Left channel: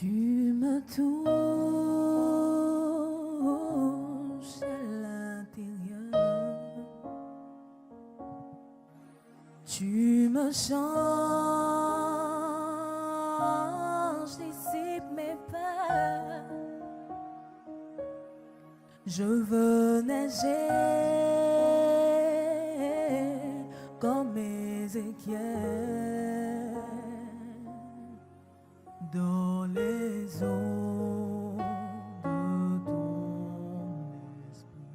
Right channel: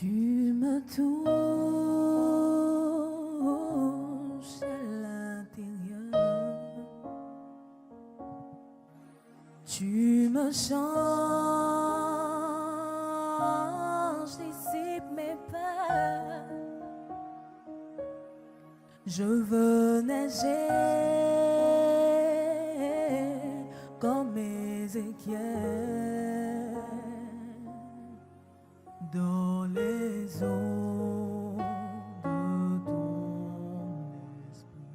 Tu me touches à l'intérieur, tu me changes, dissipes mes peurs. Je veux nager comme Ézéchiel dans les eaux de ton esprit.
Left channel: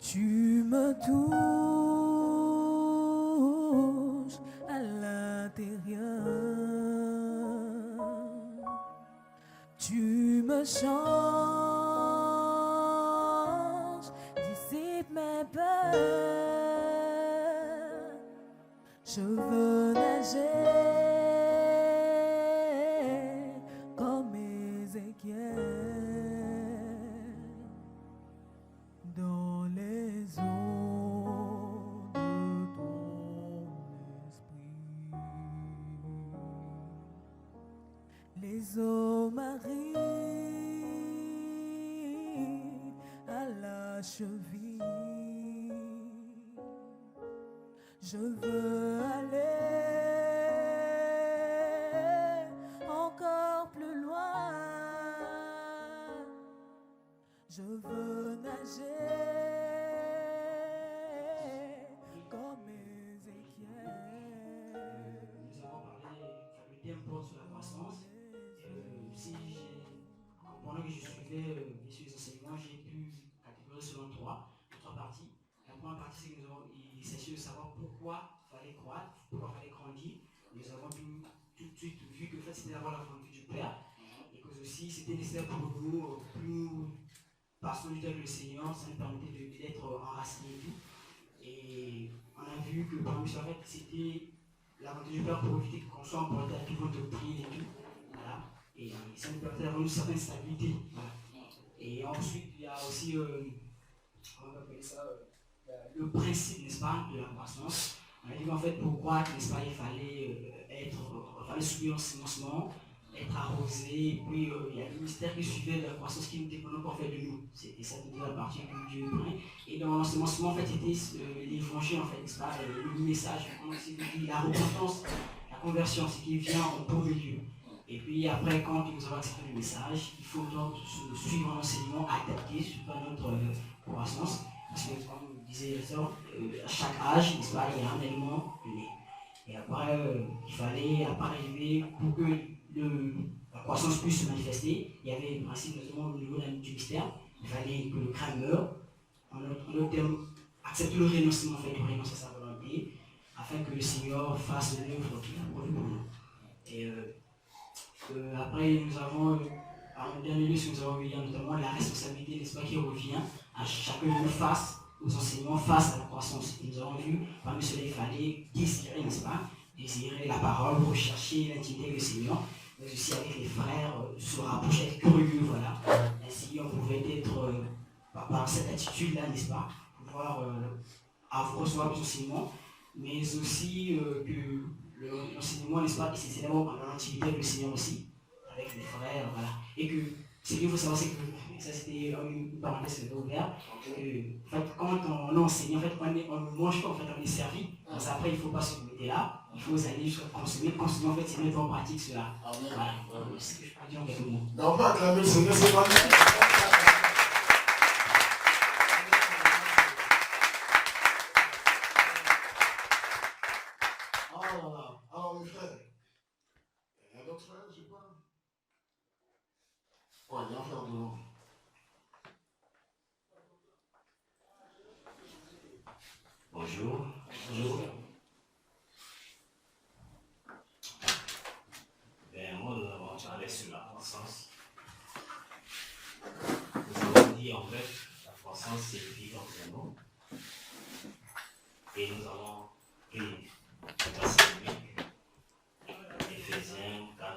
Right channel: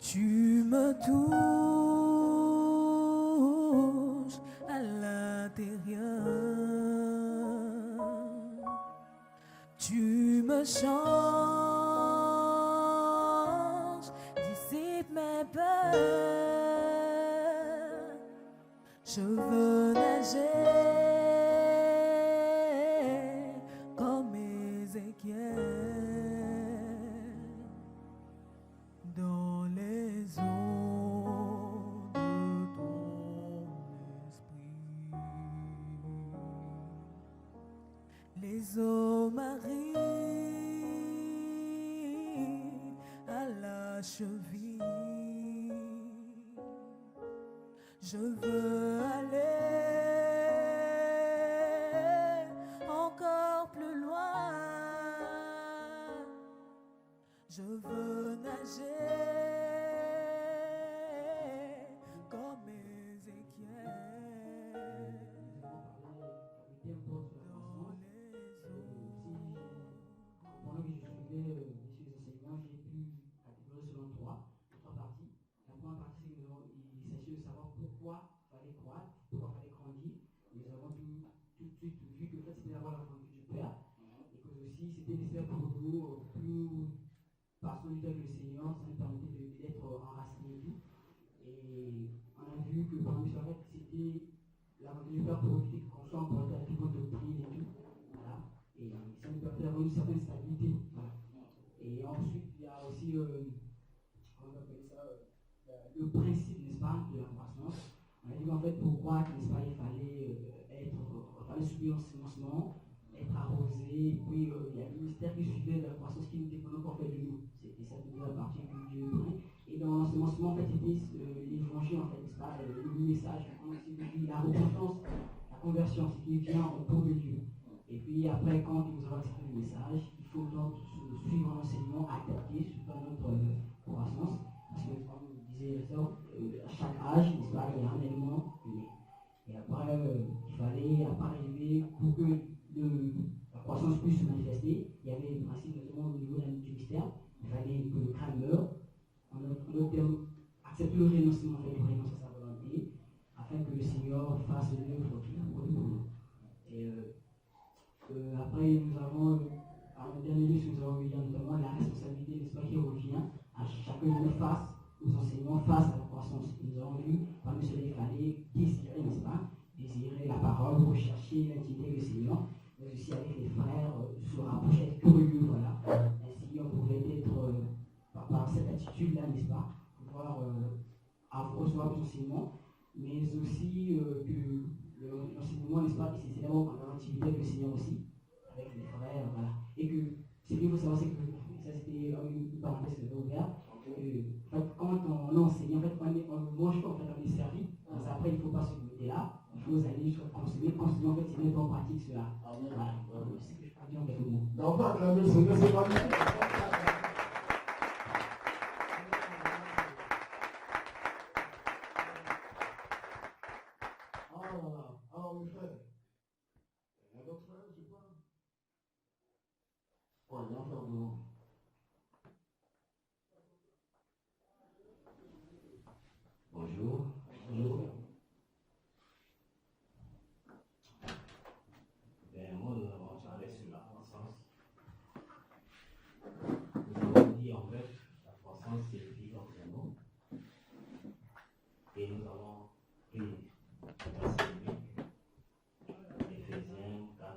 Tu me touches à l'intérieur, tu me changes, dissipes mes peurs. Je veux nager comme Ézéchiel dans les eaux de ton esprit. Les eaux m'arrivent à la cheville. Je veux aller encore plus loin. Je veux nager comme Ézéchiel. Pendant que je suivais les enseignements, j'ai pu catégoriser selon trois parties. La première partie, c'est que il s'agit de savoir pourquoi il fallait croître, pourquoi il fallait grandir. Nous avons tout de suite vu que en fait, c'était d'avoir la volonté du Père et que aussi c'était nécessaire pour nous, plus nous passons du temps avec le Seigneur, ça nous permettait d'être enracinés et tout. Et on a vu que parmi ça, en fait, c'était la volonté du Père pour éviter qu'on soit emporté à toute votre doctrine et tout. Voilà. Et ça nous permettait d'avoir une certaine stabilité. Voilà. Et ensuite, il y a aussi, on va appeler ça, le principe, n'est-ce pas, de la croissance. On a dit qu'en fait, pour croître, n'est-ce pas, il fallait subir un financement, être arrosé, et puis il y a le mystère qui suivait de la croissance qui nous dépendait en fait de nous. C'était ça toute la partie que Dieu prenait. Et dans l'enseignement, en fait, c'était l'évangile, en fait, n'est-ce pas, le message, comme on s'est dit, la repentance, la conversion, ce qui vient autour de Dieu. Et puis après, quand nous avons accepté le message, il faut donc suivre l'enseignement adapté sur notre croissance. Parce que, comme disait les sœurs, à chaque âge, n'est-ce pas, il y a un élément donné. Et après, il fallait arriver pour que la croissance puisse se manifester. Il y avait le principe, notamment au niveau du mystère. Il fallait que le crâne meure. En d'autres termes, accepter le renoncement, en fait, de renoncer à sa volonté, afin que le Seigneur fasse l'œuvre qu'il a prévue pour nous. Et après, nous avons, en dernier lieu, ce que nous avons vu, notamment la responsabilité, n'est-ce pas, qui revient à chacun de nous face aux enseignements, face à la croissance. Et nous avons vu, parmi cela, il fallait désirer, n'est-ce pas, désirer la parole, rechercher l'intimité avec le Seigneur, mais aussi avec les frères, se rapprocher, être curieux, voilà. Ainsi, on pouvait être, par cette attitude-là, n'est-ce pas, pouvoir recevoir les enseignements, mais aussi que l'enseignement, n'est-ce pas, c'est essentiellement en intimité avec le Seigneur aussi, avec les frères, voilà. Et que ce qu'il faut savoir, c'est que, ça c'était une parenthèse que j'ai ouverte, que en fait, quand on enseigne, en fait, on ne mange pas, en fait, on est servi. Donc après, il ne faut pas se limiter là, il faut aller jusqu'à consommer, en fait, c'est mettre en pratique cela. Voilà, c'est ce que je peux dire en quelques mots. On va acclamer le Seigneur, c'est magnifique. Alors mes frères, il y a d'autres frères, je sais pas. Ouais, il y a un frère de l'eau. Bonjour. Bonjour. Ben, moi, nous avons parlé sur la croissance. Nous avons dit en fait, la croissance signifie entraînement. Et nous avons pris le verset biblique, Éphésiens 4,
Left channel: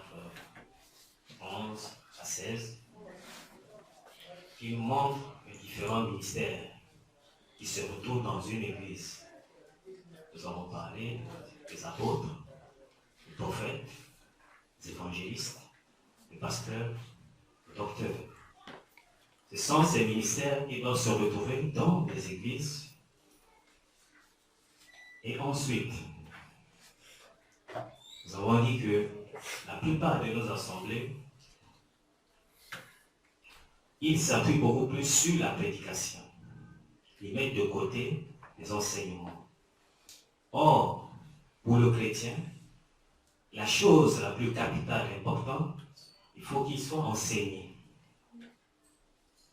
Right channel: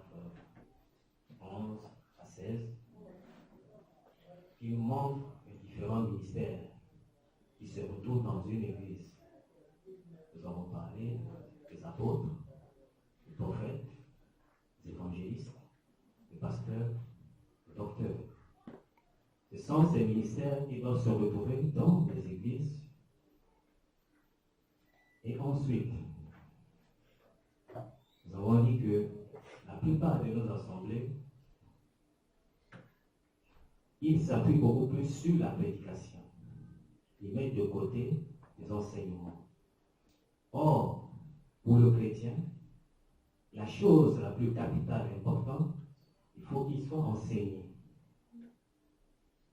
11 à 16, qui nous montre les différents ministères qui se retrouvent dans une église. Nous avons parlé des apôtres, des prophètes, sont ces ministères qui doivent se retrouver dans les églises. Et ensuite, nous avons dit que la plupart de nos assemblées, ils s'appuient beaucoup plus sur la prédication. Ils mettent de côté les enseignements. Or, pour le chrétien, la chose la plus capitale et importante, il faut qu'il soit enseigné.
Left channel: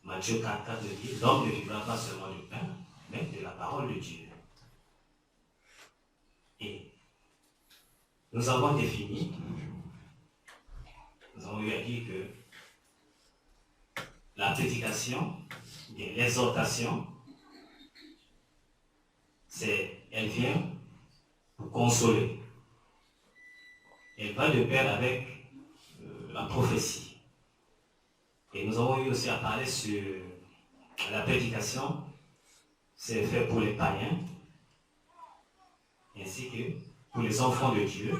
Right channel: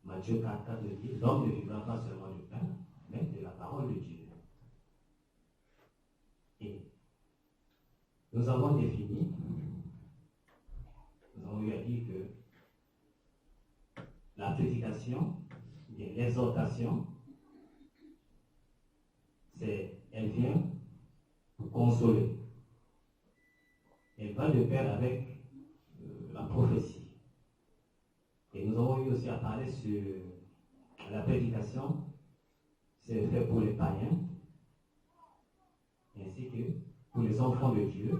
Matthieu 4 dit, l'homme ne vivra pas seulement du pain, mais de la parole de Dieu. Et nous avons défini, nous avons eu à dire que la prédication, l'exhortation, elle vient pour consoler. Elle va de pair avec la prophétie. Et nous avons eu aussi à parler sur la prédication, c'est fait pour les païens, ainsi que pour les enfants de Dieu.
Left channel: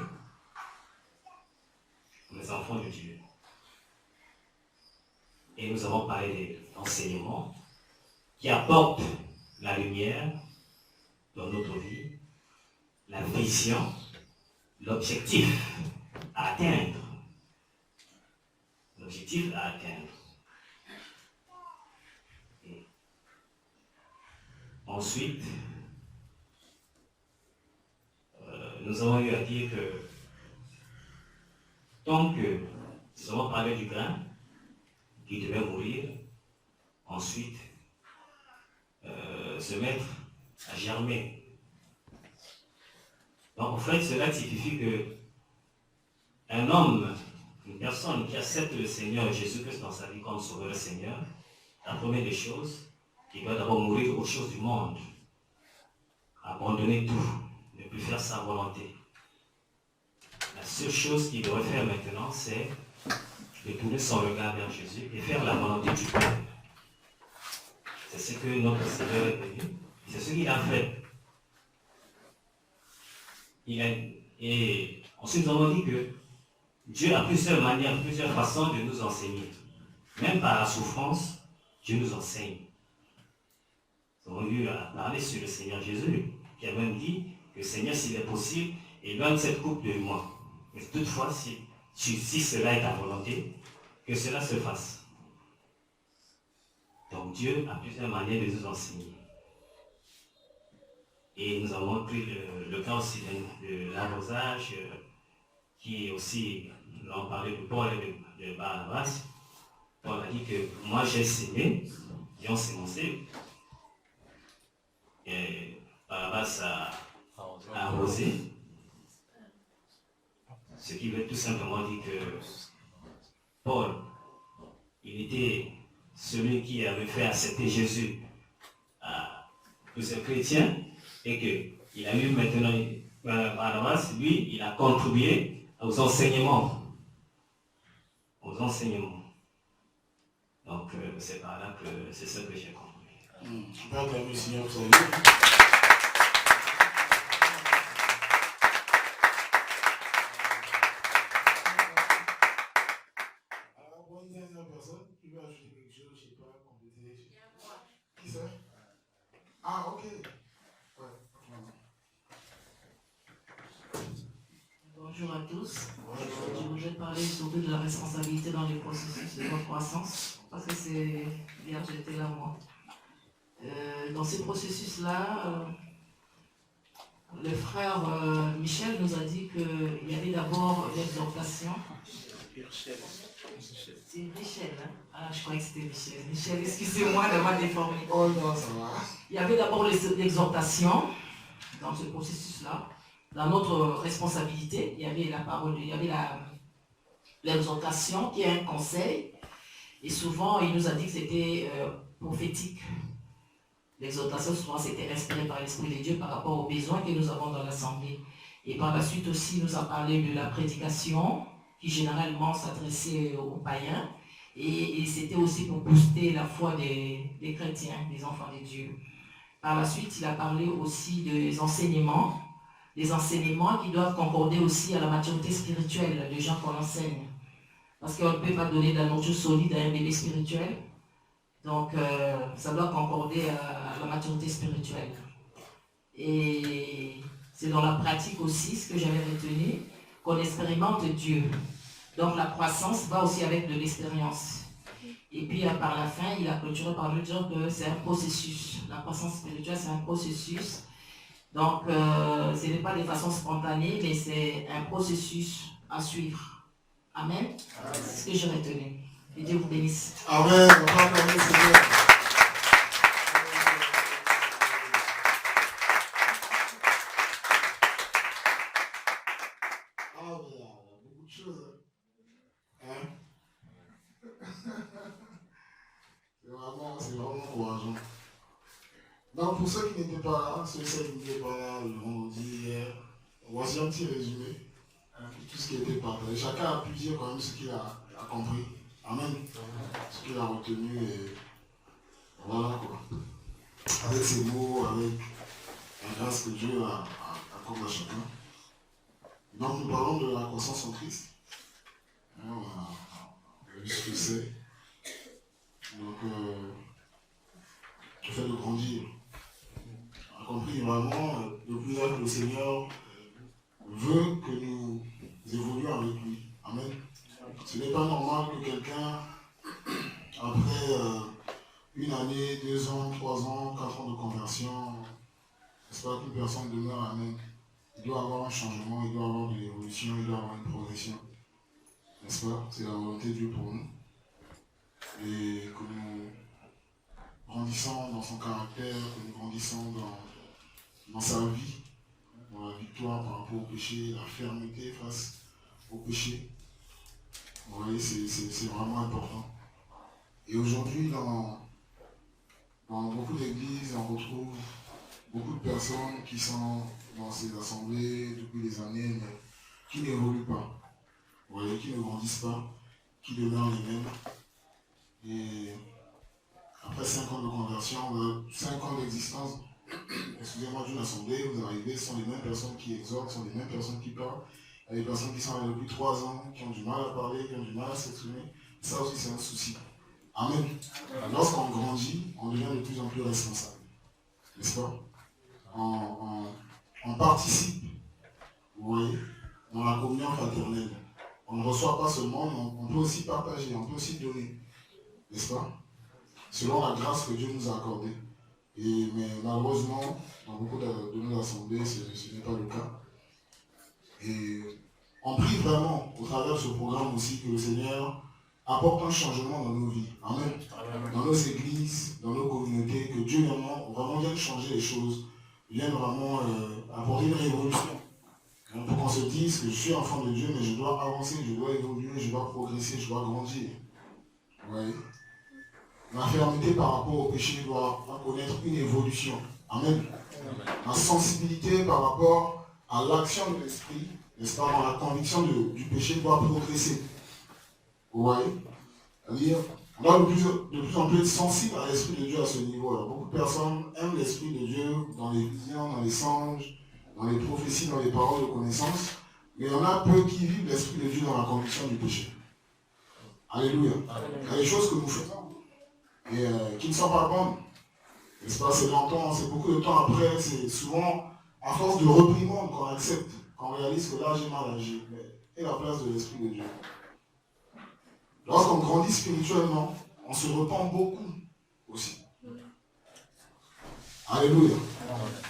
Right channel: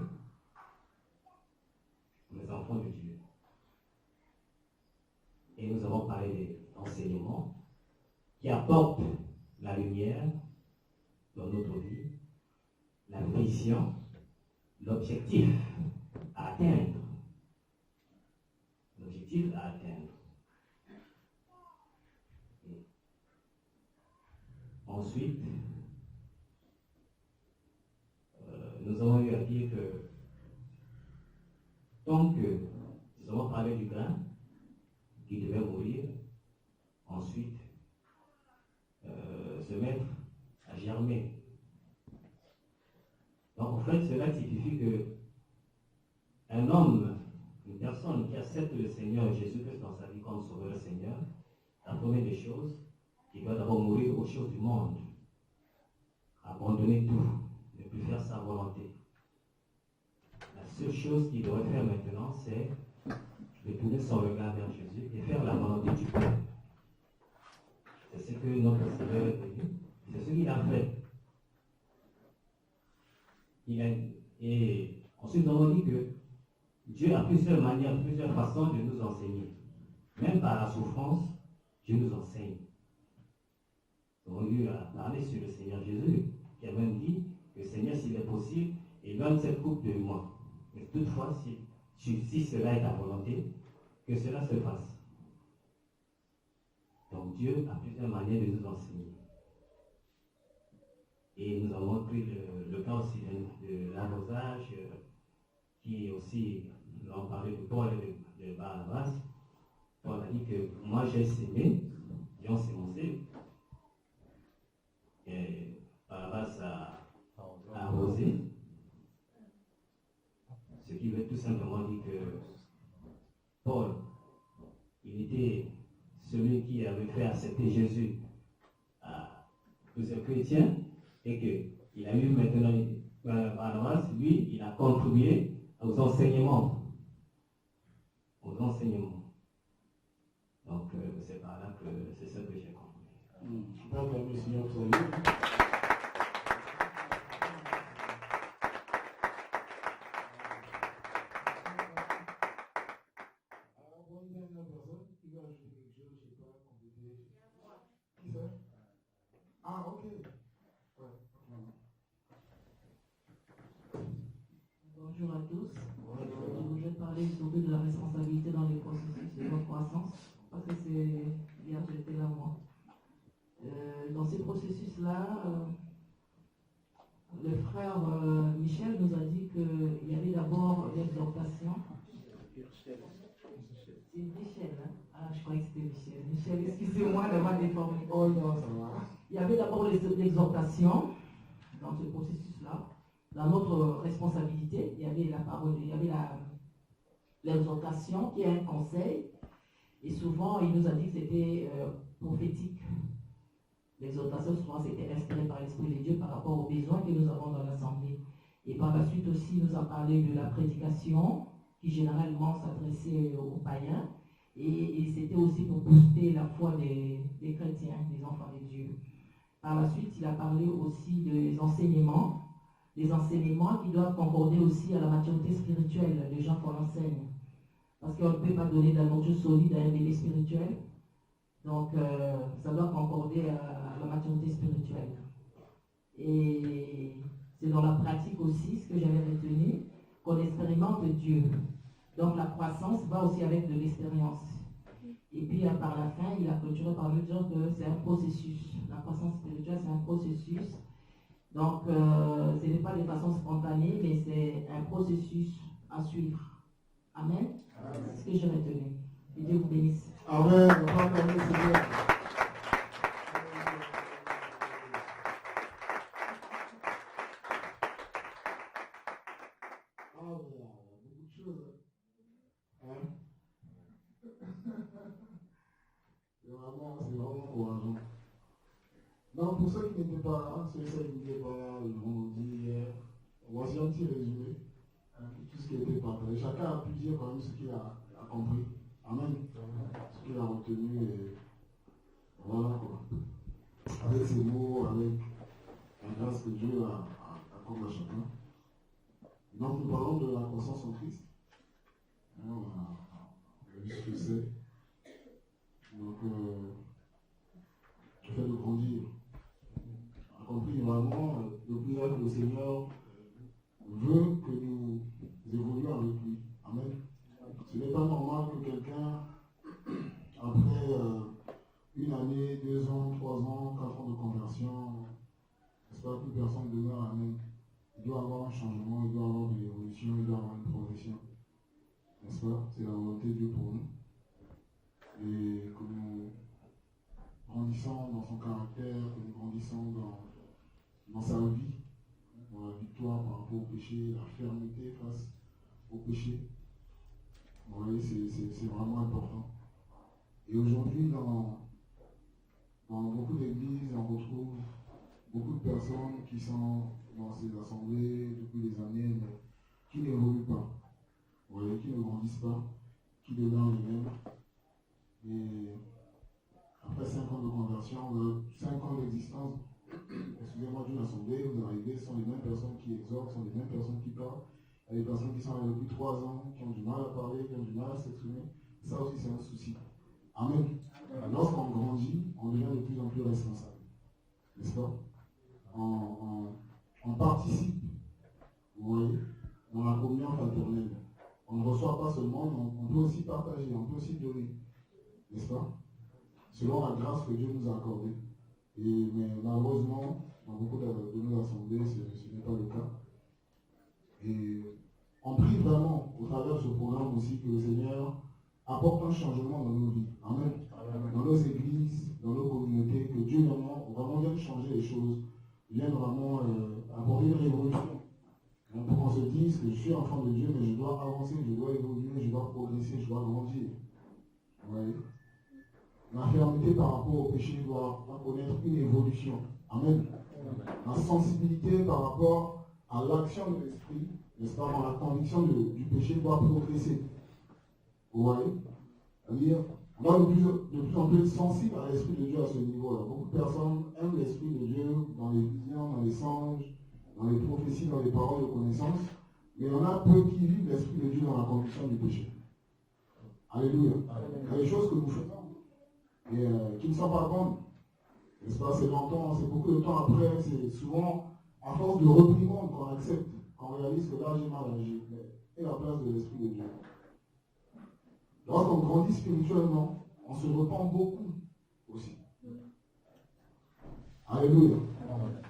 Pour les enfants de Dieu. Et nous avons parlé d'enseignement qui apporte la lumière dans notre vie, la vision, l'objectif à atteindre. L'objectif à atteindre. Et ensuite, nous avons eu à dire que tant que nous avons parlé du grain qui devait mourir, ensuite se mettre à germer. Donc en fait, cela signifie que un homme, une personne qui accepte le Seigneur Jésus-Christ dans sa vie comme sauveur et Seigneur, la première des choses, il doit d'abord mourir aux choses du monde, abandonner tout, ne plus faire sa volonté. La seule chose qu'il devrait faire maintenant, c'est de tourner son regard vers Jésus et faire la volonté du Père. C'est ce que notre Seigneur est venu, c'est ce qu'il a fait. Et ensuite, nous avons dit que Dieu a plusieurs manières, plusieurs façons de nous enseigner. Même par la souffrance, Dieu nous enseigne. Nous avons eu à parler sur le Seigneur Jésus, qui a même dit que Seigneur, s'il est possible, éloigne cette coupe de moi. Mais toutefois, si cela est ta volonté, que cela se fasse. Donc Dieu a plusieurs manières de nous enseigner. Et nous avons pris le cas aussi de l'arrosage, qui est aussi, nous avons parlé de Paul et de Barnabas. Paul a dit que moi j'ai sémé, j'ai ensemencé, et Barnabas a arrosé. Ce qui veut tout simplement dire que Paul, il était celui qui avait fait accepter Jésus à plusieurs chrétiens, et qu'il a eu maintenant, Barnabas, lui, il a contribué aux enseignements. Aux enseignements. Donc, c'est par là que c'est ce que j'ai compris. Je peux acclamer le Seigneur, vous savez. Alors, bonne dernière personne qui veut ajouter quelque chose, je ne sais pas, compléter. Qui c'est? Ah, ok. Bonjour à tous. Je voudrais parler surtout de la responsabilité dans les processus de notre croissance, parce que c'est hier j'étais là moi. Dans ces processus-là, le frère Michel nous a dit qu'il y avait d'abord l'exhortation. C'est Michel, hein? Ah, je croyais que c'était Michel. Michel, excusez-moi d'avoir déformé. Oh non, ça va. Il y avait d'abord l'exhortation dans ce processus-là. Dans notre responsabilité, il y avait la parole, il y avait l'exhortation qui est un conseil. Et souvent, il nous a dit que c'était prophétique. L'exhortation, souvent, c'était inspiré par l'Esprit de Dieu par rapport aux besoins que nous avons dans l'Assemblée. Et par la suite aussi, il nous a parlé de la prédication, qui généralement s'adressait aux païens. Et c'était aussi pour booster la foi des chrétiens, des enfants de Dieu. Par la suite, il a parlé aussi des enseignements qui doivent concorder aussi à la maturité spirituelle des gens qu'on enseigne. Parce qu'on ne peut pas donner de la nourriture solide à un bébé spirituel. Donc, ça doit concorder à la maturité spirituelle. Et c'est dans la pratique aussi, ce que j'avais retenu, qu'on expérimente Dieu. Donc, la croissance va aussi avec de l'expérience. Et puis, par la fin, il a clôturé par nous dire que c'est un processus. La croissance spirituelle, c'est un processus. Donc, ce n'est pas de façon spontanée, mais c'est un processus à suivre. Amen. C'est ce que j'ai retenu. Et Dieu vous bénisse. Amen. C'est vraiment encourageant. Donc, pour ceux qui n'étaient pas là, ceux qui n'étaient pas là le vendredi hier, voici un petit résumé de tout ce qui a été partagé. Chacun a pu dire quand même ce qu'il a compris. Amen. Ce qu'il a retenu et voilà quoi. Avec ses mots, avec la grâce que Dieu a accordé à chacun. Donc, nous parlons de la croissance en Christ. On a vu ce que c'est. Donc, le fait de grandir. On a compris vraiment de plus en plus le Seigneur veut que nous évoluions avec lui. Amen. Ce n'est pas normal que quelqu'un, après une année, 2 ans, 3 ans, 4 ans de conversion, n'est-ce pas qu'une personne demeure. Amen. Il doit avoir un changement, il doit avoir de l'évolution, il doit avoir une progression. N'est-ce pas? C'est la volonté de Dieu pour nous. Et que nous grandissons dans son caractère, que nous grandissons dans sa vie, dans la victoire par rapport au péché, la fermeté face au péché. Vous voyez, c'est vraiment important. Et aujourd'hui, dans beaucoup d'églises, on retrouve beaucoup de personnes qui sont dans ces assemblées depuis des années, mais qui n'évoluent pas. Vous voyez, qui ne grandissent pas, qui demeurent les mêmes. Et après 5 ans de conversion, 5 ans d'existence, excusez-moi, d'une assemblée, vous arrivez, ce sont les mêmes personnes qui exhortent, ce sont les mêmes personnes qui parlent. Il y a des personnes qui sont là depuis 3 ans, qui ont du mal à parler, qui ont du mal à s'exprimer. Ça aussi, c'est un souci. Amen. Lorsqu'on grandit, on devient de plus en plus responsable. N'est-ce pas? On participe, vous voyez, dans la communion fraternelle. On ne reçoit pas seulement, on peut aussi partager, on peut aussi donner. N'est-ce pas? Selon la grâce que Dieu nous a accordée. Mais malheureusement, dans beaucoup de nos assemblées, ce n'est pas le cas. Et on prie vraiment, au travers de ce programme aussi, que le Seigneur apporte un changement dans nos vies. Amen. Dans nos églises, dans nos communautés, que Dieu vraiment vienne changer les choses, vienne vraiment apporter une révolution. Pour qu'on se dise que je suis enfant de Dieu, mais je dois avancer, je dois évoluer, je dois progresser, je dois grandir. Vous voyez? La fermeté par rapport au péché doit connaître une évolution. Amen. La sensibilité par rapport à l'action de l'esprit, n'est-ce pas, dans la conviction du péché doit progresser. Vous voyez? C'est-à-dire, on doit de plus en plus être sensible à l'esprit de Dieu à ce niveau. Alors, beaucoup de personnes aiment l'esprit de Dieu dans les visions, dans les songes, dans les prophéties, dans les paroles de connaissance, mais il y en a peu qui vivent l'esprit de Dieu dans la conviction du péché. Alléluia. Il y a des choses que nous faisons et qui ne sont pas bonnes. N'est-ce pas? C'est longtemps, c'est beaucoup de temps après, c'est souvent à force de reprimande qu'on accepte, qu'on réalise que là j'ai mal agi. Mais et la place de l'esprit de Dieu. Lorsqu'on grandit spirituellement, on se repent beaucoup aussi. Alléluia.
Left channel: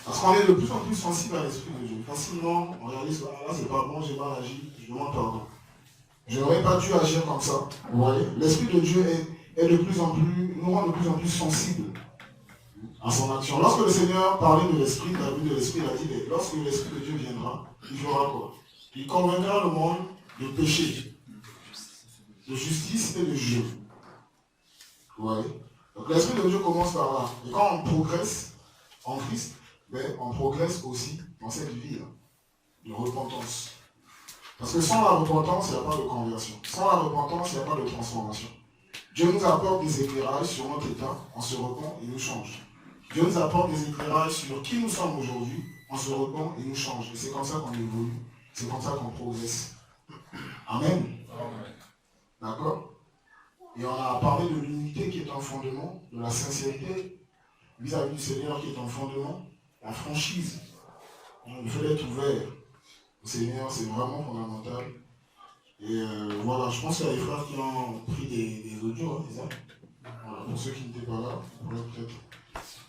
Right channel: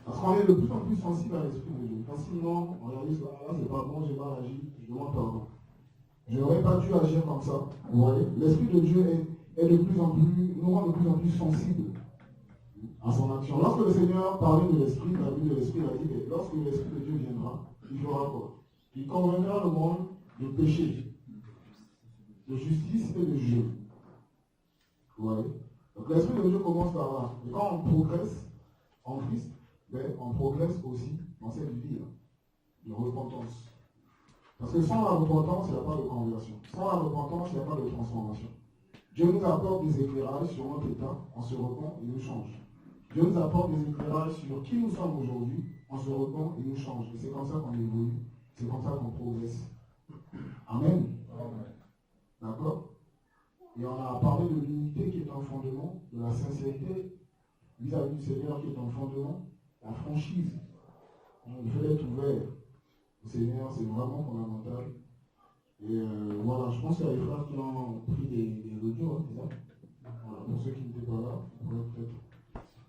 Parce qu'on est de plus en plus sensible à l'esprit de Dieu. Facilement, on réalise que là c'est pas bon, j'ai mal agi, je demande pardon. Je n'aurais pas dû agir comme ça. Vous voyez? L'esprit de Dieu nous rend de plus en plus sensibles à son action. Lorsque le Seigneur parlait de l'esprit, il a dit, lorsque l'esprit de Dieu viendra, il fera quoi? Il convaincra le monde de péché, de justice et de jeu. Vous voyez? Donc l'esprit de Dieu commence par là. Et quand on progresse en Christ, on progresse aussi dans cette vie de repentance. Parce que sans la repentance, il n'y a pas de conversion. Sans la repentance, il n'y a pas de transformation. Dieu nous apporte des éclairages sur notre état, on se repent et nous change. Dieu nous apporte des éclairages sur qui nous sommes aujourd'hui, on se repent et nous change. Et c'est comme ça qu'on évolue, c'est comme ça qu'on progresse. Amen. D'accord? Et on a parlé de l'unité qui est un fondement la sincérité vis-à-vis du Seigneur qui est en fondement, la franchise, le fait d'être ouvert au Seigneur, c'est vraiment fondamental. Et voilà, je pense qu'il y a des frères qui ont pris des audios, hein, c'est ça? Voilà, pour ceux qui n'étaient pas là, on pourrait peut-être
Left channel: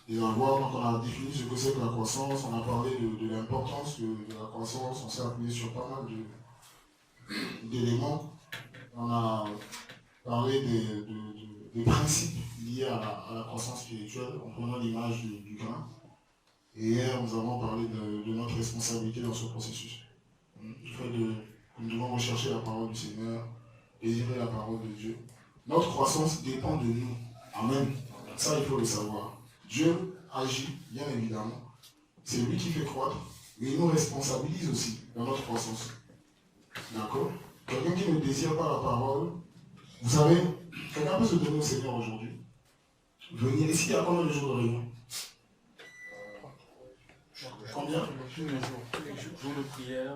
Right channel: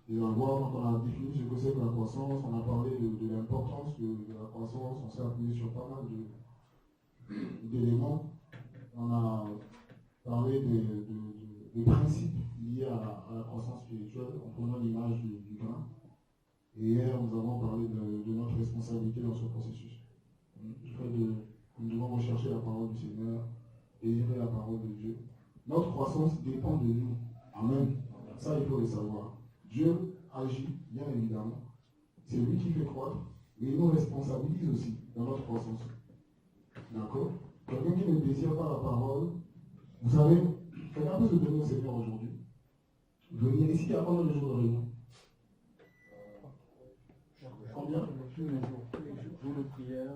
les avoir. Donc on a défini ce que c'est que la croissance, on a parlé de l'importance de la croissance, on s'est appuyé sur pas mal d'éléments. On a parlé des principes liés à la croissance spirituelle en prenant l'image du grain. Et hier, nous avons parlé de notre responsabilité dans ce processus. Le fait que nous devons rechercher la parole du Seigneur, désirer la parole de Dieu. Notre croissance dépend de nous. Amen. Ça, il faut le savoir. Dieu agit, bien évidemment. C'est lui qui fait croître, mais il nous responsabilise aussi dans notre croissance. D'accord? Quelqu'un qui ne désire pas la parole, vous savez, quelqu'un peut se donner au Seigneur aujourd'hui. Venir ici, il y a combien de jours de réunion? Combien? Tous les jours de prière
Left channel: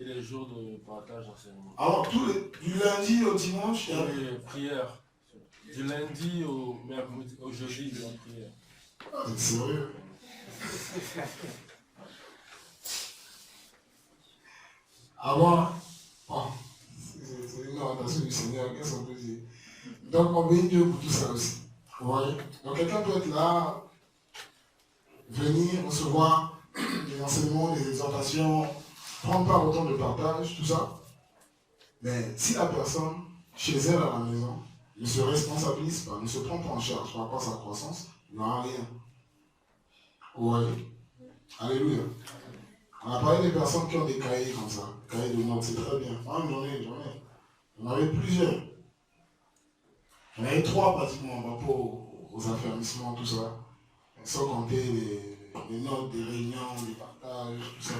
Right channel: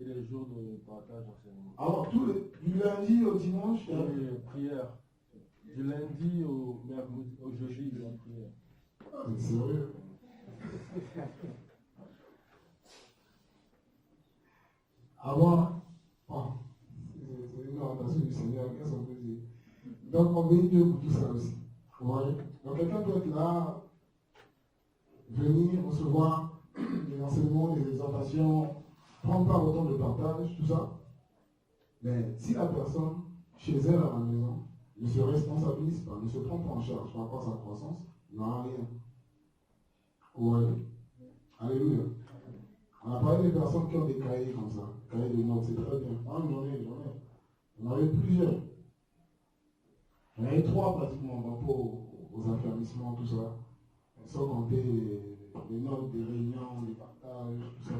et les jours de partage d'enseignement. Alors, du lundi au dimanche, il y a les prières. Du lundi au jeudi, de la prière. Ah, c'est sérieux? Avant, c'est une orientation du Seigneur, qu'est-ce qu'on peut dire? Donc, on bénit Dieu pour tout ça aussi. Vous voyez? Donc, quelqu'un peut être là, venir recevoir des enseignements, des exhortations, prendre part au temps de partage, tout ça. Mais si la personne, chez elle à la maison, ne se responsabilise pas, ne se prend pas en charge par rapport à sa croissance, il n'y aura rien. Vous voyez? Alléluia. On a parlé des personnes qui ont des cahiers comme ça, cahiers de notes, c'est très bien. Moi, j'en avais plusieurs. J'en avais 3 pratiquement par rapport aux affermissements, tout ça. Sans compter les notes des réunions, des partages, tout ça.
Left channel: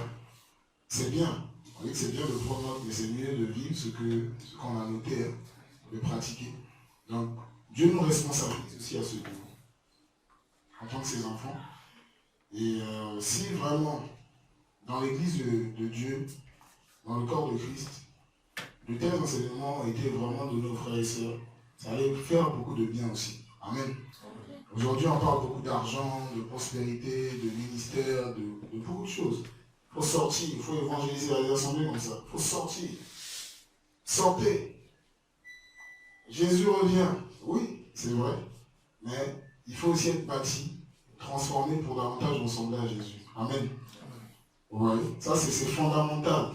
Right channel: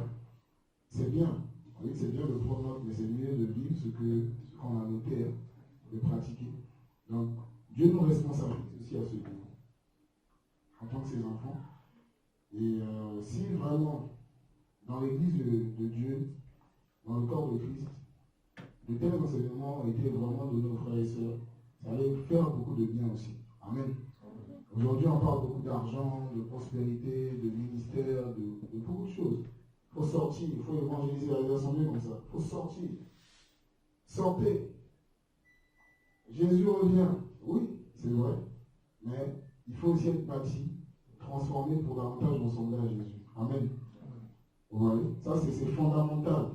C'est bien. Vous voyez que c'est bien de prendre note, mais c'est mieux de vivre ce qu'on a noté, hein, de pratiquer. Donc, Dieu nous responsabilise aussi à ce niveau, en tant que ses enfants. Et si vraiment, dans l'église de Dieu, dans le corps de Christ, de tels enseignements étaient vraiment de nos frères et sœurs, ça allait faire beaucoup de bien aussi. Amen. Aujourd'hui, on parle beaucoup d'argent, de prospérité, de ministère, de beaucoup de choses. Il faut sortir, il faut évangéliser les assemblées comme ça. Il faut sortir. Sortez. Jésus revient. Oui, c'est vrai. Mais il faut aussi être bâti, transformé pour davantage ressembler à Jésus. Amen. Vous voyez? Ça, c'est fondamental.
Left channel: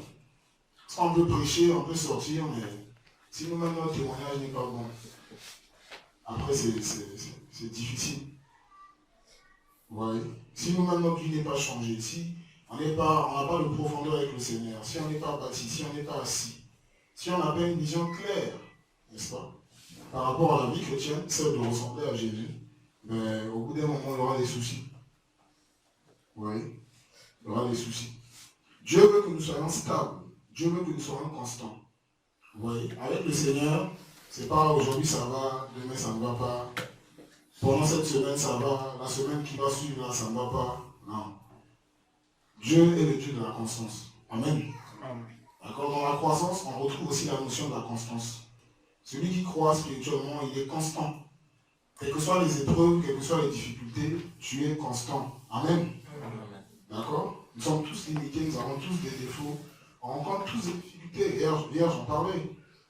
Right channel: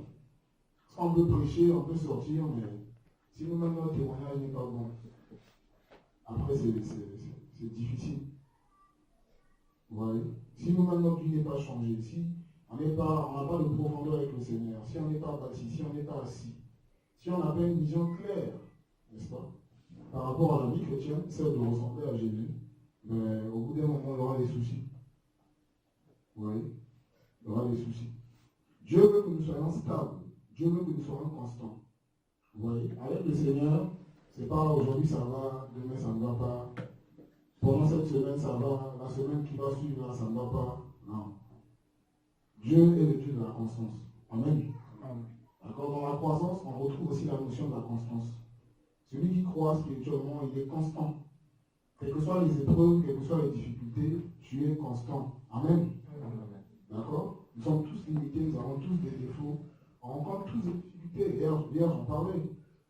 Parce qu'on peut prêcher, on peut sortir, mais si nous-mêmes notre témoignage n'est pas bon, après c'est difficile. Vous voyez? Si nous-mêmes notre vie n'est pas changée, si on n'a pas de profondeur avec le Seigneur, si on n'est pas bâti, si on n'est pas assis, si on n'a pas une vision claire, n'est-ce pas, par rapport à la vie chrétienne, celle de ressembler à Jésus, mais au bout d'un moment, il y aura des soucis. Vous voyez? Il y aura des soucis. Dieu veut que nous soyons stables. Dieu veut que nous soyons constants. Vous voyez? Avec le Seigneur, c'est pas aujourd'hui ça va, demain ça ne va pas. Pendant cette semaine ça va, la semaine qui va suivre là ça ne va pas. Non. Dieu est le Dieu de la constance. Amen. D'accord? Dans la croissance, on retrouve aussi la notion de la constance. Celui qui croit spirituellement, il est constant. Quelles que soient les épreuves, quelles que soient les difficultés, tu es constant. Amen. D'accord? Nous sommes tous limités, nous avons tous des défauts. On rencontre tous des difficultés. Hier, j'en parlais.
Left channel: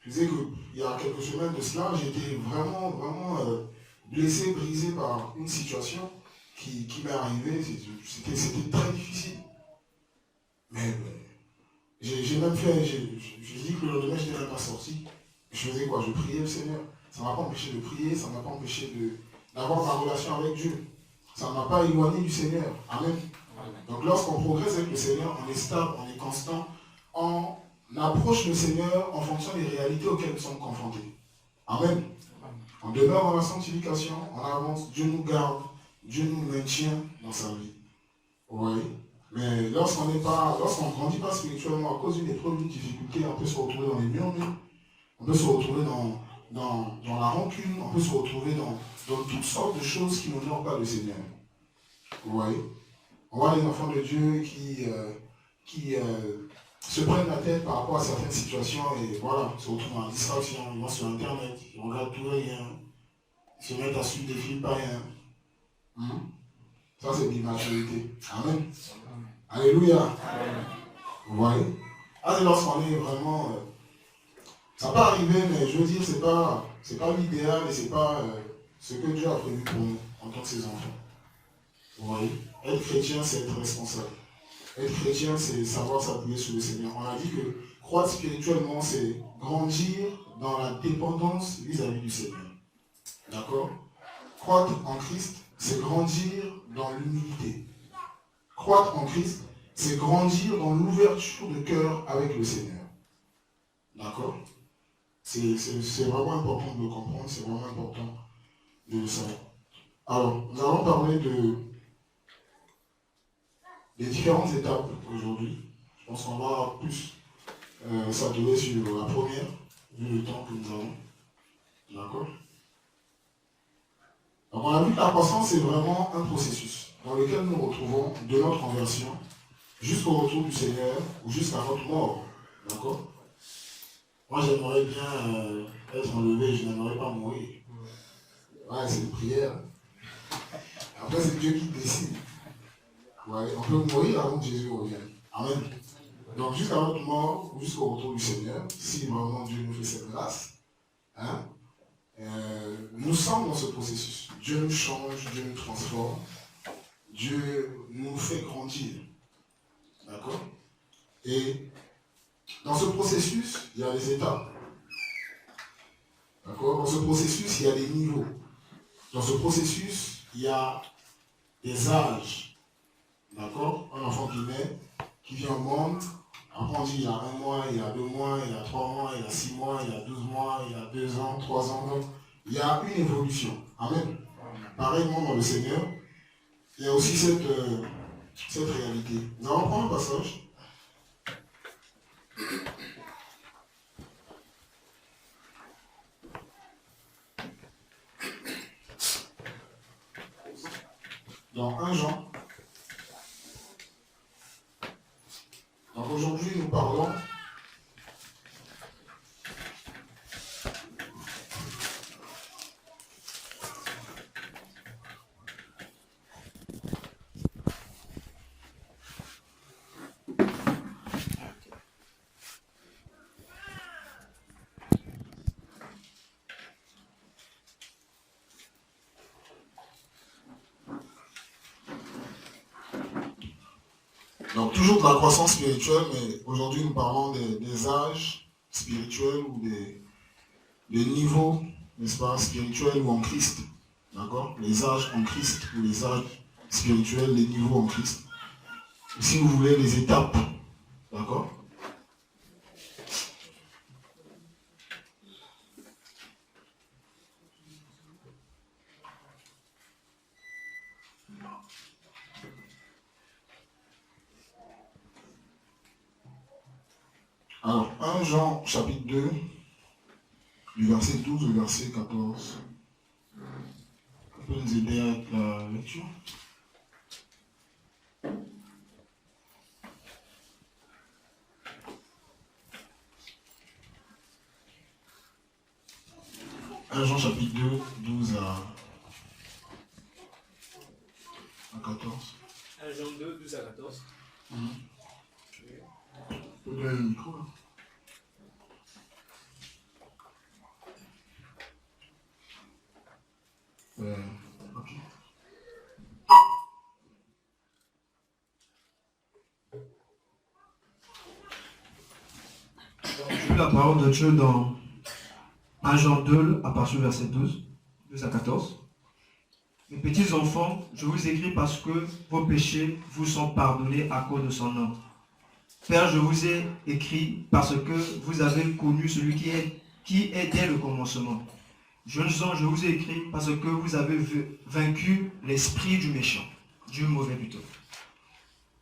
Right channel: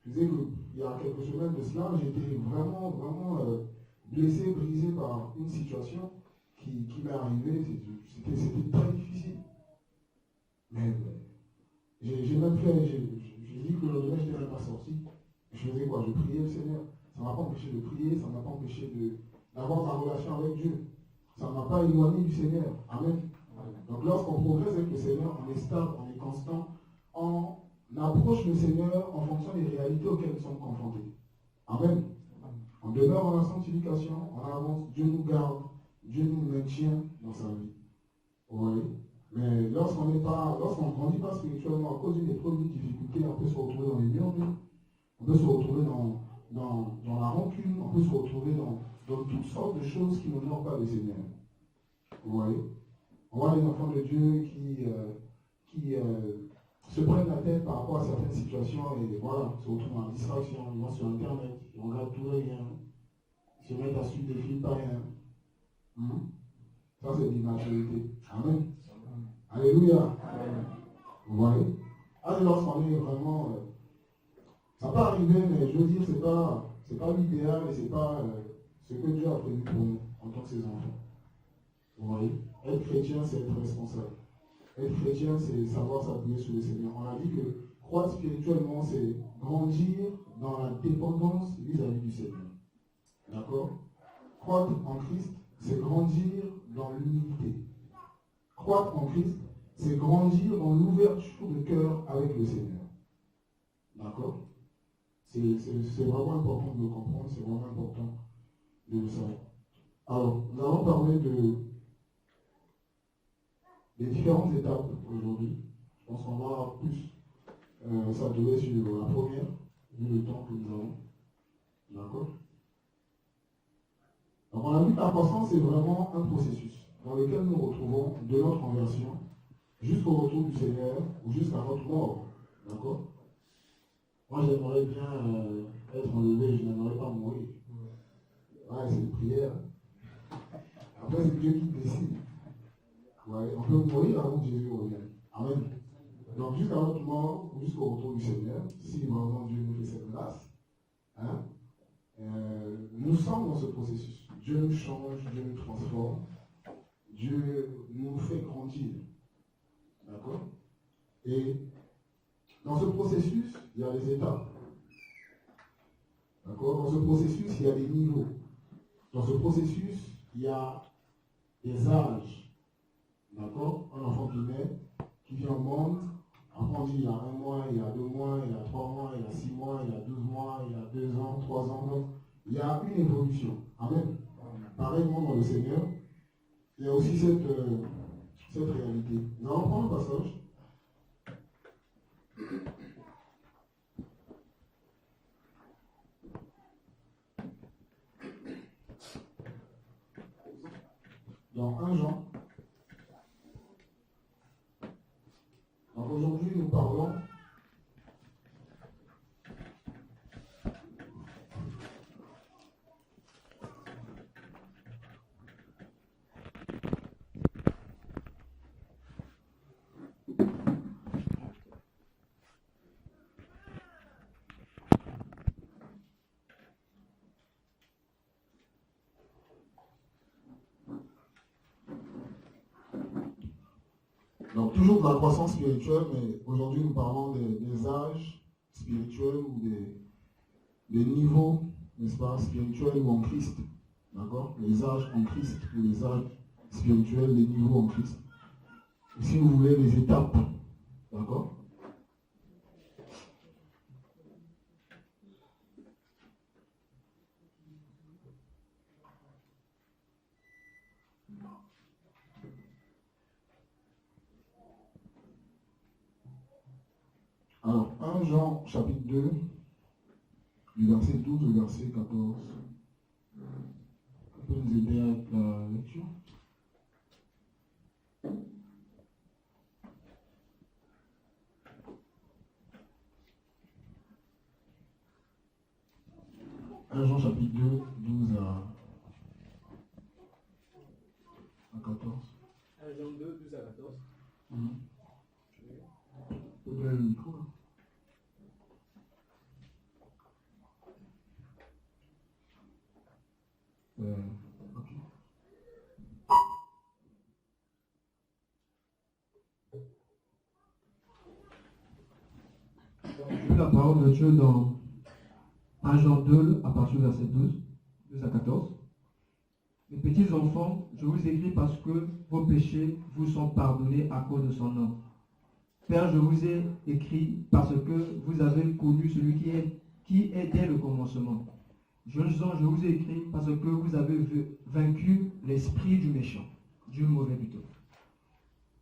Je disais qu'il y a quelques semaines de cela, j'étais vraiment blessé, brisé par une situation qui m'est arrivée. C'était très difficile. Mais j'ai même fait, j'ai dit que le lendemain, je n'étais pas sorti. Je faisais quoi? Je priais le Seigneur. Ça ne m'a pas empêché de prier, ça ne m'a pas empêché d'avoir ma relation avec Dieu. Ça ne m'a pas éloigné du Seigneur. Amen. Donc lorsqu'on progresse avec le Seigneur, on est stable, on est constant, on approche le Seigneur en fonction des réalités auxquelles nous sommes confrontés. Amen. On demeure dans la sanctification, on avance, Dieu nous garde, Dieu nous maintient dans sa vie. Vous voyez? Mais lorsqu'on ne grandit pas spirituellement à cause d'une épreuve, d'une difficulté, on peut se retrouver dans les murmures, on peut se retrouver dans la rancune, on peut se retrouver dans toutes sortes de choses qui n'honorent pas le Seigneur. Vous voyez? On voit les enfants de Dieu qui se prennent la tête par rapport à certaines situations et voilà, se retrouvent dans la distraction, ils vont sur Internet, ils regardent tout et rien. se mettent à suivre des films païens. Ça, c'est l'immaturité. Amen. Alléluia. Vous voyez? Ah, c'est lorsqu'on est vraiment... ça peut arriver, mais je veux dire, c'est pas l'idéal et c'est pas ce que Dieu a prévu pour nous en tant que ses enfants. Vous voyez? Être chrétien, c'est être responsable. Être chrétien, c'est savoir s'appuyer sur le Seigneur. On a dit que croître spirituellement, c'est grandir dans la dépendance vis-à-vis du Seigneur. D'accord? Croître en Christ, c'est grandir dans l'humilité. Croître en Christ, c'est grandir dans l'ouverture de cœur avec le Seigneur. D'accord? C'est vraiment important de le comprendre, c'est vraiment important de le savoir. Alors, nous allons parler des différentes étapes aujourd'hui. Je pense qu'on va plus s'atteler sur la première, vu le temps que nous avons. D'accord? Donc, on a vu que la croissance, c'est vraiment un processus dans lequel nous nous retrouvons de notre conversion jusqu'au retour du Seigneur ou jusqu'à notre mort. D'accord? Moi, j'aimerais bien être enlevé, je n'aimerais pas mourir. Ouais, c'est une prière. Après, c'est Dieu qui décide. Ouais, on peut mourir avant que Jésus revienne. Amen. Donc, jusqu'à notre mort, jusqu'au retour du Seigneur, si vraiment Dieu nous fait cette grâce, hein, nous sommes dans ce processus. Dieu nous change, Dieu nous transforme, Dieu nous fait grandir. D'accord? Et dans ce processus, il y a des étapes. D'accord? Dans ce processus, il y a des niveaux. Dans ce processus, il y a des âges. D'accord? Un enfant qui naît, qui vient au monde, après on dit il y a 1 mois, il y a 2 mois, il y a 3 mois, il y a 6 mois, il y a 12 mois, il y a 2 ans, 3 ans. Donc, il y a une évolution. Amen. Pareillement dans le Seigneur, il y a aussi cette réalité. Nous allons prendre un passage. Dans 1 Jean. Donc aujourd'hui, nous parlons donc toujours de la croissance spirituelle, mais aujourd'hui nous parlons des âges spirituels ou des niveaux, n'est-ce pas, spirituels ou en Christ. D'accord? Les âges en Christ ou les âges spirituels, les niveaux en Christ. Si vous voulez, les étapes. D'accord? Alors, 1 Jean chapitre 2, du verset 12 au verset 14. On peut nous aider avec la lecture? Jean chapitre 2, 12 à 14. 1 Jean 2, 12 à 14. On peut donner le micro là. Ok. J'ai lu la parole de Dieu dans 1 Jean 2, à partir du verset 12 à 14. Mes petits enfants, je vous écris parce que vos péchés vous sont pardonnés à cause de son nom. Père, je vous ai écrit parce que vous avez connu celui qui est dès le commencement. Jeunes gens, je vous ai écrit parce que vous avez vaincu l'esprit du méchant, du mauvais plutôt.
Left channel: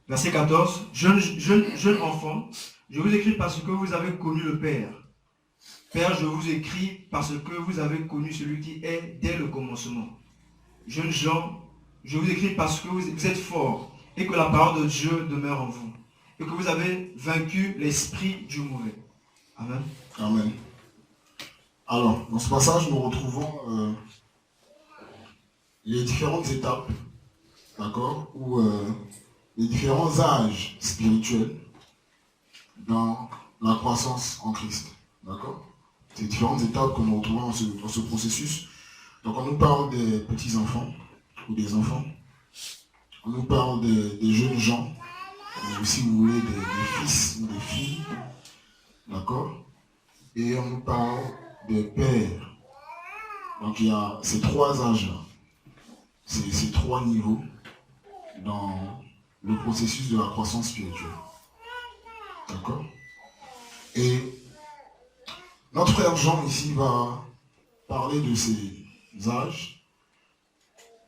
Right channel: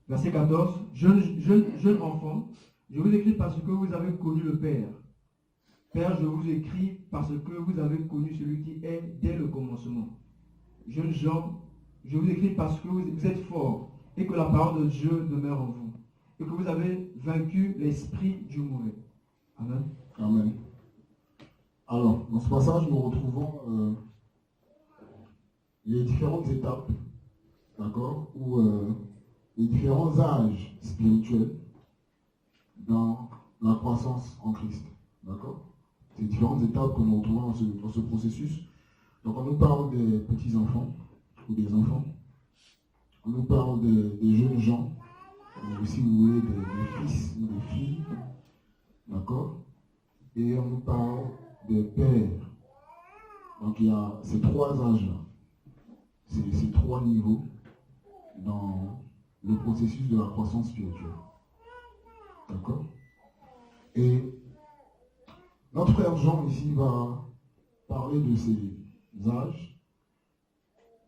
Verset 14. Jeunes enfants, je vous écris parce que vous avez connu le Père. Père, je vous écris parce que vous avez connu celui qui est dès le commencement. Jeunes gens, je vous écris parce que vous êtes forts et que la parole de Dieu demeure en vous et que vous avez vaincu l'esprit du mauvais. Amen. Amen. Alors, dans ce passage, nous retrouvons les différentes étapes, d'accord, ou les différents âges spirituels dans la croissance en Christ, d'accord. Ces différentes étapes que nous retrouvons dans ce processus. Donc on nous parle des petits-enfants ou des enfants, on nous parle des jeunes gens, ou si vous voulez des fils ou des filles, d'accord, et on nous parle des pères. Donc il y a ces trois âges-là, ces trois niveaux dans le processus de la croissance spirituelle. D'accord? Et notre frère Jean ici va parler de ces âges.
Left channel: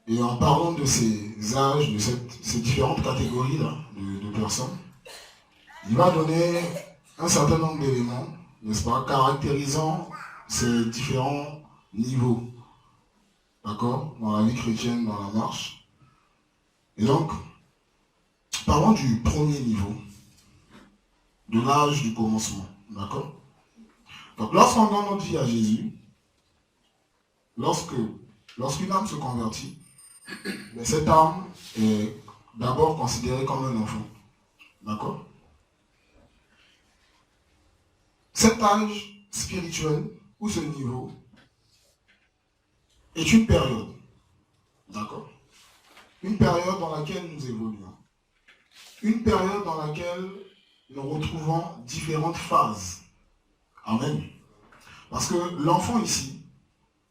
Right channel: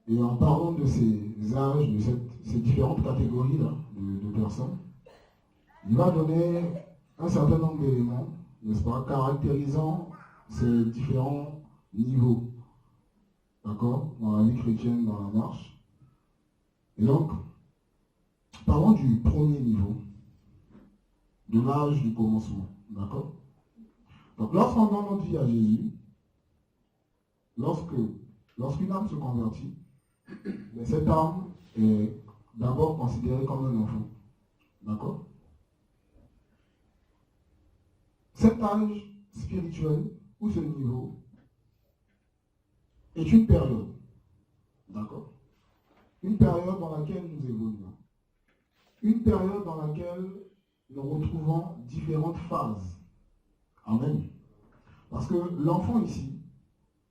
Et en parlant de ces âges, de ces différentes catégories-là de personnes, il va donner un certain nombre d'éléments, n'est-ce pas, caractérisant ces différents niveaux, d'accord, dans la vie chrétienne, dans la marche. Et donc, parlons du premier niveau, de l'âge du commencement, d'accord. Donc, lorsqu'on donne notre vie à Jésus, lorsqu'une âme se convertit, mais cette âme est d'abord considérée comme un enfant, d'accord. Cet âge spirituel, ou ce niveau, est une période, d'accord? Une période dans laquelle nous évoluons. Une période dans laquelle nous retrouvons différentes phases. Amen. Parce que l'enfant ici,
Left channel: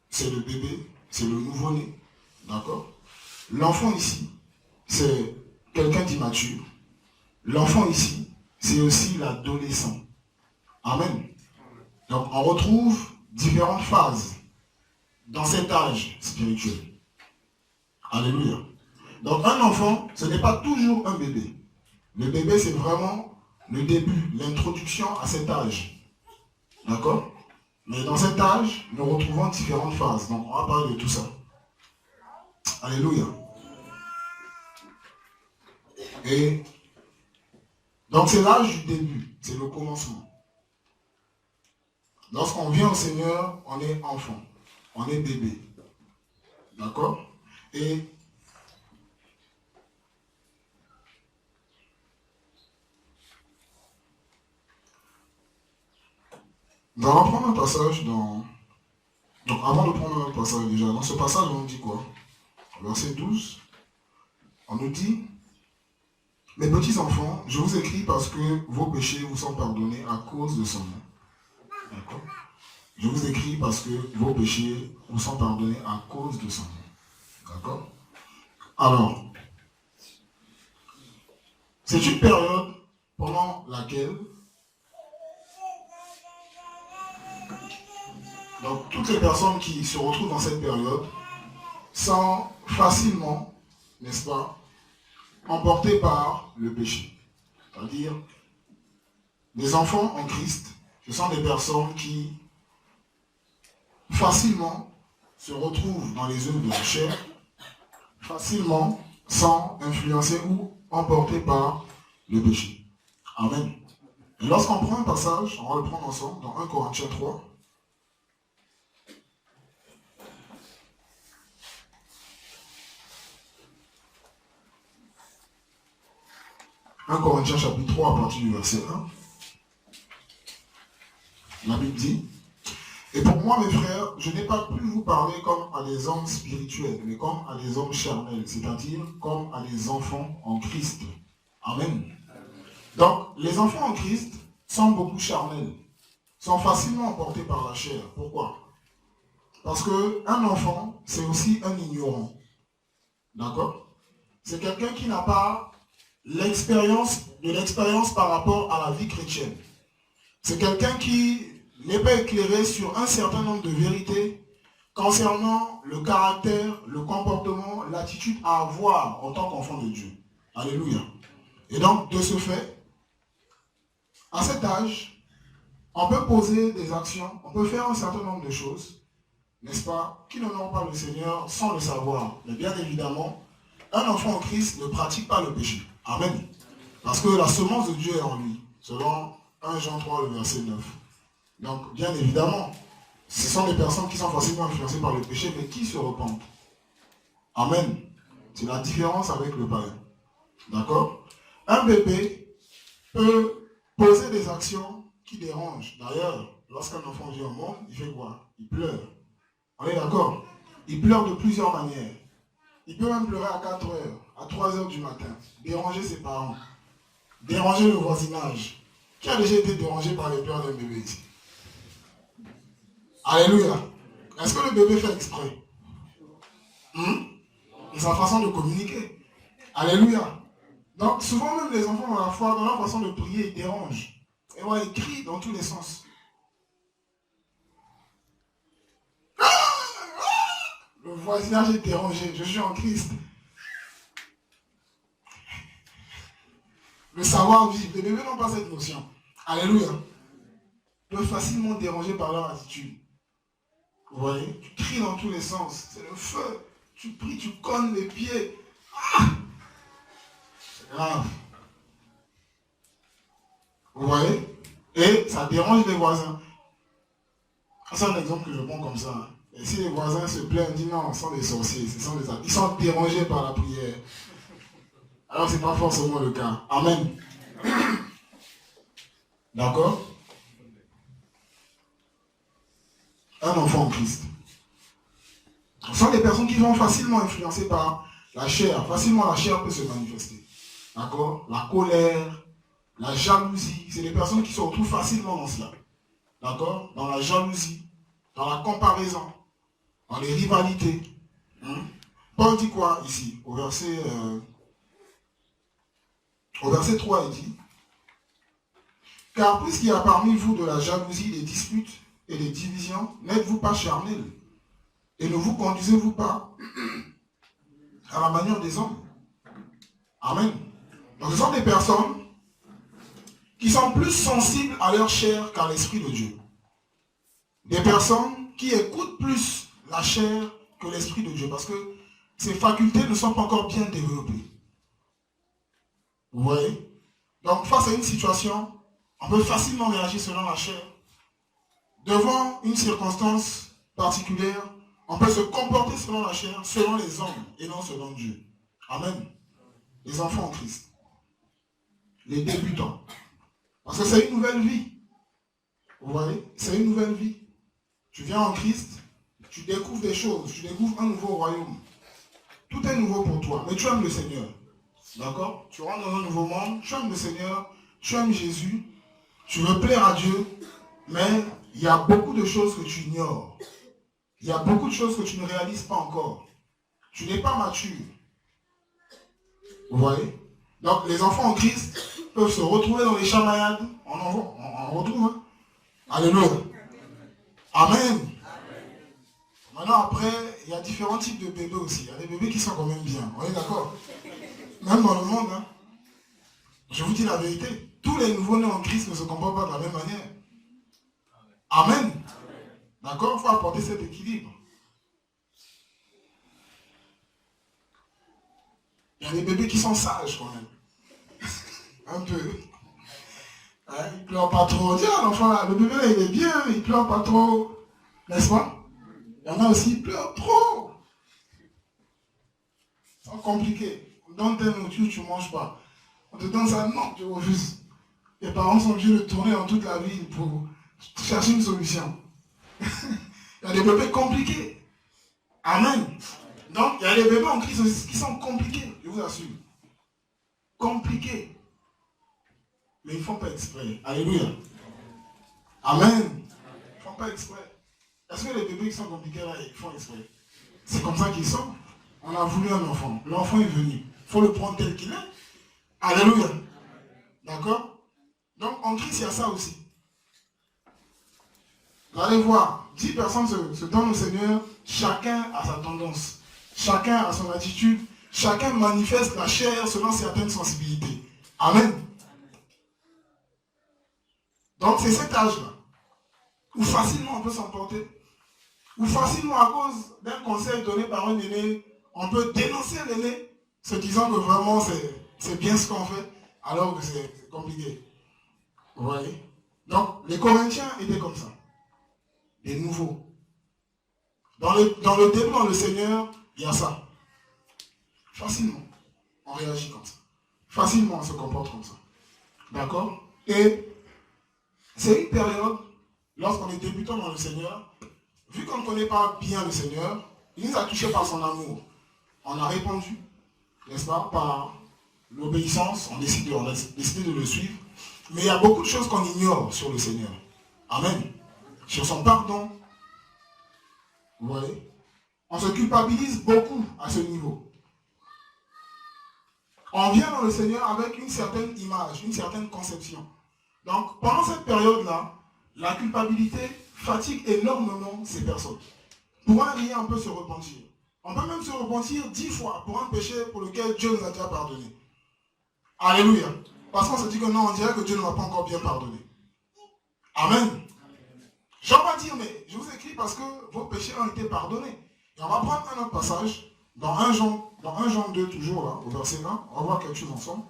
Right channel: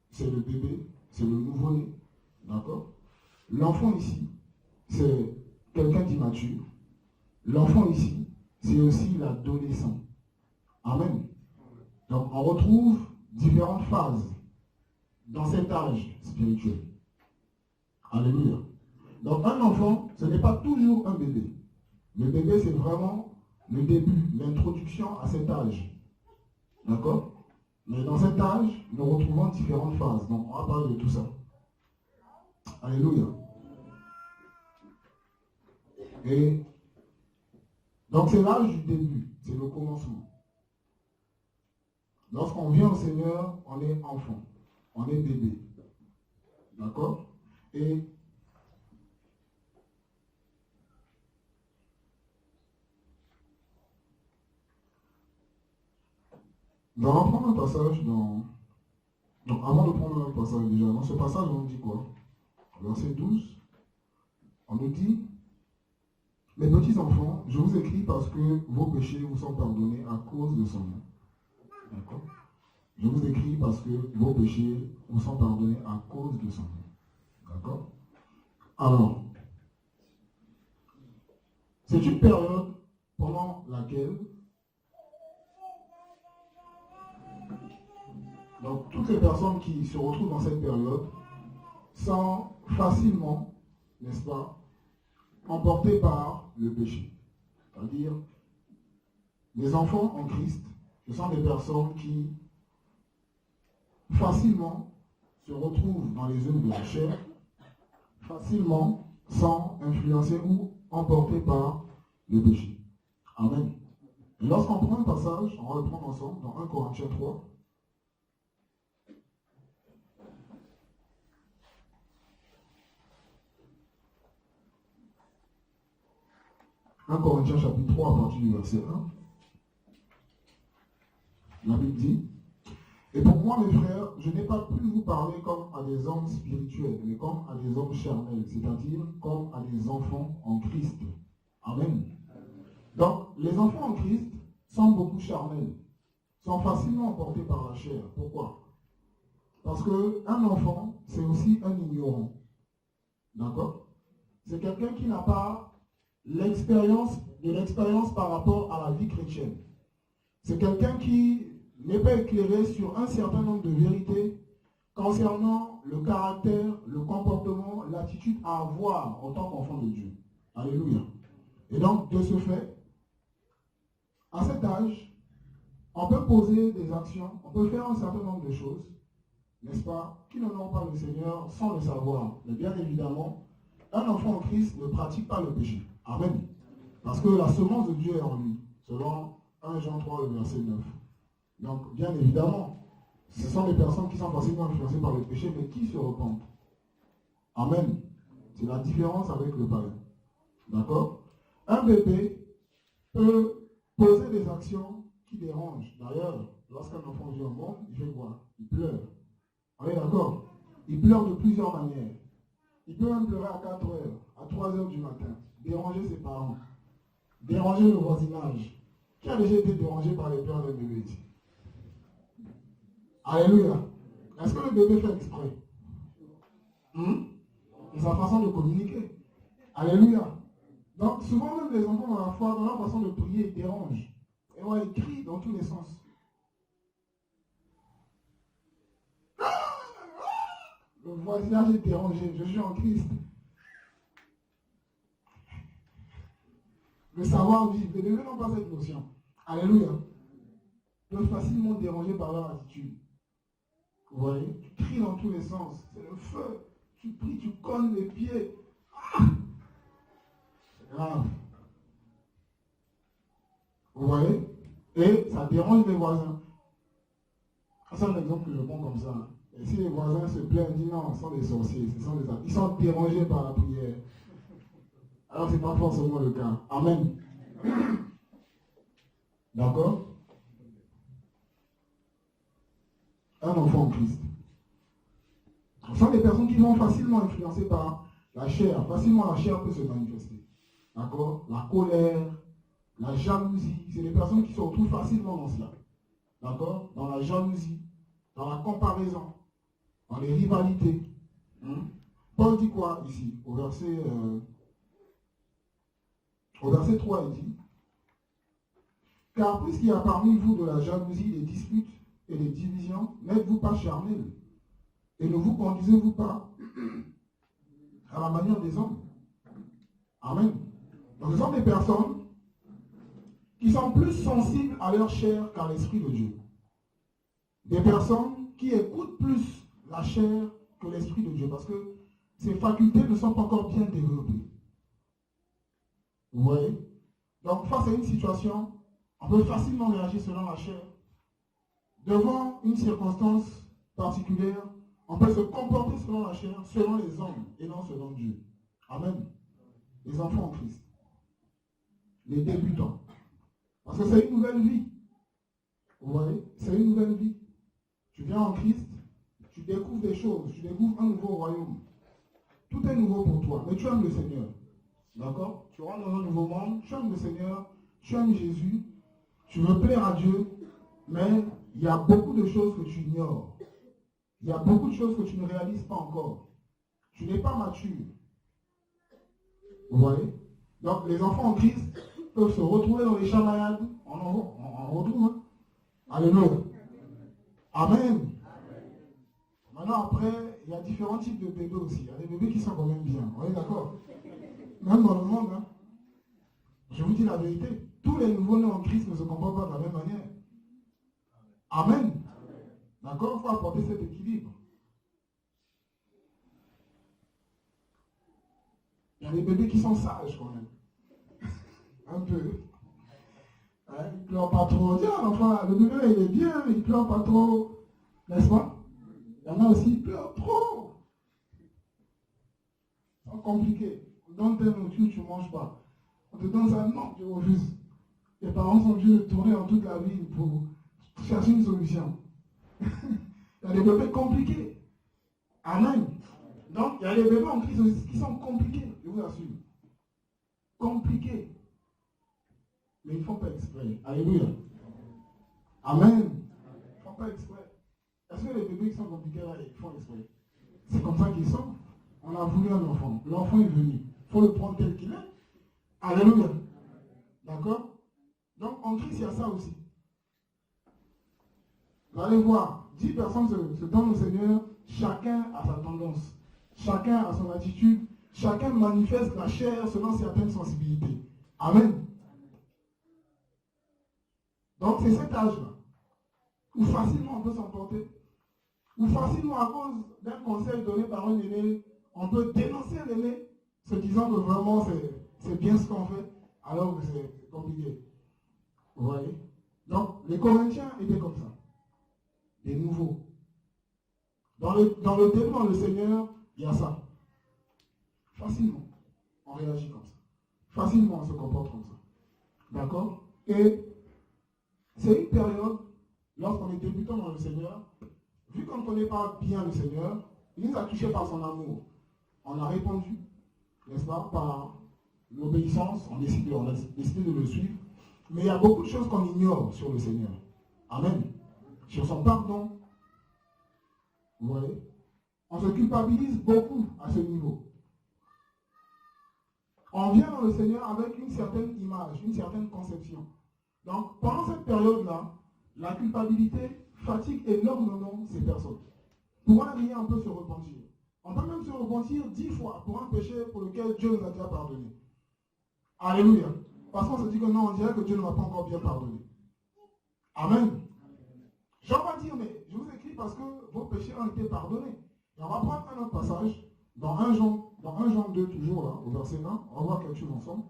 c'est le bébé, c'est le nouveau-né, d'accord? L'enfant ici, c'est quelqu'un d'immature. L'enfant ici, c'est aussi l'adolescent. Amen. Donc on retrouve différentes phases dans cet âge spirituel. Alléluia. Donc un enfant, ce n'est pas toujours un bébé. Le bébé, c'est vraiment le début, l'introduction à cet âge. D'accord? Mais dans cet âge, nous retrouvons différentes phases. Donc on va parler de tout ça. Alléluia. Et donc c'est l'âge du début, c'est le commencement. Lorsqu'on vient au Seigneur, on est enfant, on est bébé. D'accord? Et nous allons prendre un passage dans... Donc avant de prendre un passage déjà, dans ce passage on dit quoi? Verset 12, on nous dit: mes petits enfants, je vous écris parce que vos péchés vous sont pardonnés à cause de son nom. D'accord? Je vous écris parce que vos péchés vous sont pardonnés à cause de son nom. D'accord? Alors, c'est une période pendant laquelle donc toutes les personnes qui se retrouvent dans cette période sont facilement, n'est-ce pas, emportées par le péché. C'est-à-dire, les enfants en Christ, ce sont des personnes qui facilement se retrouvent dans les œuvres de la chair, facilement sont influencés ou emportés par le péché. Amen. Et lorsqu'on prend un passage, on va le prendre ensemble dans 1 Corinthiens 3. 1 Corinthiens chapitre 3 à partir du verset 1. La Bible dit: et pour moi, mes frères, je n'ai pas pu vous parler comme à des hommes spirituels, mais comme à des hommes charnels, c'est-à-dire comme à des enfants en Christ. Amen. Donc, les enfants en Christ sont beaucoup charnels, sont facilement emportés par la chair. Pourquoi? Parce qu'un enfant, c'est aussi un ignorant. D'accord? C'est quelqu'un qui n'a pas l'expérience par rapport à la vie chrétienne. C'est quelqu'un qui n'est pas éclairé sur un certain nombre de vérités concernant le caractère, le comportement, l'attitude à avoir en tant qu'enfant de Dieu. Alléluia. Et donc, de ce fait, à cet âge, on peut poser des actions, on peut faire un certain nombre de choses, n'est-ce pas, qui n'honorent pas le Seigneur sans le savoir. Mais bien évidemment, un enfant en Christ ne pratique pas le péché. Amen. Parce que la semence de Dieu est en lui, selon 1 Jean 3, le verset 9. Donc, bien évidemment, ce sont des personnes qui sont facilement influencées par le péché, mais qui se repentent. Amen. C'est la différence avec le païen. D'accord? Un bébé peut poser des actions qui dérangent. D'ailleurs, lorsqu'un enfant vient au monde, il fait quoi? Il pleure. On est d'accord? Il pleure de plusieurs manières. Il peut même pleurer à 4 heures, à 3 heures du matin, déranger ses parents, déranger le voisinage. Qui a déjà été dérangé par les pleurs d'un bébé ici? Alléluia. Est-ce que le bébé fait exprès? C'est sa façon de communiquer. Alléluia. Donc souvent même les enfants dans la foi, dans leur façon de prier, ils dérangent. Et voilà, ils crient dans tous les sens. Le voisinage est dérangé. Je suis en Christ. Le savoir-vivre. Les bébés n'ont pas cette notion. Alléluia. Ils peuvent facilement déranger par leur attitude. Vous voyez? Tu cries dans tous les sens. C'est le feu. Tu pries, tu cognes les pieds. C'est grave. Vous voyez? Et ça dérange les voisins. C'est un exemple que je prends comme ça. Et si les voisins se plaignent, disent non, ce sont des sorciers, ils sont dérangés par la prière. Alors ce n'est pas forcément le cas. Amen. D'accord? Un enfant en Christ. Ce sont des personnes qui sont facilement influencées par la chair. Facilement la chair peut se manifester. D'accord? La colère, la jalousie. C'est des personnes qui se retrouvent facilement dans cela. D'accord? Dans la jalousie, dans la comparaison, dans les rivalités. Paul dit quoi ici? Au verset 3, il dit: car puisqu'il y a parmi vous de la jalousie, des disputes et des divisions, n'êtes-vous pas charnels? Et ne vous conduisez-vous pas à la manière des hommes? Amen. Donc ce sont des personnes qui sont plus sensibles à leur chair qu'à l'Esprit de Dieu. Des personnes qui écoutent plus la chair que l'Esprit de Dieu, parce que ces facultés ne sont pas encore bien développées. Vous voyez? Donc face à une situation, on peut facilement réagir selon la chair. Devant une circonstance particulière, on peut se comporter selon la chair, selon les hommes et non selon Dieu. Amen. Les enfants en Christ. Les débutants. Parce que c'est une nouvelle vie. Vous voyez? C'est une nouvelle vie. Tu viens en Christ, tu découvres des choses, tu découvres un nouveau royaume. Tout est nouveau pour toi, mais tu aimes le Seigneur. D'accord? Tu rentres dans un nouveau monde, tu aimes le Seigneur, tu aimes Jésus, tu veux plaire à Dieu, mais il y a beaucoup de choses que tu ignores. Il y a beaucoup de choses que tu ne réalises pas encore. Tu n'es pas mature. Vous voyez? Donc les enfants en Christ peuvent se retrouver dans les chamaillades. On retrouve. Hein? Alléluia. Amen. Maintenant après, il y a différents types de bébés aussi. Il y a des bébés qui sont quand même bien. On est d'accord? Même dans le monde, hein? Je vous dis la vérité. Tous les nouveaux-nés en Christ ne se comportent pas de la même manière. Amen. D'accord? Il faut apporter cet équilibre. Il y a des bébés qui sont sages quand même. Un peu. Hein? Il ne pleure pas trop. Tiens, l'enfant là, le bébé là, il est bien, il ne pleure pas trop. N'est-ce pas? Il y en a aussi, il pleure trop. C'est compliqué. On donne tes nourritures, tu ne manges pas. On te donne ça, non, tu refuses. Les parents sont obligés de tourner dans toute la ville pour chercher une solution. Il y a des bébés compliqués. Amen. Donc, il y a des bébés en Christ qui sont compliqués, je vous assure. Compliqués. Mais ils ne font pas exprès. Alléluia. Amen. Ils ne font pas exprès. Est-ce que les bébés qui sont compliqués là, ils font exprès? C'est comme ça qu'ils sont. On a voulu un enfant. L'enfant est venu. Il faut le prendre tel qu'il est. Alléluia. D'accord? Donc, en Christ, il y a ça aussi. Vous allez voir, 10 personnes se donnent au Seigneur, chacun a sa tendance, chacun a son attitude, chacun manifeste la chair selon certaines sensibilités. Amen. Donc c'est cet âge-là, où facilement on peut s'emporter, où facilement à cause d'un conseil donné par un aîné, on peut dénoncer l'aîné, se disant que vraiment c'est bien ce qu'on fait, alors que c'est compliqué. Vous voyez? Donc les Corinthiens étaient comme ça. Des nouveaux. Dans le début, dans le Seigneur, il y a ça. facilement, on réagit comme ça. Facilement, on se comporte comme ça. D'accord? Et c'est une période, lorsqu'on est débutant dans le Seigneur, vu qu'on ne connaît pas bien le Seigneur, il nous a touchés par son amour. On a répondu, n'est-ce pas, par l'obéissance, on a décidé de le suivre. Mais il y a beaucoup de choses qu'on ignore sur le Seigneur. Amen. Sur son pardon. Vous voyez? On se culpabilise beaucoup à ce niveau. On vient dans le Seigneur avec une certaine image, une certaine conception. Donc, pendant cette période-là, la culpabilité fatigue énormément ces personnes. Pour un rien, on peut se repentir. On peut même se repentir 10 fois pour un péché pour lequel Dieu nous a déjà pardonné. Alléluia. Parce qu'on se dit que non, on dirait que Dieu ne m'a pas encore bien pardonné. Amen. Jean va dire, mais je vous écris parce que vos péchés ont été pardonnés. Et on va prendre un autre passage, dans 1 Jean 2, toujours là, au verset 20. On va voir quelque chose ensemble.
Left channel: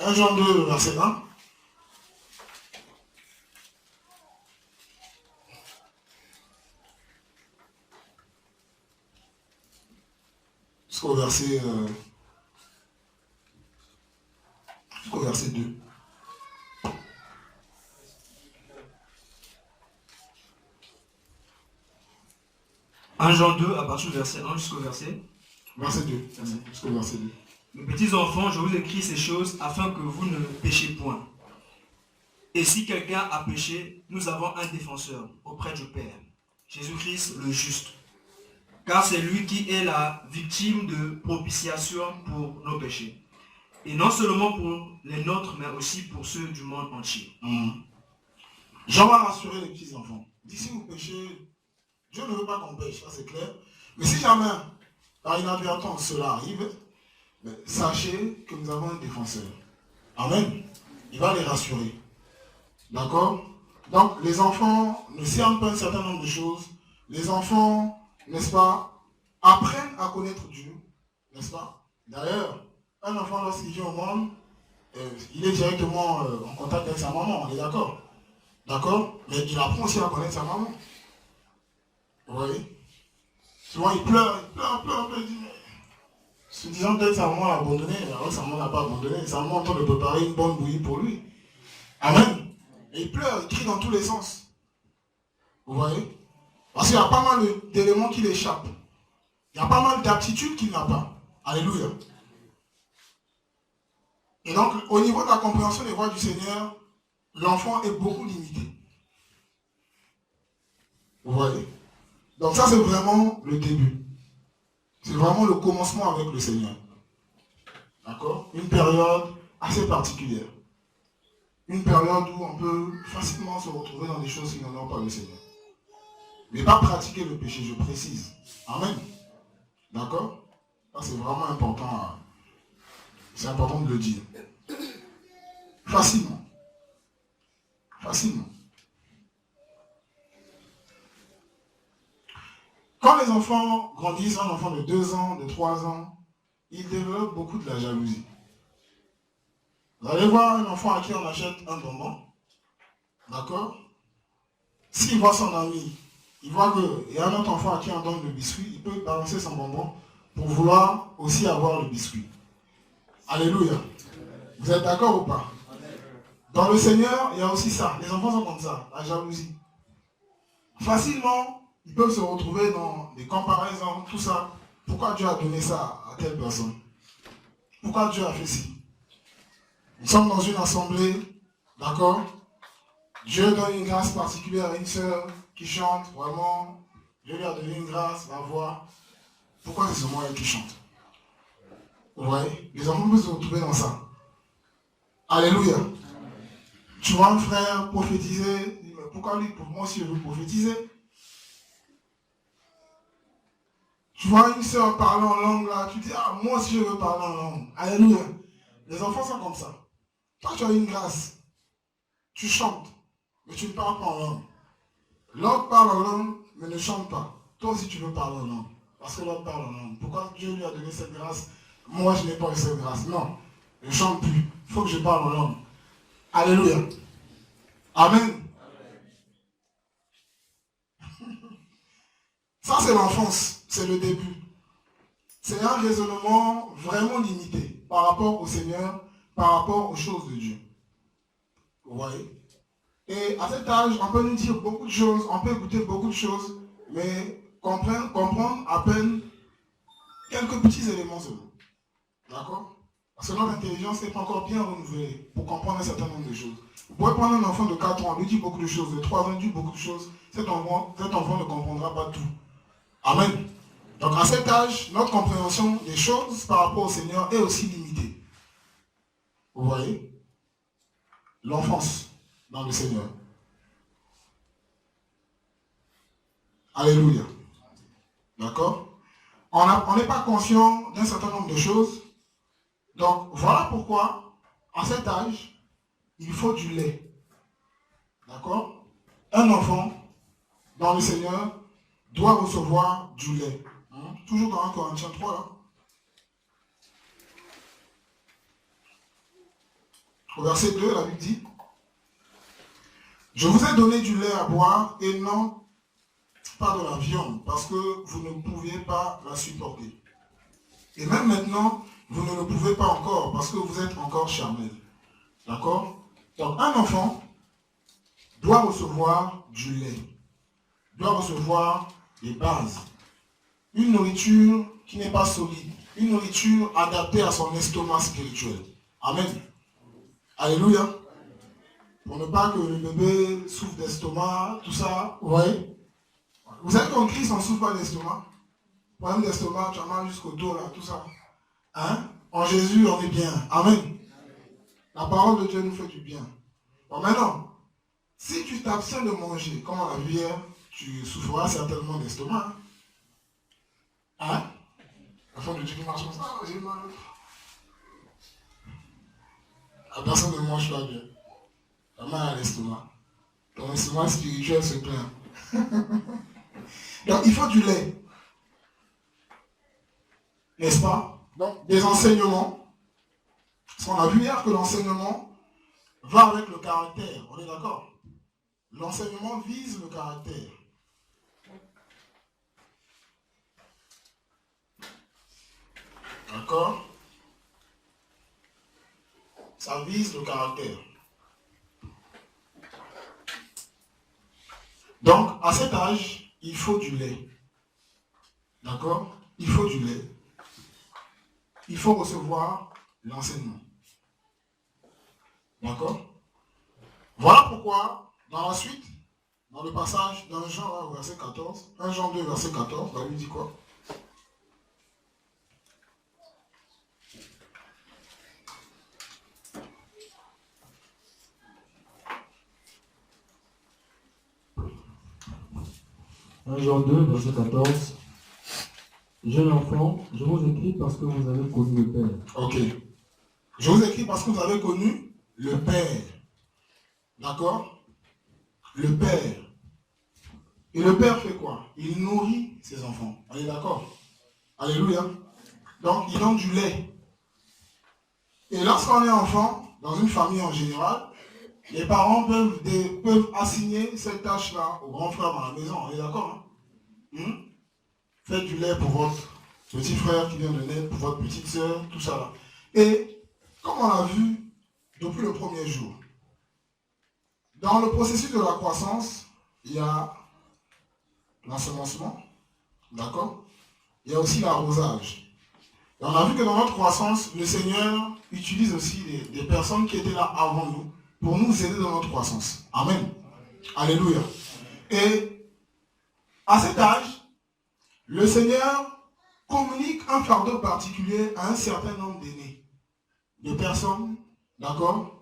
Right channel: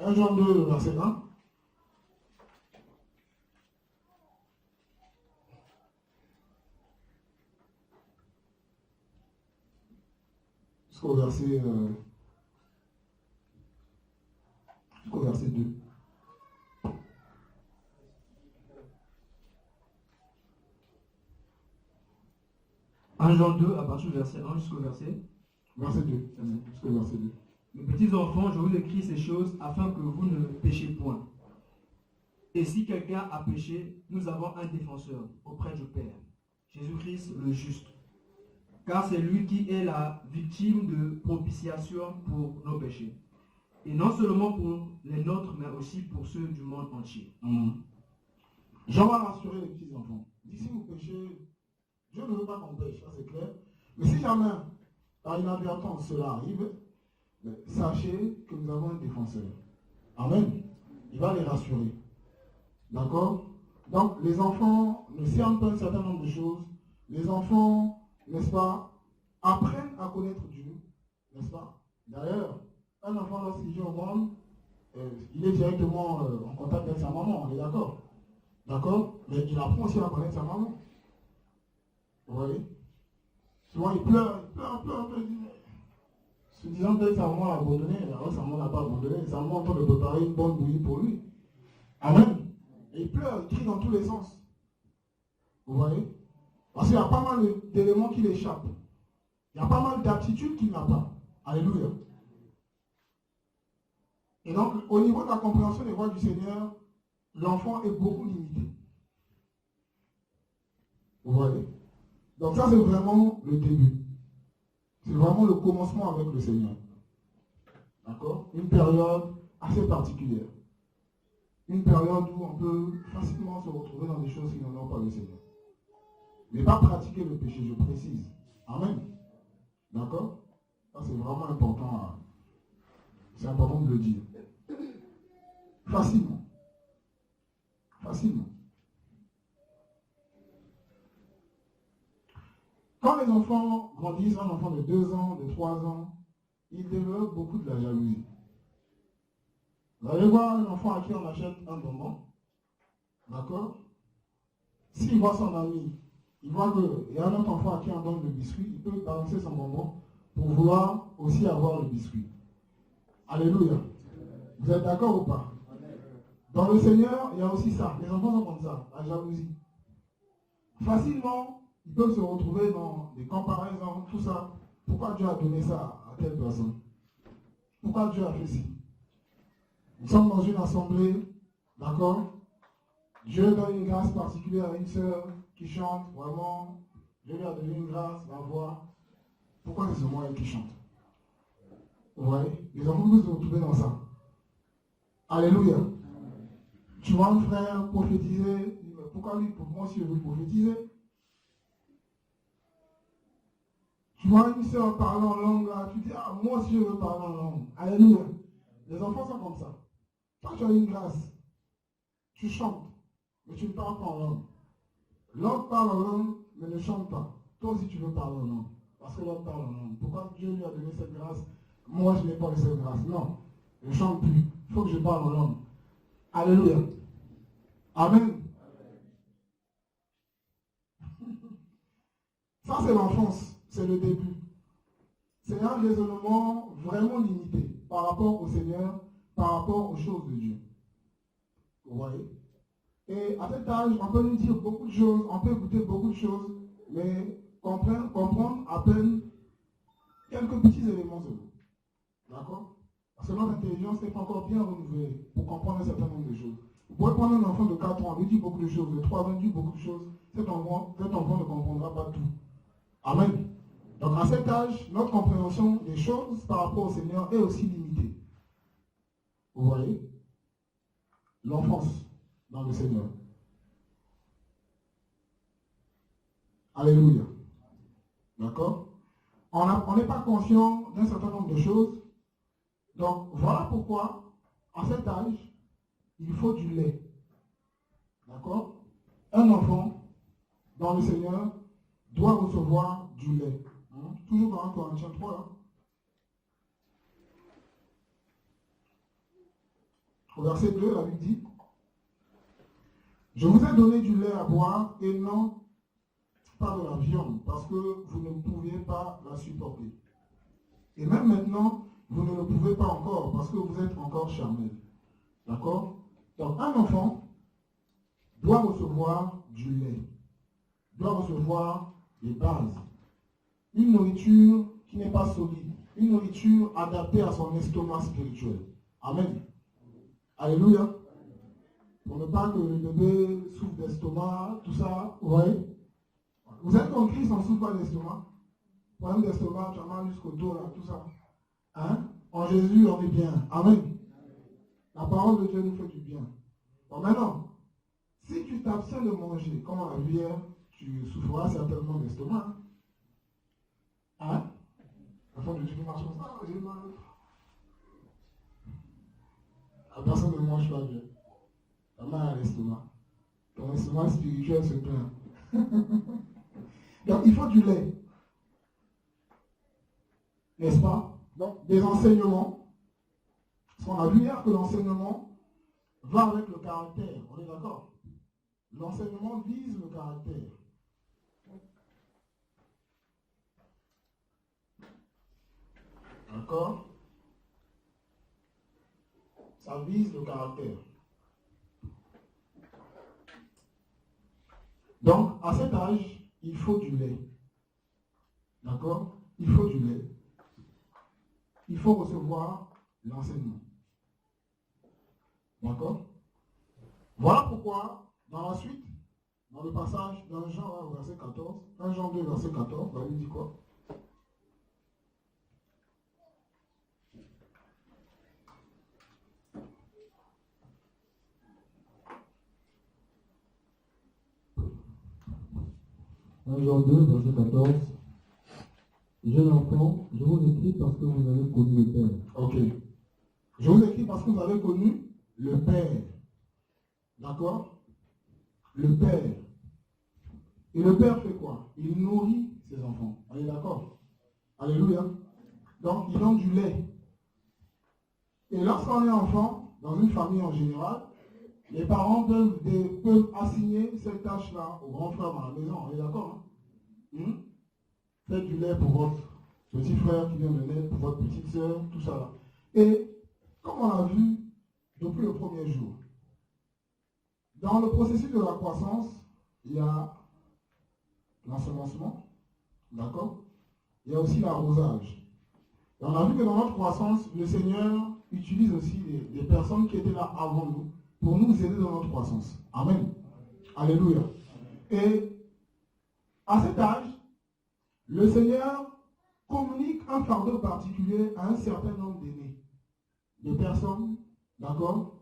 1 Jean 2, verset 1. Jusqu'au verset 2. Jean 2, à partir du verset 1 jusqu'au verset 2. Jusqu'au verset 2. Mes petits enfants, je vous écris ces choses afin que vous ne péchiez point. Et si quelqu'un a péché, nous avons un défenseur auprès du Père, Jésus-Christ le juste. Car c'est lui qui est la victime de propitiation pour nos péchés. Et non seulement pour les nôtres, mais aussi pour ceux du monde entier. Jean va rassurer les petits enfants. Il dit, si vous péchez, Dieu ne veut pas qu'on pêche, ça c'est clair. Mais si jamais, par inadvertance, cela arrive, sachez que nous avons un défenseur. Amen. Il va les rassurer. D'accord? Donc, les enfants ne servent pas un certain nombre de choses. Les enfants, n'est-ce pas, apprennent à connaître Dieu. N'est-ce pas? D'ailleurs, un enfant, lorsqu'il vient au monde, il est directement en contact avec sa maman, on est d'accord? D'accord? Mais il apprend aussi à connaître sa maman. Vous voyez? Souvent, il pleure, il dit, mais... Se disant peut-être sa maman l'a abandonné, alors sa maman n'a pas abandonné, sa maman est en train de préparer une bonne bouillie pour lui. Amen. Et il pleure, il crie dans tous les sens. Vous voyez? Parce qu'il y a pas mal d'éléments qui l'échappent. Il y a pas mal d'aptitudes qu'il n'a pas. Alléluia. Et donc, au niveau de la compréhension des voies du Seigneur, l'enfant est beaucoup limité. Vous voyez? Donc ça, c'est vraiment le début. C'est vraiment le commencement avec le Seigneur. D'accord? Une période assez particulière. Une période où on peut facilement se retrouver dans des choses qui n'en ont pas le Seigneur. Mais pas pratiquer le péché, je précise. Amen. D'accord? Ça, c'est vraiment important. C'est important de le dire. Facilement. Facilement. Quand les enfants grandissent, un enfant de 2 ans, de 3 ans, ils développent beaucoup de la jalousie. Vous allez voir un enfant à qui on achète un bonbon, d'accord? S'il voit son ami, il voit qu'il y a un autre enfant à qui on donne le biscuit, il peut balancer son bonbon pour vouloir aussi avoir le biscuit. Alléluia. Vous êtes d'accord ou pas? Dans le Seigneur, il y a aussi ça. Les enfants sont comme ça, la jalousie. Facilement, ils peuvent se retrouver dans des comparaisons, tout ça. Pourquoi Dieu a donné ça à telle personne? Pourquoi Dieu a fait ci? Nous sommes dans une assemblée, d'accord? Dieu donne une grâce particulière à une sœur qui chante, vraiment. Dieu lui a donné une grâce, la voix. Pourquoi c'est seulement elle qui chante? Vous voyez? Les enfants peuvent se retrouver dans ça. Alléluia. Tu vois un frère prophétiser, mais pourquoi lui? Pour moi aussi je veux prophétiser. Tu vois une sœur parler en langue là, tu dis, ah moi aussi je veux parler en langue. Alléluia. Les enfants sont comme ça. Toi tu as une grâce. Tu chantes, mais tu ne parles pas en langue. L'autre parle en langue, mais ne chante pas. Toi aussi tu veux parler en langue. Parce que l'autre parle en langue. Pourquoi Dieu lui a donné cette grâce? Moi je n'ai pas eu cette grâce. Non. Je ne chante plus. Il faut que je parle en langue. Alléluia. Amen. Ça, c'est l'enfance, c'est le début. C'est un raisonnement vraiment limité par rapport au Seigneur, par rapport aux choses de Dieu. Vous voyez? Et à cet âge, on peut nous dire beaucoup de choses, on peut écouter beaucoup de choses, mais comprendre à peine quelques petits éléments seulement. D'accord? Parce que notre intelligence n'est pas encore bien renouvelée pour comprendre un certain nombre de choses. Vous pouvez prendre un enfant de 4 ans, lui dit beaucoup de choses, de 3 ans, lui dit beaucoup de choses. Cet enfant ne comprendra pas tout. Amen. Donc à cet âge, notre compréhension des choses par rapport au Seigneur est aussi limitée. Vous voyez? L'enfance dans le Seigneur. Alléluia. D'accord? On n'est pas conscient d'un certain nombre de choses. Donc voilà pourquoi, à cet âge, il faut du lait. D'accord? Un enfant dans le Seigneur doit recevoir du lait. Toujours dans 1 Corinthiens 3, là. Au verset 2, la Bible dit: je vous ai donné du lait à boire et non pas de la viande, parce que vous ne pouviez pas la supporter. Et même maintenant, vous ne le pouvez pas encore, parce que vous êtes encore charnel. D'accord? Donc un enfant doit recevoir du lait, doit recevoir des bases. Une nourriture qui n'est pas solide, une nourriture adaptée à son estomac spirituel. Amen. Alléluia. Pour ne pas que le bébé souffre d'estomac, tout ça. Ouais. Vous savez qu'en Christ, on ne souffre pas d'estomac. Problème d'estomac, tu as mal jusqu'au dos, là, tout ça. Hein? En Jésus, on est bien. Amen. La parole de Dieu nous fait du bien. Bon, maintenant, si tu t'abstiens de manger, comme on l'a vu hier, tu souffriras certainement d'estomac. Hein? La fin de Dieu qui marche comme ça, j'ai mal. La personne ne mange pas bien. La main à l'estomac. Ton estomac spirituel se plaint. Donc il faut du lait. N'est-ce pas? Donc des enseignements. Parce qu'on a vu hier que l'enseignement va avec le caractère. On est d'accord? L'enseignement vise le caractère. D'accord? Ça vise le caractère. Donc, à cet âge, il faut du lait. D'accord? Il faut du lait. Il faut recevoir l'enseignement. D'accord? Voilà pourquoi, dans la suite, dans le passage d'un Jean, verset 14, 1 Jean 2, verset 14, la Bible dit quoi? Jean 2, verset 14. Jeune enfant, je vous écris parce que vous avez connu le Père. Ok. Je vous écris parce que vous avez connu le Père. D'accord? Le Père. Et le Père fait quoi? Il nourrit ses enfants. On est d'accord? Alléluia. Donc, il donne du lait. Et lorsqu'on est enfant, dans une famille en général, les parents peuvent assigner cette tâche-là au grand frère dans la maison. On est d'accord? Faites du lait pour votre petit frère qui vient de naître, pour votre petite soeur, tout ça là. Et comme on l'a vu depuis le premier jour, dans le processus de la croissance, il y a l'ensemencement, d'accord? Il y a aussi l'arrosage. Et on a vu que dans notre croissance, le Seigneur utilise aussi des personnes qui étaient là avant nous pour nous aider dans notre croissance. Amen. Alléluia. Et à cet âge, le Seigneur communique un fardeau particulier à un certain nombre d'aînés, de personnes, d'accord,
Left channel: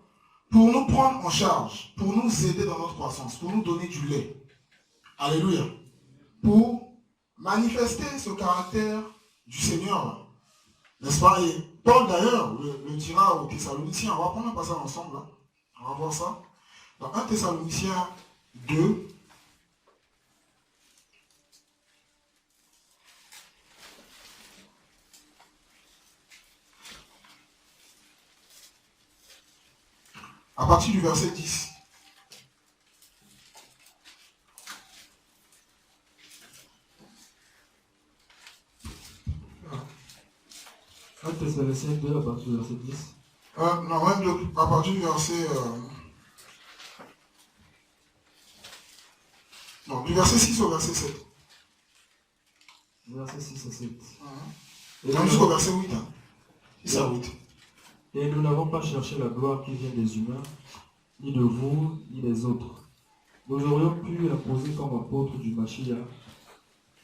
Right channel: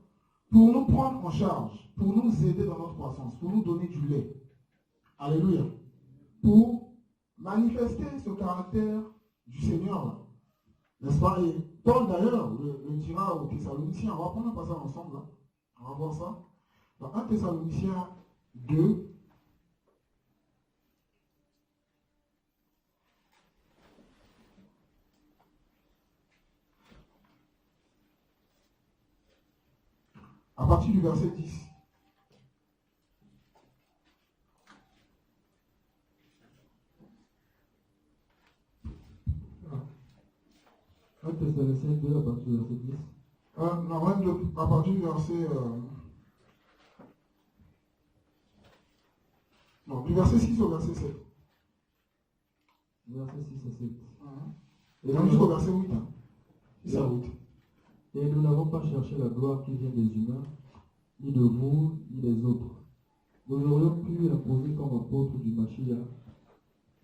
pour nous prendre en charge, pour nous aider dans notre croissance, pour nous donner du lait. Alléluia. Pour manifester ce caractère du Seigneur. N'est-ce pas? Et Paul d'ailleurs le dira aux Thessaloniciens. On va prendre un passage ensemble. Hein. On va voir ça. Dans 1 Thessaloniciens 2. À partir du verset 10. Éphésiens 2 à partir du verset 10. Non, même à partir du verset... Non, du verset 6 au verset 7. Verset 6 à 7. Et Non, jusqu'au verset 8. 6 à 8. Et nous n'avons pas cherché la gloire qui vient des humains, ni de vous, ni des autres. Nous aurions pu imposer comme apôtres du Mashiach,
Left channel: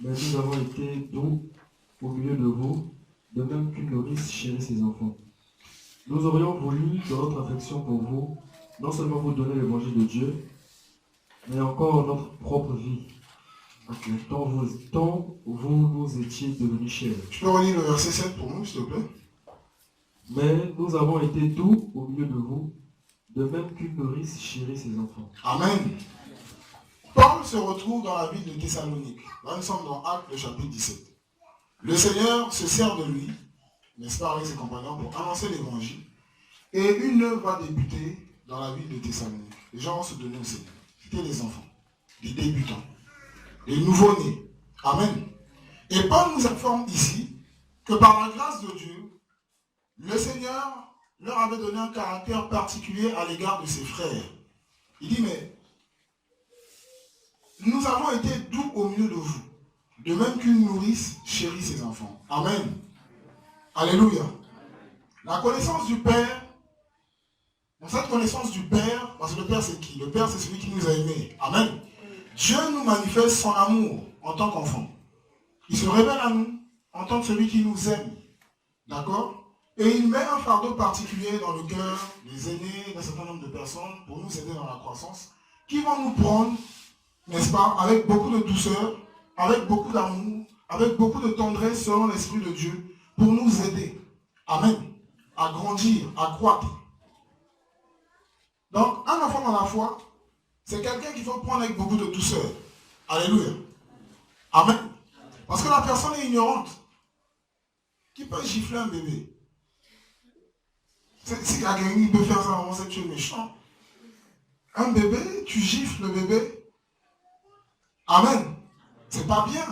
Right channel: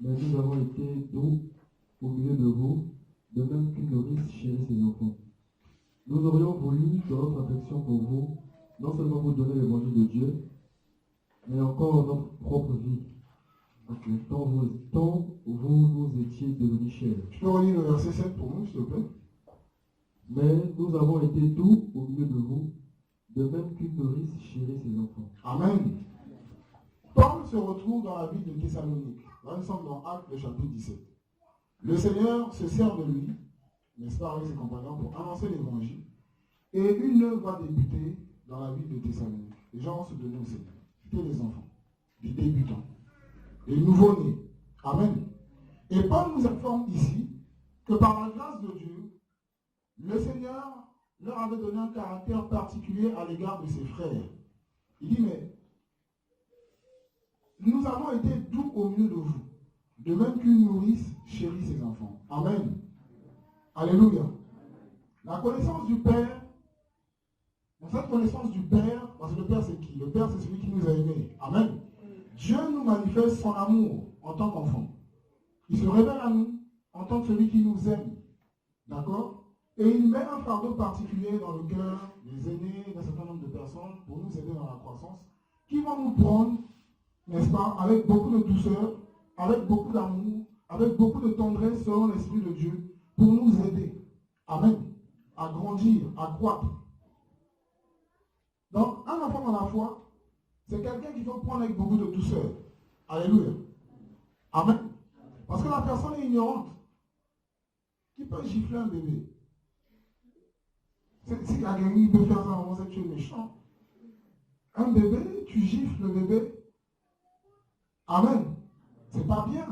mais nous avons été doux au milieu de vous, de même qu'une nourrice chérit ses enfants. Nous aurions voulu, dans notre affection pour vous, non seulement vous donner l'évangile de Dieu, mais encore notre propre vie, tant vous nous étiez devenus chers. Tu peux relire le verset 7 pour nous, s'il te plaît? Mais nous avons été doux au milieu de vous, de même qu'une nourrice chérit ses enfants. Amen. Paul se retrouve dans la ville de Thessalonique. Là, nous sommes dans Actes, le chapitre 17. Le Seigneur se sert de lui, n'est-ce pas, avec ses compagnons, pour annoncer l'évangile. Et une œuvre va débuter dans la ville de Thessalonique. Les gens vont se donner au Seigneur. C'était les enfants, les débutants, les nouveau-nés. Amen. Et Paul nous informe ici que par la grâce de Dieu, le Seigneur leur avait donné un caractère particulier à l'égard de ses frères. Il dit, mais nous avons été doux au milieu de vous, de même qu'une nourrice chérit ses enfants. Amen. Alléluia. La connaissance du Père, cette connaissance du Père, parce que le Père c'est qui? Le Père c'est celui qui nous a aimés. Amen. Dieu nous manifeste son amour en tant qu'enfant. Il se révèle à nous en tant que celui qui nous aime. D'accord? Et il met un fardeau particulier dans le cœur des aînés d'un certain nombre de personnes pour nous aider dans la croissance, qui vont nous prendre, n'est-ce pas, avec beaucoup de douceur, avec beaucoup d'amour, avec beaucoup de tendresse selon l'Esprit de Dieu, pour nous aider. Amen. À grandir, à croître. Donc, un enfant dans la foi, c'est quelqu'un qu'il faut prendre avec beaucoup de douceur. Alléluia. Amen. Parce que la personne est ignorante. Qui peut gifler un bébé? Si quelqu'un peut faire ça, vraiment, c'est que tu es méchant. Un bébé, tu gifles le bébé. Amen. C'est pas bien.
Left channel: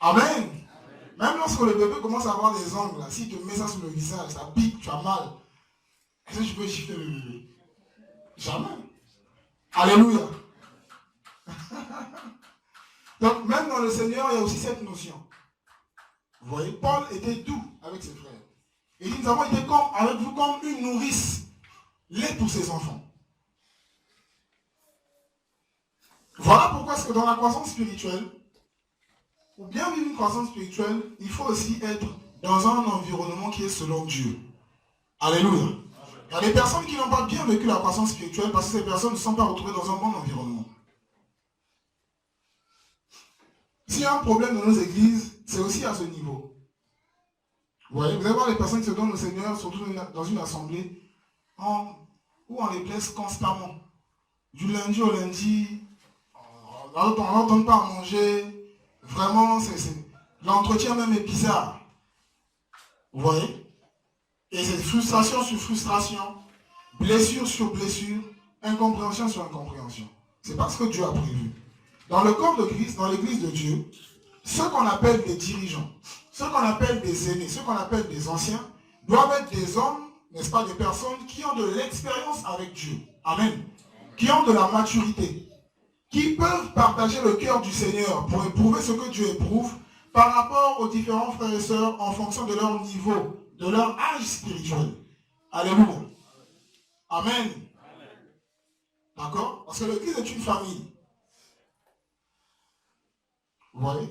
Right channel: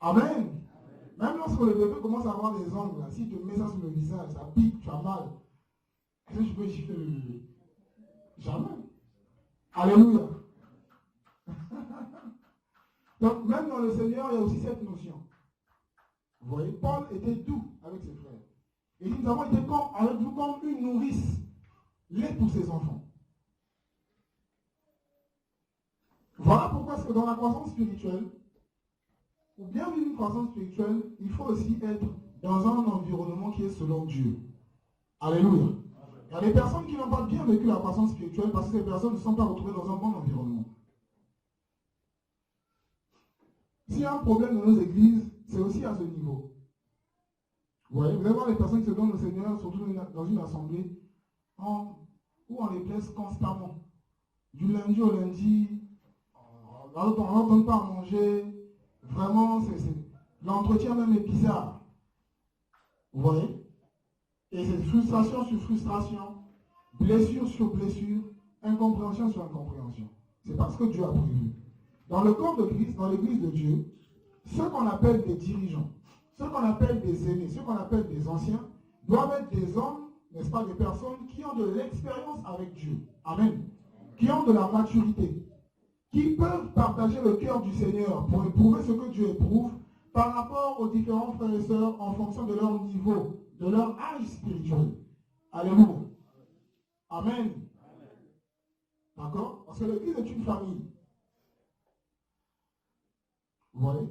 Amen. Même lorsque le bébé commence à avoir des ongles, si tu mets ça sur le visage, ça pique, tu as mal. Est-ce que tu peux gifler le bébé? Jamais. Alléluia. Donc même dans le Seigneur, il y a aussi cette notion. Vous voyez, Paul était doux avec ses frères. Il dit, nous avons été avec vous comme une nourrice, lait pour ses enfants. Voilà pourquoi est-ce que dans la croissance spirituelle, pour bien vivre une croissance spirituelle, il faut aussi être dans un environnement qui est selon Dieu. Alléluia. Il y a des personnes qui n'ont pas bien vécu la croissance spirituelle parce que ces personnes ne sont pas retrouvées dans un bon environnement. S'il y a un problème dans nos églises, c'est aussi à ce niveau. Vous voyez, vous allez voir les personnes qui se donnent au Seigneur, surtout dans une assemblée, où on les blesse constamment. Du lundi au lundi, on n'entend pas à manger. Vraiment, l'entretien même est bizarre. Vous voyez? Et c'est frustration sur frustration, blessure sur blessure, incompréhension sur incompréhension. C'est pas ce que Dieu a prévu. Dans le corps de Christ, dans l'église de Dieu, ceux qu'on appelle des dirigeants, ceux qu'on appelle des aînés, ceux qu'on appelle des anciens, doivent être des hommes, n'est-ce pas, des personnes qui ont de l'expérience avec Dieu. Amen. Qui ont de la maturité. Qui peuvent partager le cœur du Seigneur pour éprouver ce que Dieu éprouve par rapport aux différents frères et sœurs en fonction de leur niveau, de leur âge spirituel. Alléluia. Amen. D'accord? Parce que l'église est une famille. Vous voyez?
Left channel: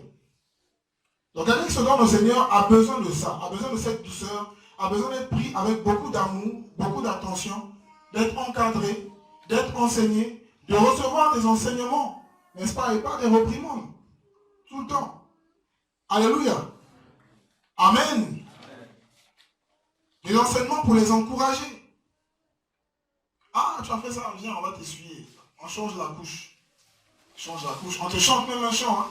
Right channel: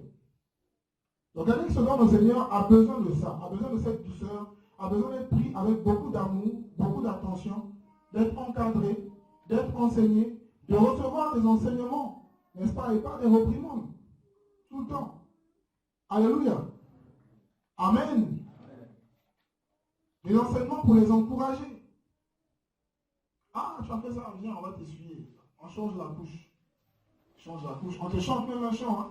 Donc quelqu'un qui se donne au Seigneur a besoin de ça, a besoin de cette douceur, a besoin d'être pris avec beaucoup d'amour, beaucoup d'attention, d'être encadré, d'être enseigné, de recevoir des enseignements, n'est-ce pas, et pas des reprimandes, tout le temps. Alléluia. Amen. Des enseignements pour les encourager. Ah, tu as fait ça, viens, on va t'essuyer. On change la couche. Change la couche. On te chante même un chant, hein.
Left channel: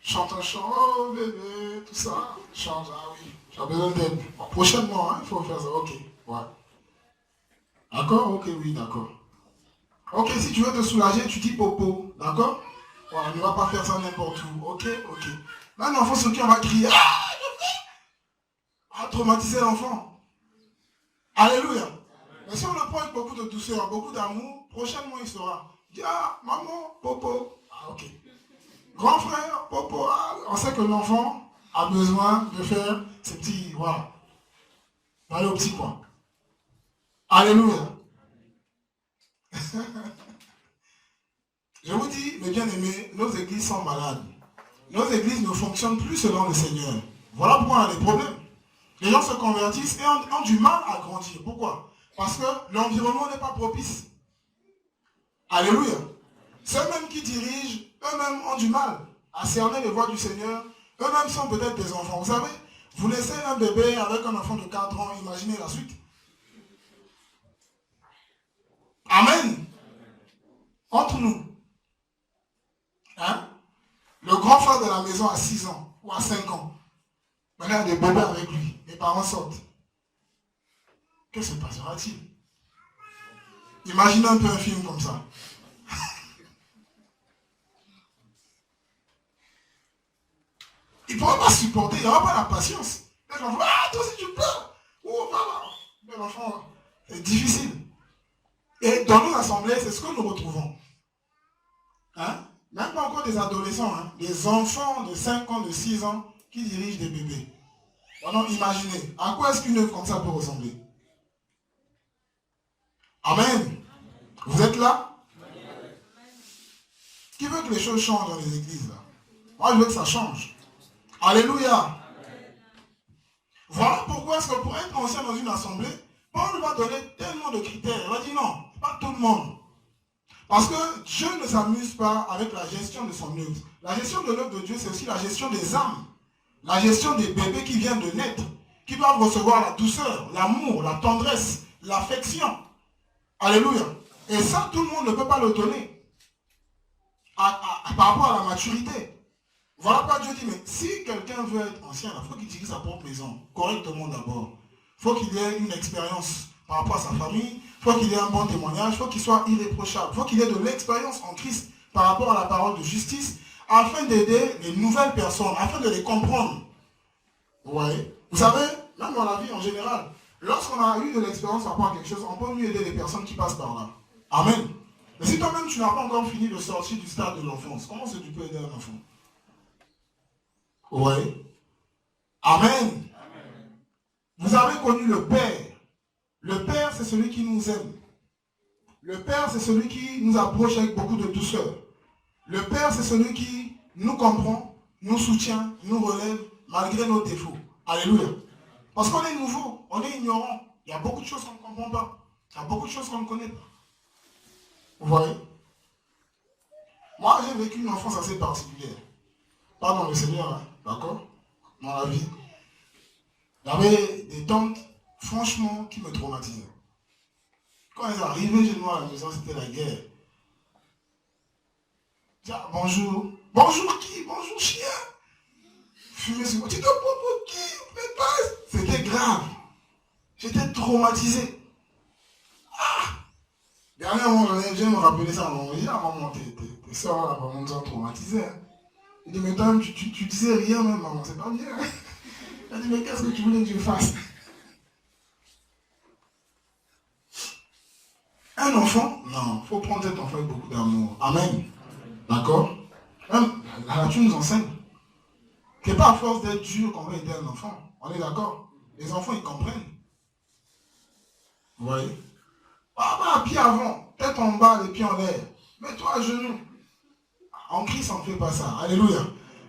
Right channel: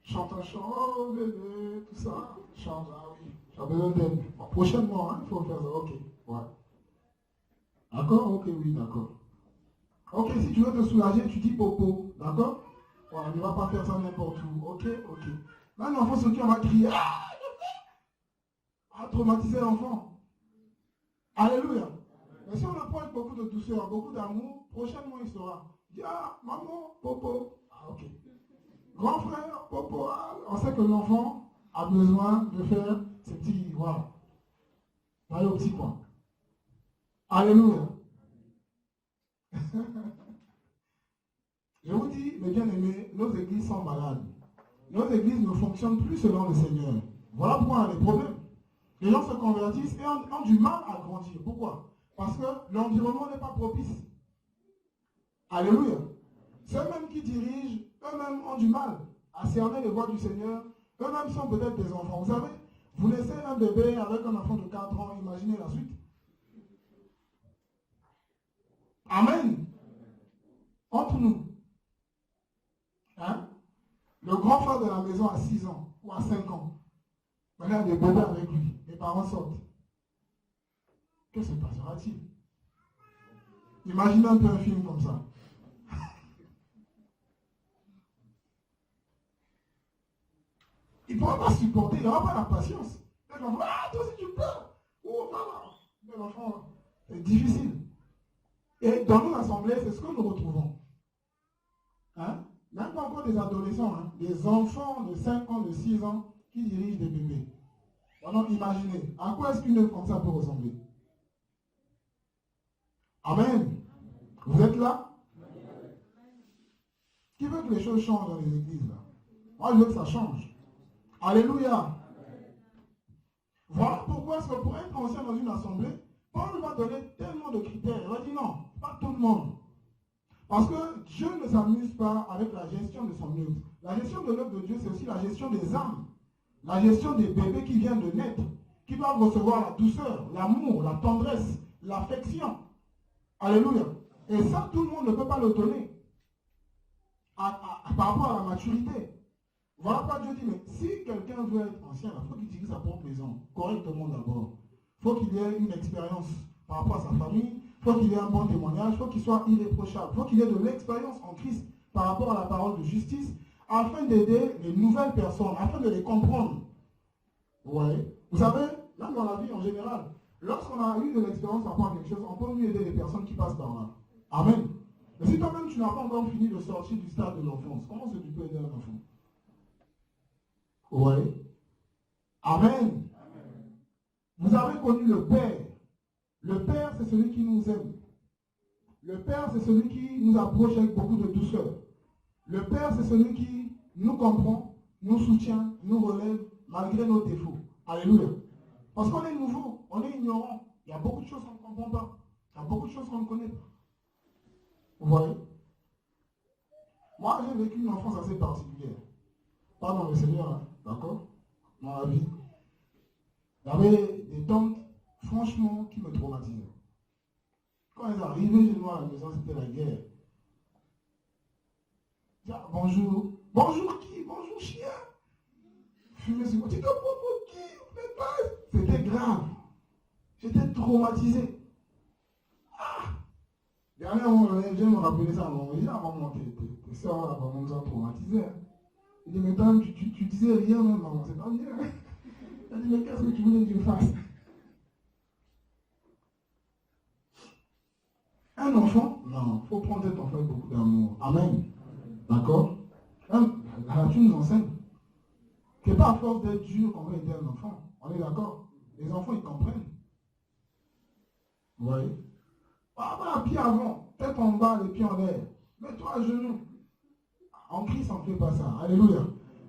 Chante un chant, oh bébé, tout ça. Change, ah oui, tu as besoin d'aide. Prochainement, hein, il faut faire ça, ok. Ouais. D'accord? Ok, oui, d'accord. Ok, si tu veux te soulager, tu dis popo, d'accord? Voilà, ne va pas faire ça n'importe où, ok, ok. Là, un enfant sur qui on va crier, ah, traumatiser l'enfant. Alléluia. Mais si on le prend avec beaucoup de douceur, beaucoup d'amour, prochainement il saura. Il dit, ah, maman, popo. Ah, ok. Grand frère, popo. Ah, on sait que l'enfant a besoin de faire ses petits, voilà. Aller au petit point. Alléluia. Je vous dis, mes bien-aimés, nos églises sont malades. Nos églises ne fonctionnent plus selon le Seigneur. Voilà pourquoi on a des problèmes. Les gens se convertissent et ont du mal à grandir. Pourquoi? Parce que l'environnement n'est pas propice. Alléluia. Ceux-mêmes qui dirigent, eux-mêmes ont du mal à cerner les voies du Seigneur. Eux-mêmes sont peut-être des enfants. Vous savez, vous laissez un bébé avec un enfant de 4 ans, imaginez la suite. Amen. Entre nous. Hein? Le grand frère de la maison a 6 ans ou à 5 ans. Maintenant, il y a des bébés avec lui. Les parents sortent. Que se passera-t-il? Imaginez un peu un film comme ça. Il ne pourra pas supporter, il n'aura pas la patience. L'enfant, ah, toi aussi tu pleures. Oh, voilà. L'enfant, c'est difficile. Et dans nos assemblées, c'est ce que nous retrouvons. Hein? Même pas encore des adolescents, hein? Des enfants de 5 ans, de 6 ans qui dirigent des bébés. Alors imaginez, à quoi est-ce qu'une œuvre comme ça peut ressembler? Amen. Vous êtes là? Qui veut que les choses changent dans les églises là? Moi je veux que ça change. Alléluia. Voilà pourquoi est-ce que pour être ancien dans une assemblée, Paul va donner tellement de critères. Il va dire non, pas tout le monde. Parce que Dieu ne s'amuse pas avec la gestion de son œuvre. La gestion de l'œuvre de Dieu, c'est aussi la gestion des âmes. La gestion des bébés qui viennent de naître, qui doivent recevoir la douceur, l'amour, la tendresse, l'affection. Alléluia. Et ça, tout le monde ne peut pas le donner. Par rapport à la maturité. Voilà pourquoi Dieu dit, mais si quelqu'un veut être ancien, il faut qu'il dirige sa propre maison, correctement d'abord. Il faut qu'il ait une expérience par rapport à sa famille, il faut qu'il ait un bon témoignage, il faut qu'il soit irréprochable, il faut qu'il ait de l'expérience en Christ par rapport à la parole de justice, afin d'aider les nouvelles personnes, afin de les comprendre. Vous voyez? Vous savez, même dans la vie en général, lorsqu'on a eu de l'expérience par rapport à quelque chose, on peut mieux aider les personnes qui passent par là. Amen. Mais si toi-même tu n'as pas encore fini de sortir du stade de l'enfance, comment est-ce que tu peux aider un enfant? Vous voyez? Amen. Vous avez connu le Père. Le Père, c'est celui qui nous aime. Le Père, c'est celui qui nous approche avec beaucoup de douceur. Le Père, c'est celui qui nous comprend, nous soutient, nous relève, malgré nos défauts. Alléluia. Parce qu'on est nouveau, on est ignorant. Il y a beaucoup de choses qu'on ne comprend pas. Il y a beaucoup de choses qu'on ne connaît pas. Vous voyez? Moi, j'ai vécu une enfance assez particulière. Pas dans le Seigneur, hein, d'accord? Dans la vie. J'avais des tantes, franchement, qui me traumatisaient. Quand elles arrivaient chez moi à la maison, c'était la guerre. Tiens, bonjour. Bonjour qui? Bonjour chien. Fumer sur moi. Tu te prends pour qui? C'était grave. J'étais traumatisé. Ah! Dernièrement, je viens me rappeler ça à maman. Il dit, ah maman, tes soeurs là, vraiment nous ont traumatisés. Hein. Il dit, mais toi, tu disais rien même, maman, c'est pas bien. Elle dit, mais qu'est-ce que tu voulais que je fasse? Un enfant, non, il faut prendre cet enfant avec beaucoup d'amour. Amen. D'accord? Même la nature nous enseigne que pas à force d'être dur qu'on va aider un enfant. On est d'accord? Les enfants, ils comprennent. Vous voyez? Ah, pied avant, tête en bas, les pieds en l'air. Mets-toi à genoux. En Christ, on ne fait pas ça. Alléluia.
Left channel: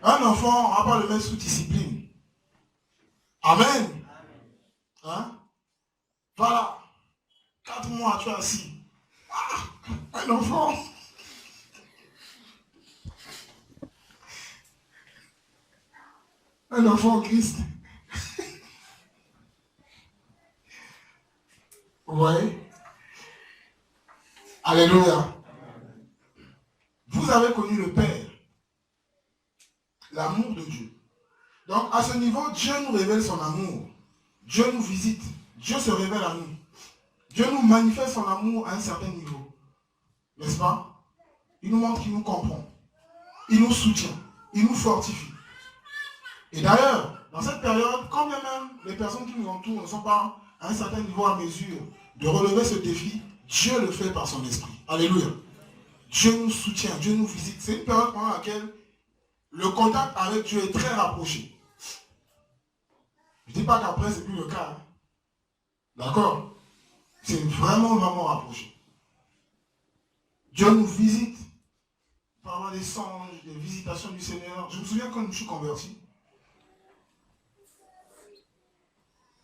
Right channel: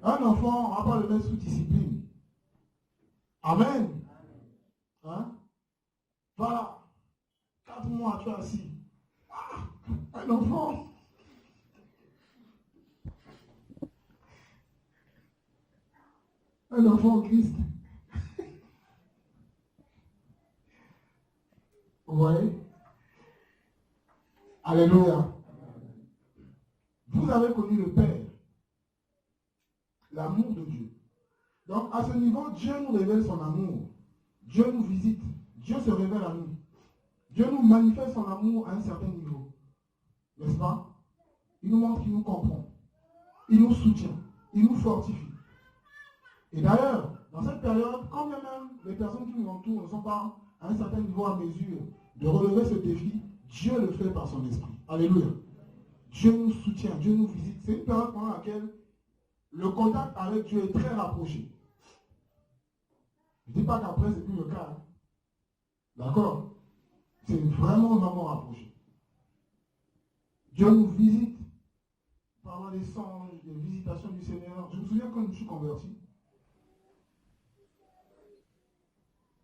Un enfant, on ne va pas le mettre sous discipline. Amen. Hein? Voilà. 4 mois, tu es assis. Ah, un enfant. Un enfant en Christ. Vous voyez? Alléluia. Vous avez connu le Père. L'amour de Dieu. Donc, à ce niveau, Dieu nous révèle son amour. Dieu nous visite. Dieu se révèle à nous. Dieu nous manifeste son amour à un certain niveau. N'est-ce pas? Il nous montre qu'il nous comprend. Il nous soutient. Il nous fortifie. Et d'ailleurs, dans cette période, quand bien même les personnes qui nous entourent ne sont pas à un certain niveau à mesure de relever ce défi, Dieu le fait par son esprit. Alléluia. Dieu nous soutient, Dieu nous visite. C'est une période pendant laquelle le contact avec Dieu est très rapproché. Je ne dis pas qu'après, ce n'est plus le cas. Hein. D'accord? C'est vraiment, vraiment rapproché. Dieu nous visite. Il peut y avoir des songes, des visitations du Seigneur. Je me souviens quand je me suis converti.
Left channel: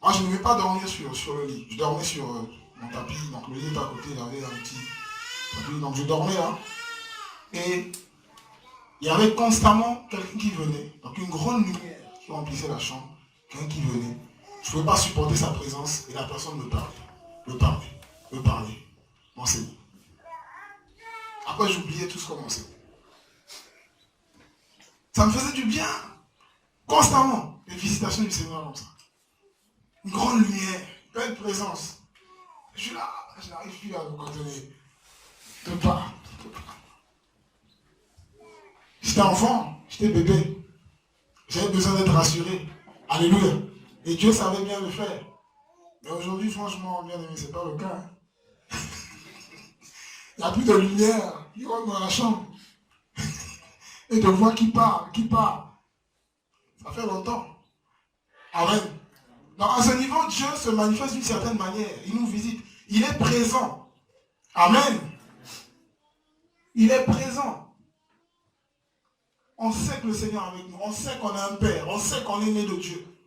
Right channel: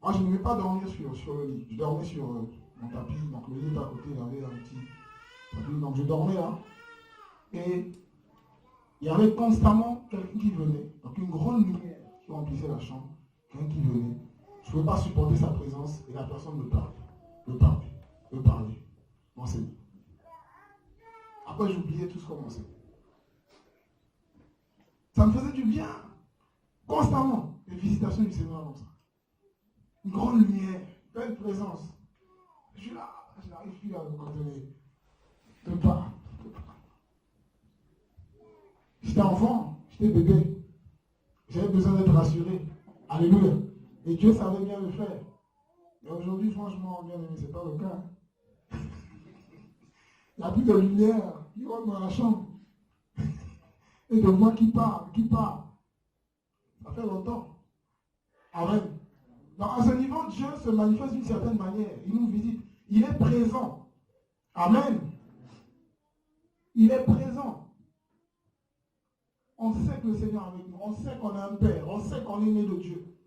Moi, je ne vais pas dormir sur le lit. Je dormais sur mon tapis. Donc, le lit est à côté. Il y avait un petit tapis. Donc, je dormais là. Et il y avait constamment quelqu'un qui venait. Donc, une grande lumière qui remplissait la chambre. Quelqu'un qui venait. Je ne pouvais pas supporter sa présence. Et la personne me parlait. M'enseignait. Après, j'oubliais tout ce qu'on m'enseignait. Ça me faisait du bien. Constamment. Les visitations du Seigneur comme ça. Une grande lumière, une belle présence. Je suis là, je n'arrive plus à vous contenir. De pas. J'étais enfant, j'étais bébé. J'avais besoin d'être rassuré. Alléluia. Et Dieu savait bien le faire. Mais aujourd'hui, franchement, bien aimé, ce n'est pas le cas. Il n'y a plus de lumière qui rentre dans la chambre. Et de voix qui parle. Ça fait longtemps. Amen. Donc à ce niveau, Dieu se manifeste d'une certaine manière. Il nous visite. Il est présent. Amen. Il est présent. On sait que le Seigneur est avec nous. On sait qu'on a un Père. On sait qu'on est né de Dieu.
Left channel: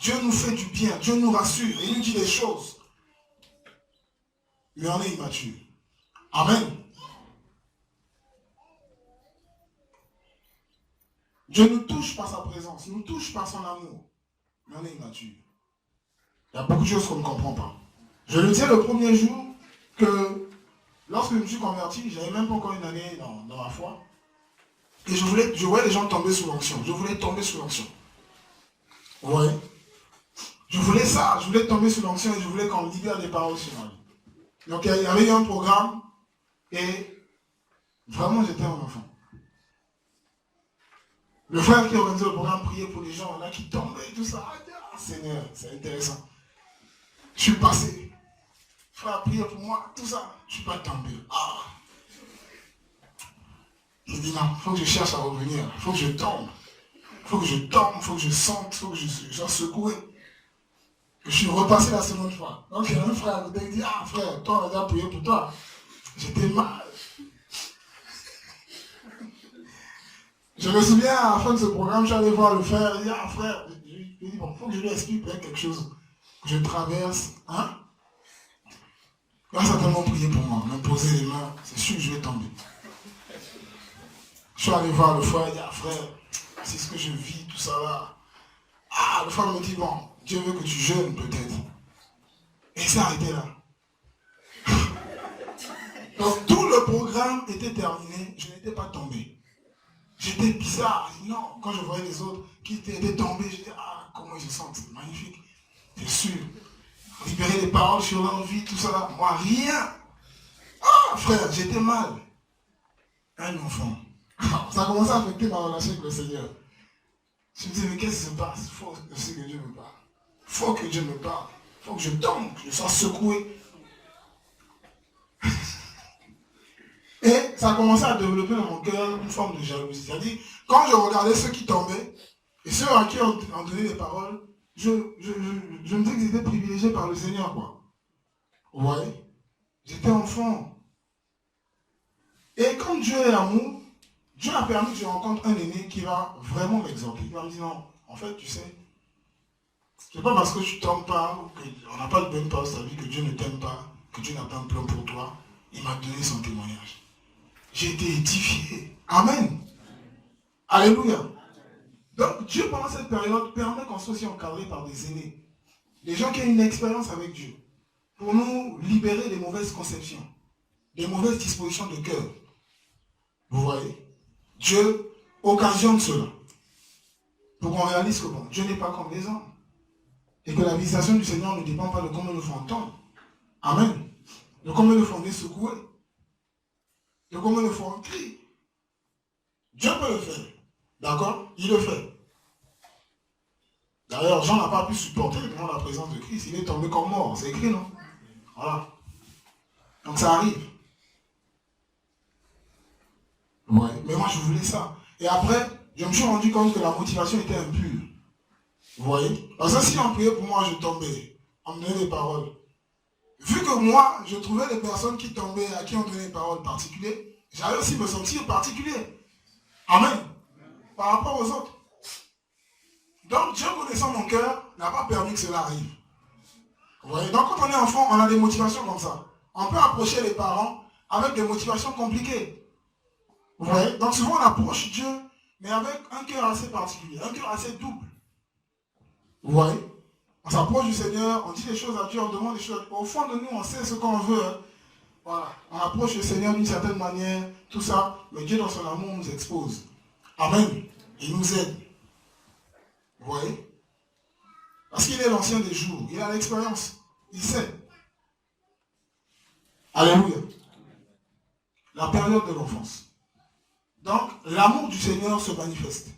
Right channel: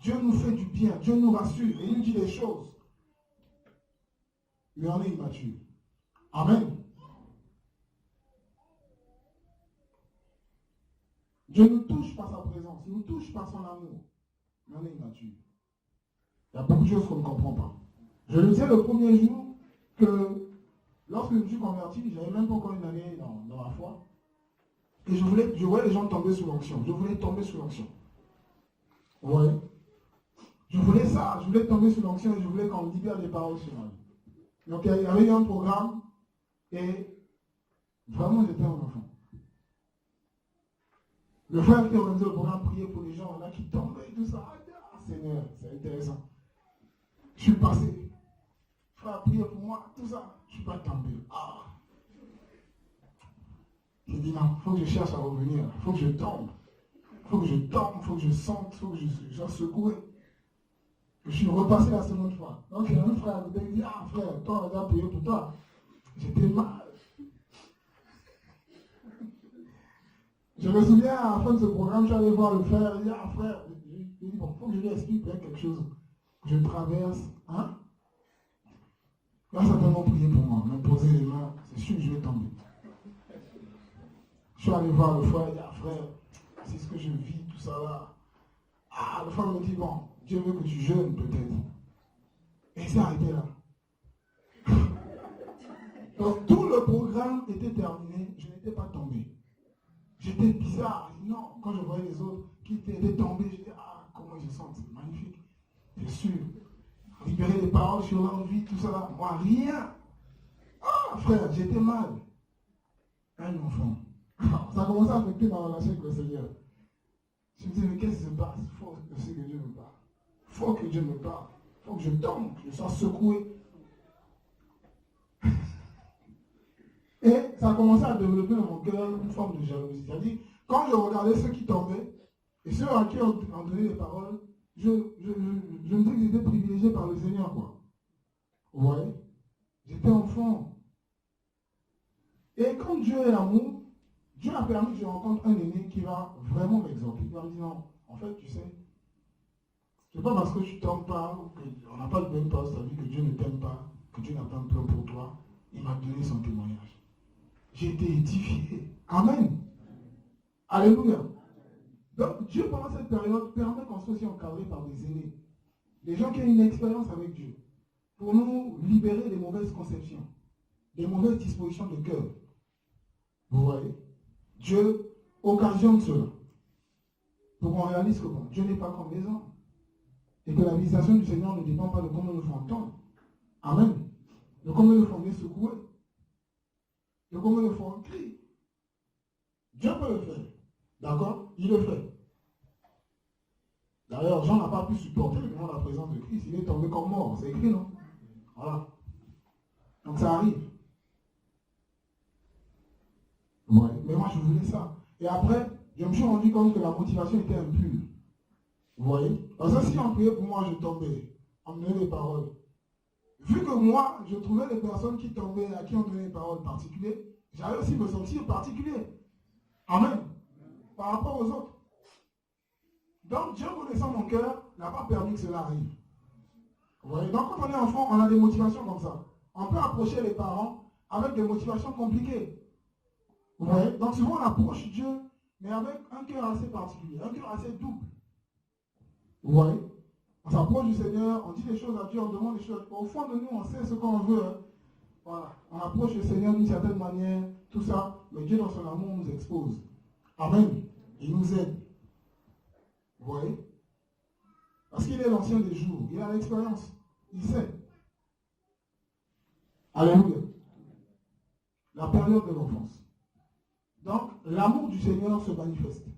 Dieu nous fait du bien. Dieu nous rassure. Et il nous dit des choses. Mais on est immature. Amen. Dieu nous touche par sa présence. Nous touche par son amour. Mais on est immature. Il y a beaucoup de choses qu'on ne comprend pas. Je le disais le premier jour que lorsque je me suis converti, je n'avais même pas encore une année dans ma foi. Et je voyais les gens tomber sous l'onction. Je voulais tomber sous l'onction. Vous voyez? Je voulais ça. Je voulais tomber sous l'onction et je voulais qu'on libère des paroles sur moi. Donc il y avait eu un programme et vraiment j'étais un enfant. Le frère qui organisait le programme priait pour les gens là qui tombaient et tout ça. Ah, Seigneur, c'est intéressant. Je suis passé. Frère, priez pour moi, tout ça. Je ne suis pas tombé. Ah. Il dit non, il faut que je cherche à revenir. Il faut que je tombe. Il faut que je tombe, il faut que je sente, il faut que je sois secoué. Je suis repassé la seconde fois. Donc il y a un frère qui dit, ah frère, toi on a déjà prié pour toi. J'étais mal. Je me souviens à la fin de ce programme, j'allais voir le frère, il dit, ah frère, je lui dis, bon, il faut que je lui explique peut-être quelque chose que je traverse. Hein? Il va certainement prier pour moi, me poser les mains, c'est sûr que je vais tomber. Je suis allé voir le frère, il dit, ah frère, c'est ce que je vis, tout ça là. Ah, le frère me dit, bon, Dieu veut que tu jeûnes peut-être. Et c'est arrêté là. Donc tout le programme était terminé, je n'étais pas tombé. J'étais bizarre. Non, quand je voyais les autres qui étaient tombés, je disais, ah, comment ils se sentent, c'est magnifique. Bien sûr. Libérer des paroles sur leur vie, tout ça là. Moi, rien. Ah, frère, j'étais mal. Un enfant. Ça a commencé à affecter ma relation avec le Seigneur. Je me disais, mais qu'est-ce qui se passe? Il faut aussi que Dieu me parle. Il faut que Dieu me parle. Il faut que je tombe, que je sois secoué. Et ça a commencé à développer dans mon cœur une forme de jalousie. C'est-à-dire, quand je regardais ceux qui tombaient, et ceux à qui on donnait des paroles, je me disais qu'ils étaient privilégiés par le Seigneur, quoi. Vous voyez? J'étais enfant. Et quand Dieu est amour, Dieu a permis que je rencontre un aîné qui va vraiment m'exhorter. Il va me dire, non, en fait, tu sais, c'est pas parce que tu ne tombes pas, ou qu'on n'a pas de bonne part de ta vie, que Dieu ne t'aime pas, que Dieu n'a pas un plan pour toi. Il m'a donné son témoignage. J'ai été édifié. Amen. Alléluia. Donc Dieu, pendant cette période, permet qu'on soit aussi encadré par des aînés. Des gens qui ont une expérience avec Dieu. Pour nous libérer des mauvaises conceptions. Des mauvaises dispositions de cœur. Vous voyez? Dieu occasionne cela. Pour qu'on réalise que bon, Dieu n'est pas comme les hommes. Et que la visitation du Seigneur ne dépend pas de comment nous faisons entendre. Amen. De combien de fois on est secoué. De combien de fois on crie. Dieu peut le faire. D'accord? Il le fait. pu supporter devant la présence de Christ. Il est tombé comme mort. C'est écrit, non? Voilà. Donc ça arrive. Ouais. Mais moi, je voulais ça. Et après, je me suis rendu compte que la motivation était impure. Vous voyez? Parce que si on priait pour moi, je tombais. On me donnait des paroles. Vu que moi, je trouvais les personnes qui tombaient, à qui on donnait des paroles particulières, j'allais aussi me sentir particulier. Amen. Par rapport aux autres. Donc, Dieu connaissant mon cœur, n'a pas permis que cela arrive. Vous voyez? Donc, quand on est enfant, on a des motivations comme ça. On peut approcher les parents avec des motivations compliquées. Vous voyez? Donc, souvent, on approche Dieu, mais avec un cœur assez particulier, un cœur assez double. Vous voyez? On s'approche du Seigneur, on dit des choses à Dieu, on demande des choses. Au fond de nous, on sait ce qu'on veut. Hein. Voilà. On approche le Seigneur d'une certaine manière, tout ça, mais Dieu, dans son amour, nous expose. Amen. Il nous aide. Vous voyez? Parce qu'il est l'ancien des jours, il a l'expérience, il sait. Alléluia. La période de l'enfance. Donc, l'amour du Seigneur se manifeste.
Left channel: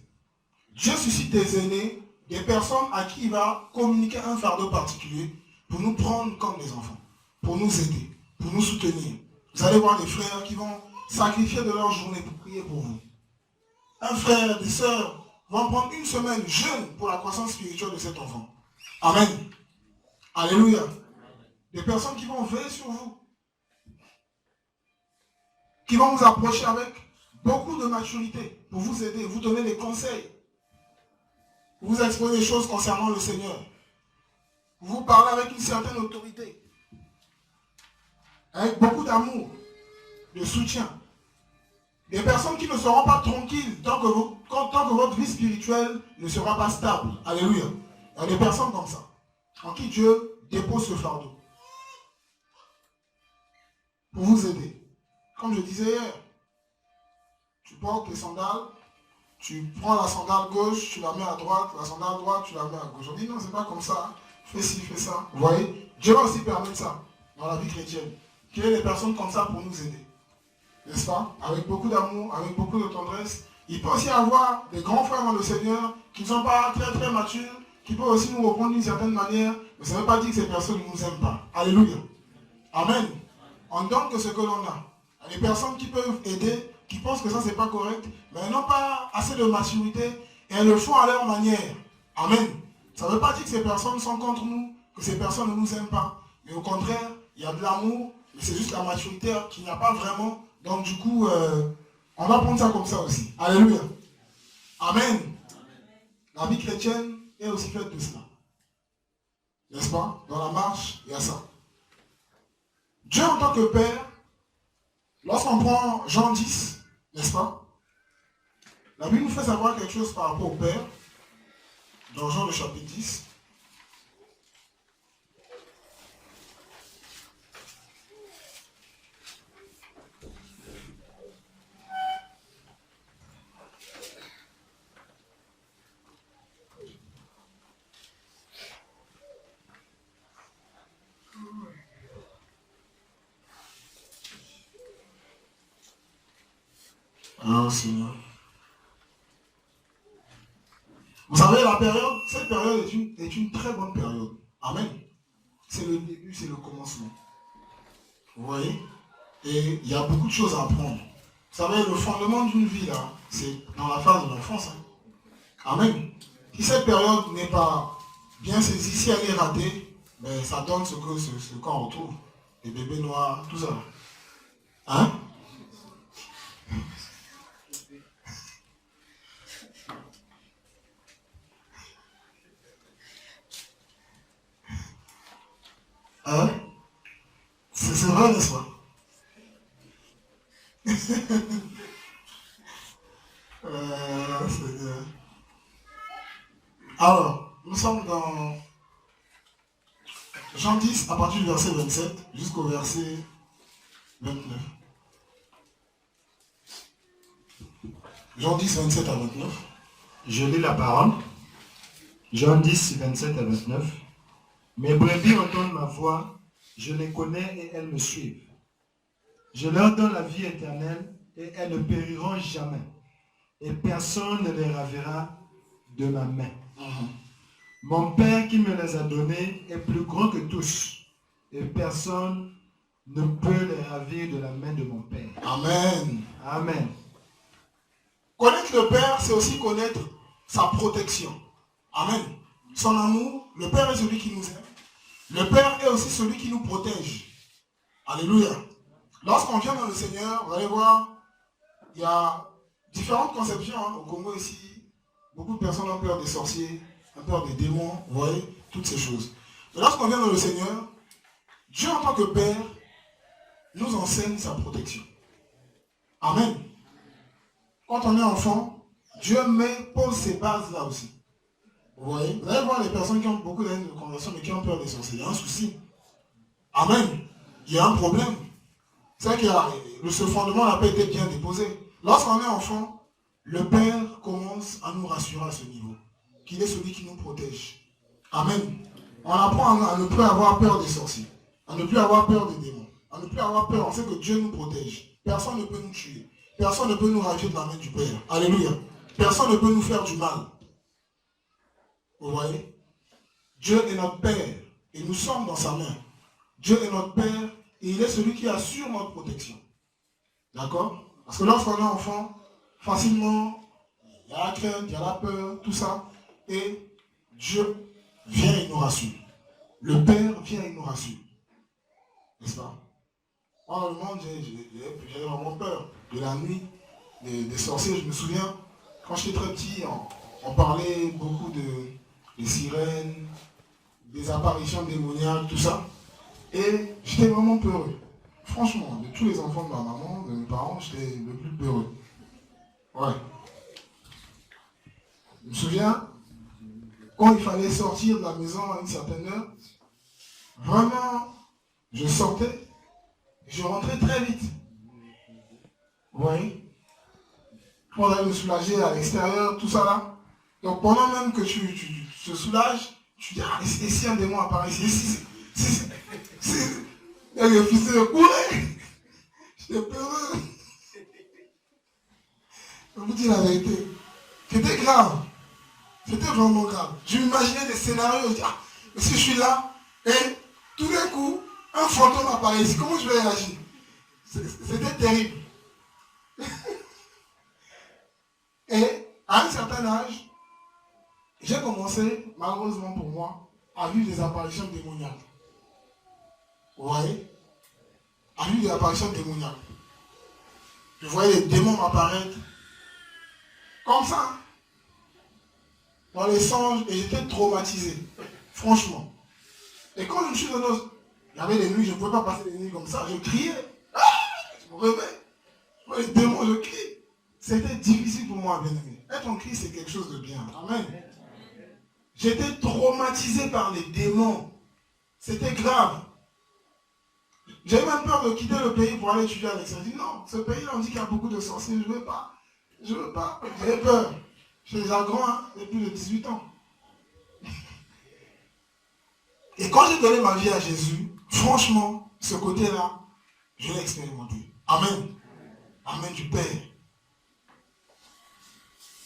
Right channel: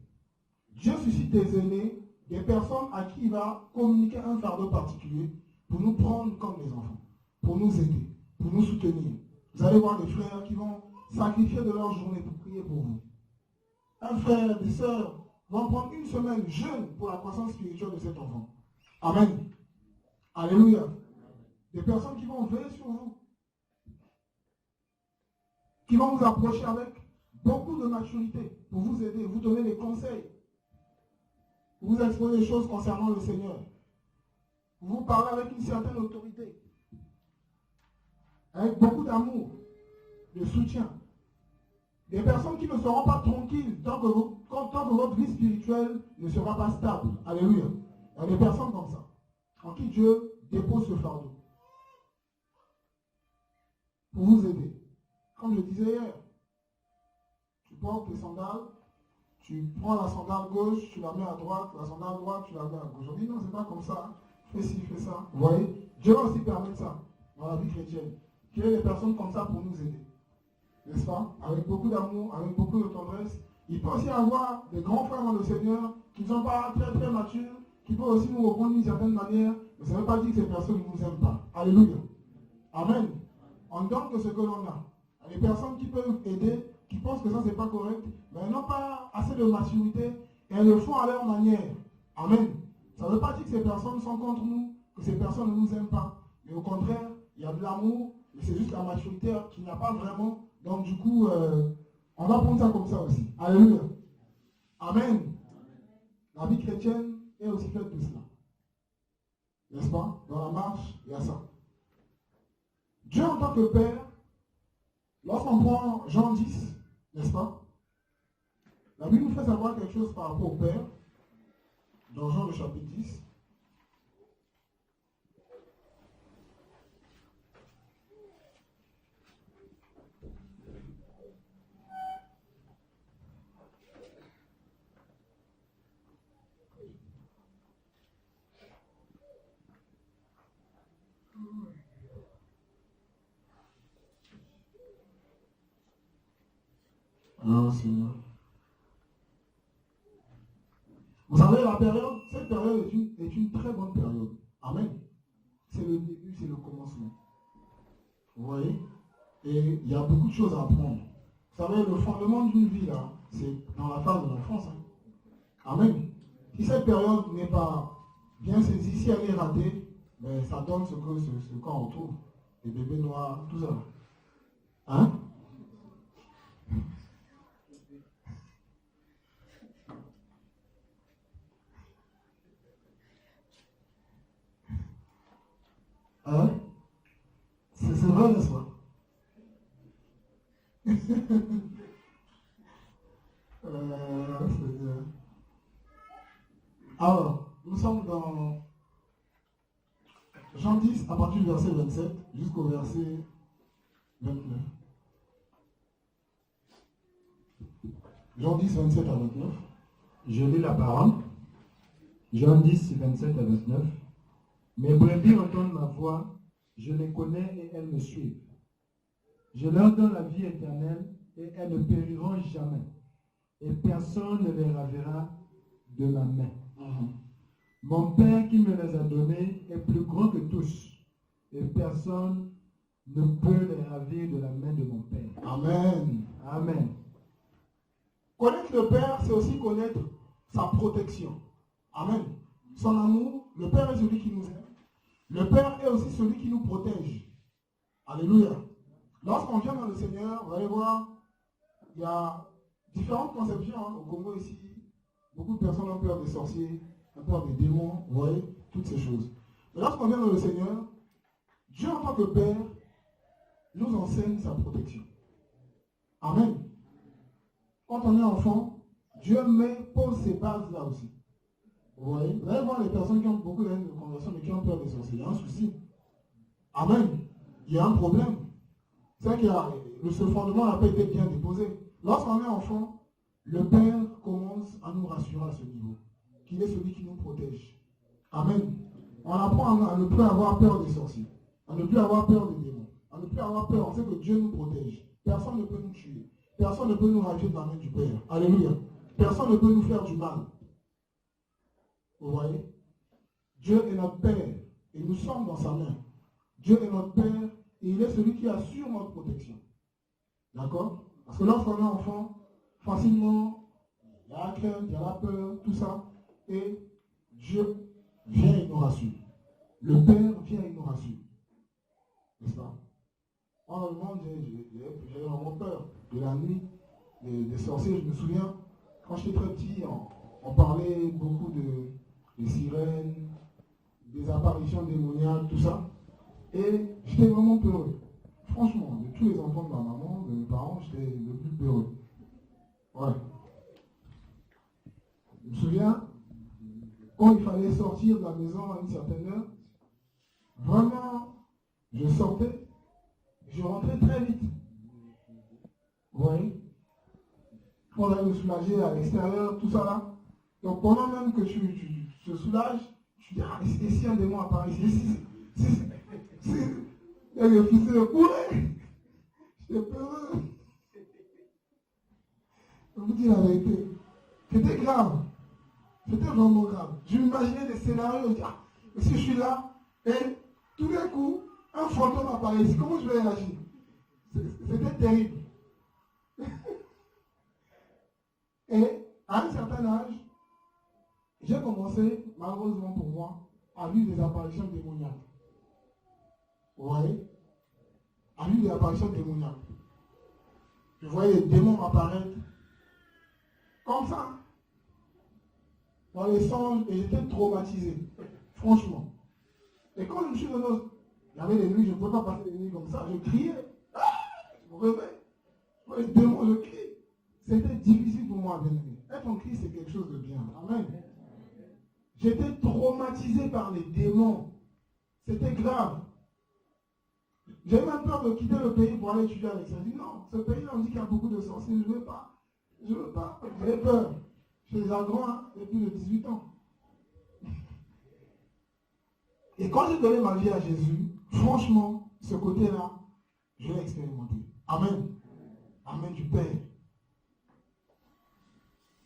Dieu suscite des aînés, des personnes à qui il va communiquer un fardeau particulier pour nous prendre comme des enfants, pour nous aider, pour nous soutenir. Vous allez voir des frères qui vont sacrifier de leur journée pour prier pour vous. Un frère, des sœurs vont prendre une semaine jeûne pour la croissance spirituelle de cet enfant. Amen. Alléluia. Des personnes qui vont veiller sur vous, qui vont vous approcher avec beaucoup de maturité pour vous aider, vous donner des conseils, vous exposer des choses concernant le Seigneur, vous parler avec une certaine autorité, avec beaucoup d'amour, de soutien. Des personnes qui ne seront pas tranquilles tant que votre vie spirituelle ne sera pas stable. Alléluia. Il y a des personnes comme ça, en qui Dieu dépose ce fardeau pour vous aider. Comme je disais hier, tu portes les sandales, tu prends la sandale gauche, tu la mets à droite, la sandale droite, tu la mets à gauche. On dit non, c'est pas comme ça. Fais ci, fais ça. Vous voyez? Dieu va aussi permettre ça dans la vie chrétienne. Qu'il y ait des personnes comme ça pour nous aider. N'est-ce pas? Avec beaucoup d'amour, avec beaucoup de tendresse. Il peut aussi y avoir des grands frères dans le Seigneur qui ne sont pas très très matures, qui peuvent aussi nous reprendre d'une certaine manière, mais ça ne veut pas dire que ces personnes ne nous aiment pas. Alléluia. Amen. On donne que ce que l'on a. Il y a des personnes qui peuvent aider, qui pensent que ça c'est pas correct, mais elles n'ont pas assez de maturité et elles le font à leur manière. Amen. Ça ne veut pas dire que ces personnes sont contre nous, que ces personnes ne nous aiment pas. Mais au contraire, il y a de l'amour, mais c'est juste la maturité qu'il n'y a pas vraiment. Donc du coup, on va prendre ça comme ça aussi. Alléluia. Amen. La vie chrétienne est aussi faite de cela. N'est-ce pas? Dans la marche, il y a ça. Dieu en tant que Père, lorsqu'on prend Jean 10, n'est-ce pas? La Bible nous fait savoir quelque chose par rapport au Père, dans Jean le chapitre 10. Oh Seigneur. Vous savez, cette période est une très bonne période. Amen. C'est le début, c'est le commencement. Vous voyez? Et il y a beaucoup de choses à apprendre. Vous savez, le fondement d'une vie, là, c'est dans la phase de l'enfance. Hein. Amen. Si cette période n'est pas bien saisie, si elle est ratée, ben, ça donne ce qu'on retrouve. Les bébés noirs, tout ça. Hein? Hein? C'est vrai, n'est-ce pas? Alors, nous sommes dans Jean 10 à partir du verset 27 jusqu'au verset 29. Jean 10, 27 à 29. Je lis la parole. Jean 10, 27 à 29. Mes brebis entendent ma voix, je les connais et elles me suivent. Je leur donne la vie éternelle et elles ne périront jamais. Et personne ne les ravira de ma main. Mon Père qui me les a donnés est plus grand que tous, et personne ne peut les ravir de la main de mon Père. Amen. Amen. Connaître le Père, c'est aussi connaître sa protection. Amen. Son amour, le Père est celui qui nous aime. Le Père est aussi celui qui nous protège. Alléluia. Lorsqu'on vient dans le Seigneur, vous allez voir, il y a différentes conceptions au Congo ici. Beaucoup de personnes ont peur des sorciers, ont peur des démons, vous voyez, toutes ces choses. Mais lorsqu'on vient dans le Seigneur, Dieu en tant que Père nous enseigne sa protection. Amen. Quand on est enfant, Dieu pose ses bases là aussi. Vous voyez, vous allez voir les personnes qui ont beaucoup d'années de conversion mais qui ont peur des sorciers. Il y a un souci. Amen. Il y a un problème. C'est que ce fondement n'a pas été bien déposé. Lorsqu'on est enfant, le Père commence à nous rassurer à ce niveau. Qu'il est celui qui nous protège. Amen. On apprend à ne plus avoir peur des sorciers. À ne plus avoir peur des démons. À ne plus avoir peur. On sait que Dieu nous protège. Personne ne peut nous tuer. Personne ne peut nous ravir de la main du Père. Alléluia. Personne ne peut nous faire du mal. Vous voyez? Dieu est notre Père. Et nous sommes dans sa main. Dieu est notre Père. Et il est celui qui assure notre protection. D'accord? Parce que lorsqu'on est enfant, facilement, il y a la crainte, il y a la peur, tout ça. Et Dieu vient et nous rassure. Le Père vient et nous rassure. N'est-ce pas? Moi, dans le monde, j'ai vraiment peur de la nuit, des sorciers. Je me souviens, quand j'étais très petit, on parlait beaucoup des sirènes, des apparitions démoniaques, tout ça. Et j'étais vraiment peureux. Franchement, de tous les enfants de ma maman, de mes parents, j'étais le plus peureux. Ouais. Je me souviens, quand il fallait sortir de la maison à une certaine heure, vraiment, je sortais, je rentrais très vite. Vous voyez? Pour aller me soulager à l'extérieur, tout ça là. Donc pendant même que tu te soulages, tu dis, ah, et si un démon apparaît ici, et le fils de courir, j'étais peureux. Je vous dis la vérité. C'était grave. C'était vraiment grave. Je m'imaginais des scénarios, je dis, ah, mais si je suis là, et tout d'un coup, un fantôme apparaît ici, comment je vais réagir? C'était terrible. Et à un certain âge, j'ai commencé, malheureusement pour moi, à vivre des apparitions démoniaques. Vous voyez? À vivre des apparitions démoniaques. Je voyais les démons m'apparaître comme ça, dans les songes, et j'étais traumatisé. Franchement. Et quand je me suis donné, il y avait des nuits, je ne pouvais pas passer des nuits comme ça. Je criais. Ah, je me réveille. Moi, les démons, je crie. C'était difficile pour moi, bien aimé. Être en cri, c'est quelque chose de bien. Amen. J'étais traumatisé par les démons. C'était grave. J'avais même peur de quitter le pays pour aller étudier à l'extérieur. Je dis non, ce pays-là, on dit qu'il y a beaucoup de sorciers. Je ne veux pas. Je ne veux pas. J'avais peur. Je suis déjà grand, hein, depuis plus de 18 ans. Et quand j'ai donné ma vie à Jésus, franchement, ce côté-là, je l'ai expérimenté. Amen. Amen du Père.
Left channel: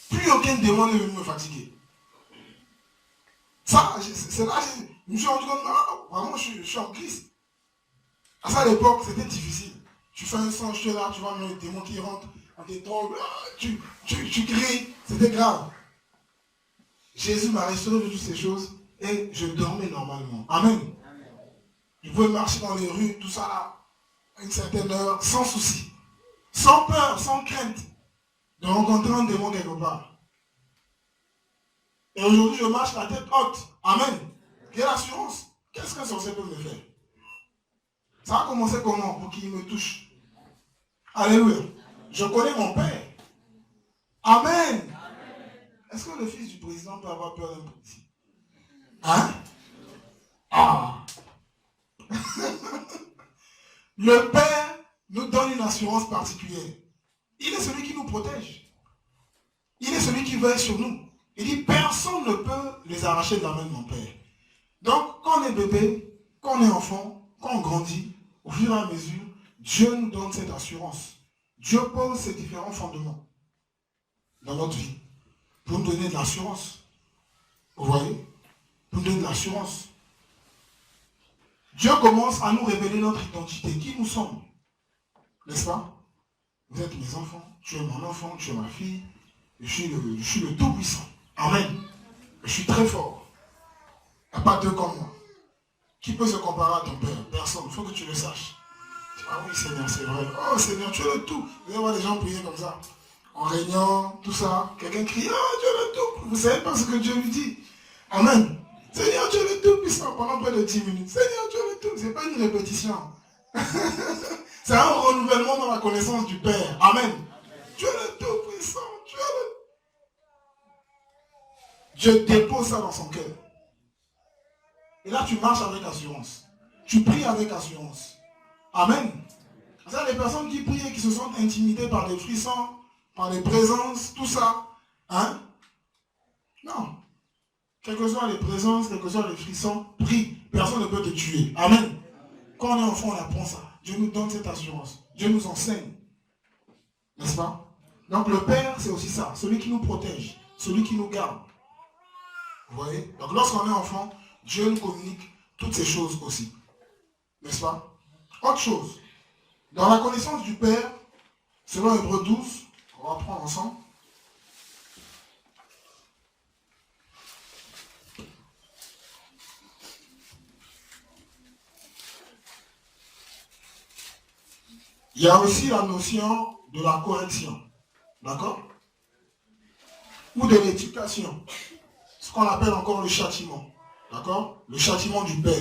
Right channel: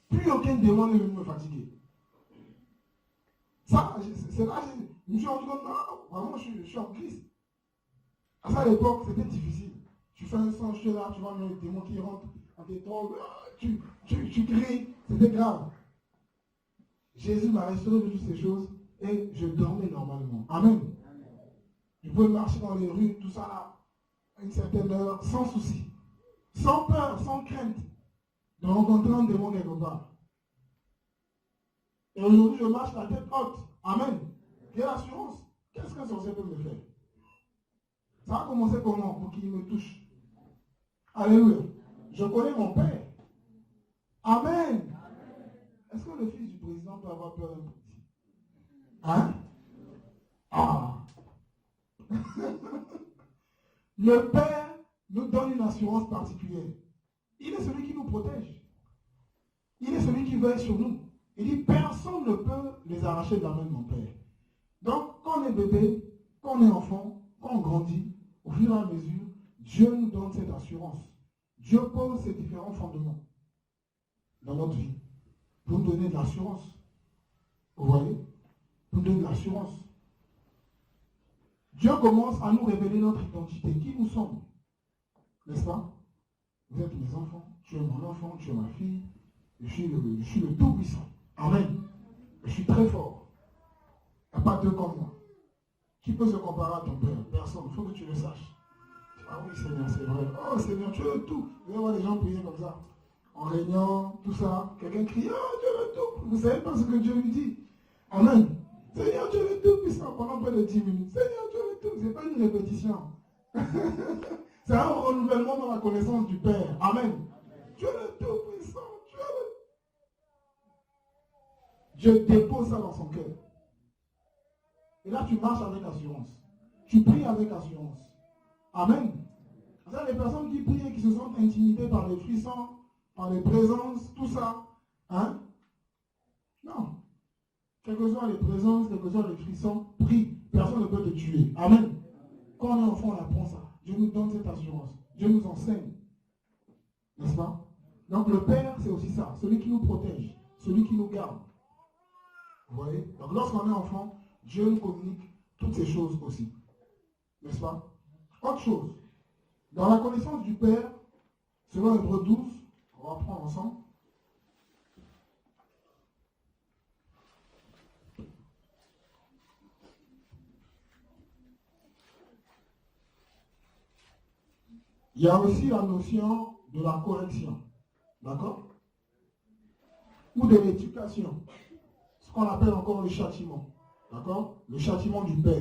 Plus aucun démon n'est venu me fatiguer. Ça, c'est là que je me suis rendu compte, non, vraiment, je suis en Christ. À ça, à l'époque, c'était difficile. Tu fais un songe, tu es là, tu vois les démons qui rentrent, on t'étrangle, tu cries, c'était grave. Jésus m'a restauré de toutes ces choses et je dormais normalement. Amen. Je pouvais marcher dans les rues, tout ça là, à une certaine heure, sans souci, sans peur, sans crainte de rencontrer un démon quelque part. Et aujourd'hui, je marche la tête haute. Amen. Quelle assurance? Qu'est-ce qu'un sorcier peut me faire? Ça a commencé comment pour qu'il me touche? Alléluia. Je connais mon Père. Amen. Est-ce que le fils du président peut avoir peur d'un policier? Hein? Ah. Le Père nous donne une assurance particulière. Il est celui qui nous protège. Il est celui qui veille sur nous. Il dit, personne ne peut les arracher de la main de mon Père. Donc, quand on est bébé, quand on est enfant, quand on grandit, au fur et à mesure, Dieu nous donne cette assurance. Dieu pose ces différents fondements dans notre vie pour nous donner de l'assurance. Vous voyez? pour nous donner de l'assurance. Dieu commence à nous révéler notre identité, qui nous sommes. N'est-ce pas? Vous êtes mes enfants, tu es mon enfant, tu es ma fille, je suis le Tout-Puissant. Amen. Je suis très fort. Il n'y a pas deux comme moi. Qui peut se comparer à ton Père? Personne. Il faut que tu le saches. Ah oui, Seigneur, c'est vrai. Oh Seigneur, tu es le tout. Vous allez voir les gens prier comme ça. En réunion, tout ça. Quelqu'un crie, ah, tu es le tout. Vous ne savez pas ce que Dieu lui dit. Amen. Seigneur, tu es le tout puissant pendant près de 10 minutes. Seigneur, tu es le tout. Ce n'est pas une répétition. C'est un renouvellement dans la connaissance du Père. Amen. Tu es le tout puissant. Tu es le... Dieu dépose ça dans son cœur. Et là, tu marches avec assurance. Tu pries avec assurance. Amen. Ça, les personnes qui prient et qui se sentent intimidées par des frissons, par des présences, tout ça. Hein? Non. Quelles que soient les présences, quels que soient les frissons, prie. Personne ne peut te tuer. Amen. Quand on est enfant, on apprend ça. Dieu nous donne cette assurance. Dieu nous enseigne. N'est-ce pas? Donc le Père, c'est aussi ça. Celui qui nous protège. Celui qui nous garde. Vous voyez? Donc lorsqu'on est enfant, Dieu nous communique toutes ces choses aussi. N'est-ce pas? Autre chose. Dans la connaissance du Père, selon Hébreux 12, on va prendre ensemble. Il y a aussi la notion de la correction. D'accord? Ou de l'éducation. Ce qu'on appelle encore le châtiment. D'accord? Le châtiment du Père.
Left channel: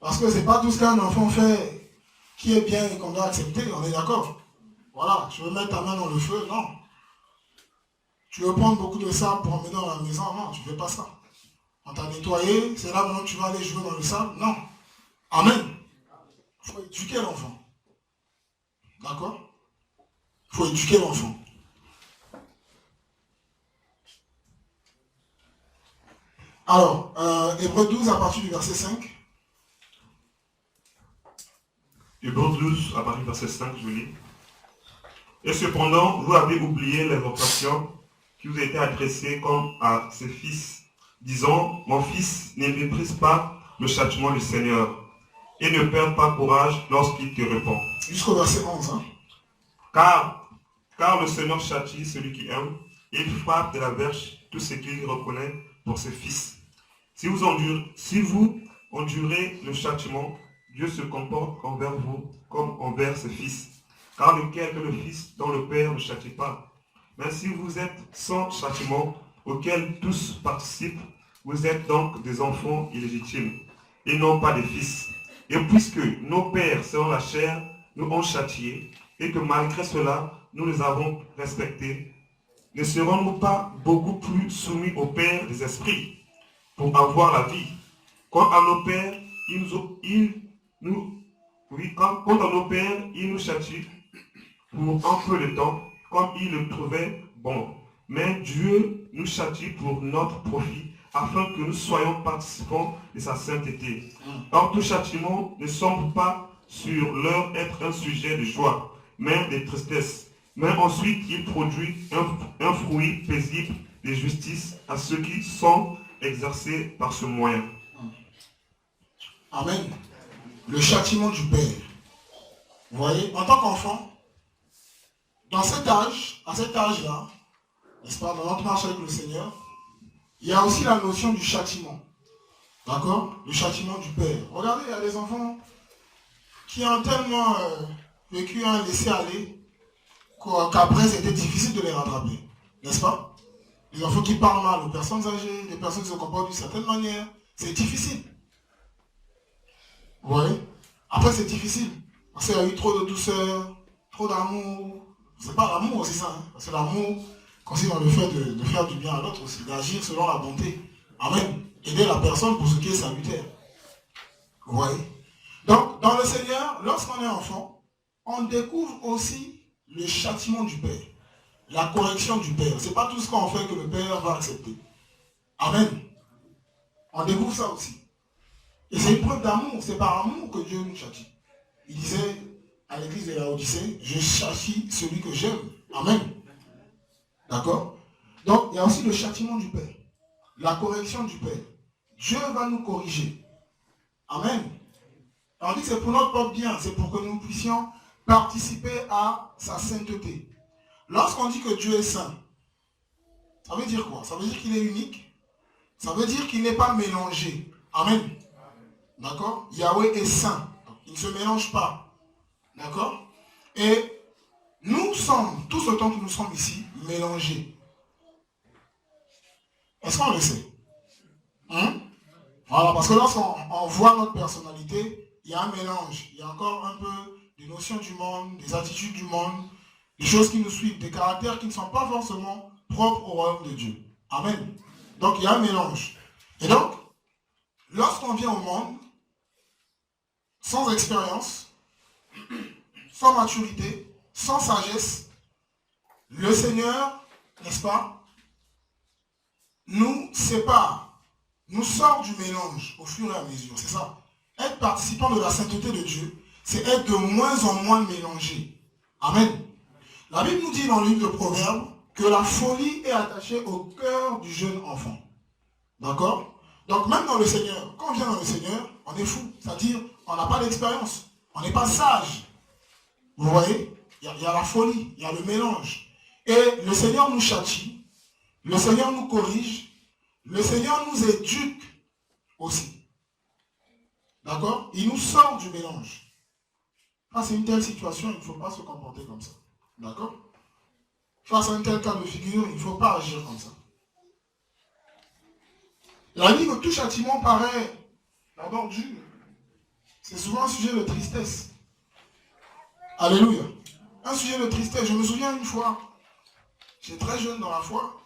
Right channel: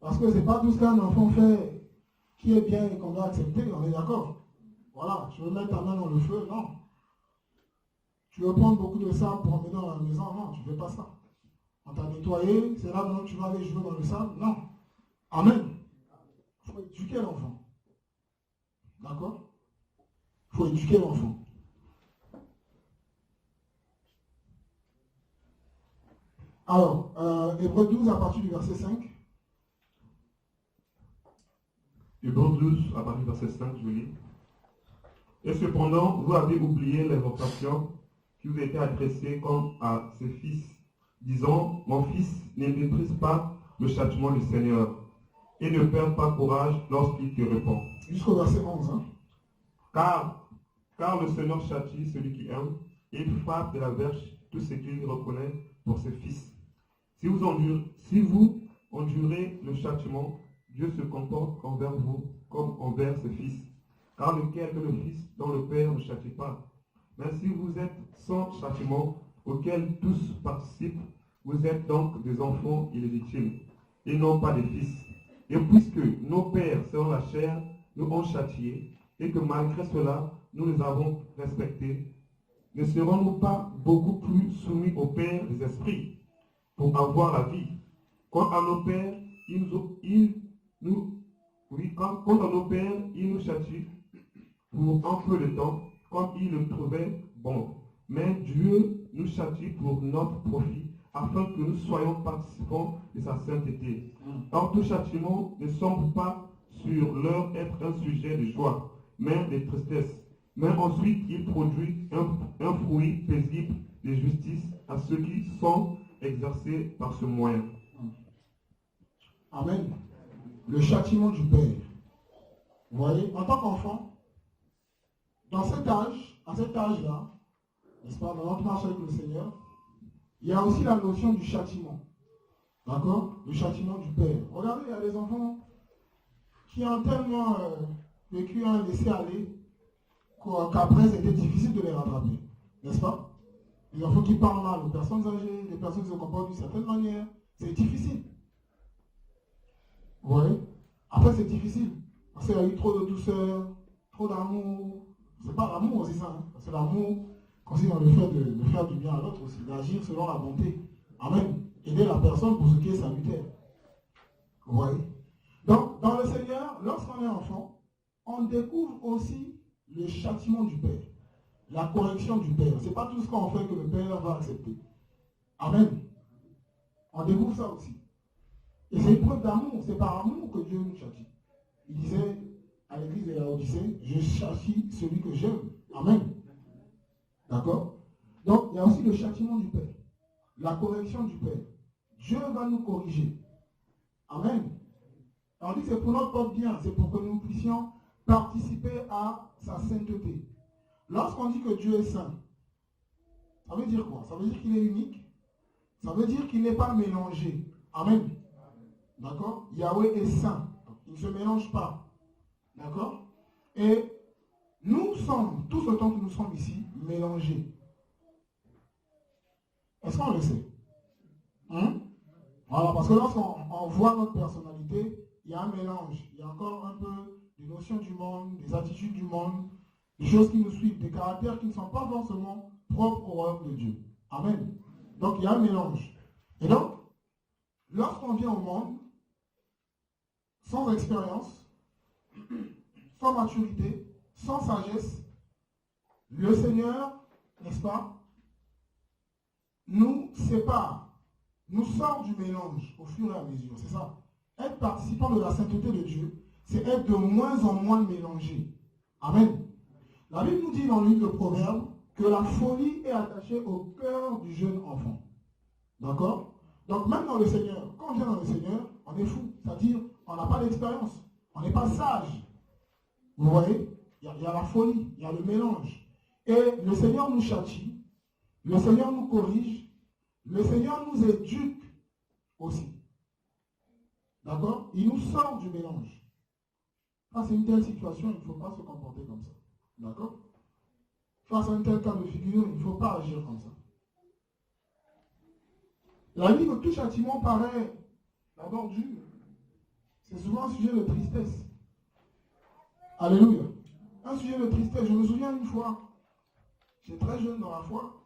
Parce que ce n'est pas tout ce qu'un enfant fait qui est bien et qu'on doit accepter, on est d'accord? Voilà, tu veux mettre ta main dans le feu? Non. Tu veux prendre beaucoup de sable pour emmener dans la maison? Non, tu ne fais pas ça. On t'a nettoyé, c'est là maintenant que tu vas aller jouer dans le sable? Non. Amen. Il faut éduquer l'enfant. D'accord? Il faut éduquer l'enfant. Alors, Hébreux 12 à partir du verset 5. Hébreux 12 à partir du verset 5, je lis. Et cependant, vous avez oublié l'exhortation qui vous a été adressée comme à ses fils, disant, mon fils, ne méprise pas le châtiment du Seigneur, et ne perds pas courage lorsqu'il te répond. Jusqu'au verset 11. Hein? Car le Seigneur châtie celui qui aime, et il frappe de la verge tout ce qu'il reconnaît pour ses fils. Si vous endurez le châtiment, Dieu se comporte envers vous comme envers ses fils. Car lequel que le Fils dont le Père ne châtie pas. Mais si vous êtes sans châtiment, auquel tous participent, vous êtes donc des enfants illégitimes, et non pas des fils. Et puisque nos pères selon la chair nous ont châtiés, et que malgré cela, nous les avons respectés, ne serons-nous pas beaucoup plus soumis au Père des esprits pour avoir la vie? Quant à nos pères, ils nous châtient pour un peu de temps, comme ils le trouvaient bon. Mais Dieu nous châtie pour notre profit, afin que nous soyons participants de sa sainteté. Or, tout châtiment ne semble pas sur leur être un sujet de joie, mais de tristesse. Mais ensuite, il produit un fruit paisible de justice à ceux qui sont exercés par ce moyen. Amen. Le châtiment du Père. Vous voyez, en tant qu'enfant, dans cet âge, à cet âge-là, n'est-ce pas, dans notre marche avec le Seigneur, il y a aussi la notion du châtiment. D'accord? Le châtiment du Père. Regardez, il y a des enfants qui ont tellement vécu un laisser-aller qu'après, c'était difficile de les rattraper. N'est-ce pas? Les enfants qui parlent mal aux personnes âgées, les personnes qui se comportent d'une certaine manière, c'est difficile. Vous voyez? Après, c'est difficile. Parce qu'il y a eu trop de douceur, trop d'amour. C'est pas l'amour aussi ça. Hein? Parce que l'amour consiste dans le fait de faire du bien à l'autre aussi, d'agir selon la bonté. Amen. Aider la personne pour ce qui est salutaire. Vous voyez? Donc, dans le Seigneur, lorsqu'on est enfant, on découvre aussi le châtiment du Père. La correction du Père. Ce n'est pas tout ce qu'on fait que le Père va accepter. Amen. On découvre ça aussi. Et c'est une preuve d'amour. C'est par amour que Dieu nous châtie. Il disait à l'église de Laodicée, je châtie celui que j'aime. Amen. D'accord? Donc, il y a aussi le châtiment du Père. la correction du Père. Dieu va nous corriger. Amen. On dit que c'est pour notre propre bien, c'est pour que nous puissions participer à sa sainteté. Lorsqu'on dit que Dieu est saint, ça veut dire quoi? Ça veut dire qu'il est unique. Ça veut dire qu'il n'est pas mélangé. Amen. D'accord? Yahweh est saint. Il ne se mélange pas. D'accord? Et nous sommes, tous autant que nous sommes ici, mélangés. Est-ce qu'on le sait? Voilà, parce que lorsqu'on voit notre personnalité, il y a un mélange. Il y a encore un peu des notions du monde, des attitudes du monde, des choses qui nous suivent, des caractères qui ne sont pas forcément propres au royaume de Dieu. Amen. Donc il y a un mélange. Et donc, lorsqu'on vient au monde, sans expérience, sans maturité, sans sagesse, le Seigneur, n'est-ce pas, nous sépare, nous sort du mélange au fur et à mesure. C'est ça. Être participant de la sainteté de Dieu, c'est être de moins en moins mélangé. Amen. La Bible nous dit dans le livre de Proverbes que la folie est attachée au cœur du jeune enfant. D'accord? Donc même dans le Seigneur, quand on vient dans le Seigneur, on est fou. C'est-à-dire, on n'a pas d'expérience. On n'est pas sage. Vous voyez? Il y a la folie, il y a le mélange. Et le Seigneur nous châtie, le Seigneur nous corrige, le Seigneur nous éduque aussi. D'accord? Il nous sort du mélange. Face à une telle situation, il ne faut pas se comporter comme ça. D'accord? Face à un tel cas de figure, il ne faut pas agir comme ça. La vie que tout châtiment paraît d'abord dur. C'est souvent un sujet de tristesse. Alléluia. Un sujet de tristesse. Je me souviens une fois, j'étais très jeune dans la foi,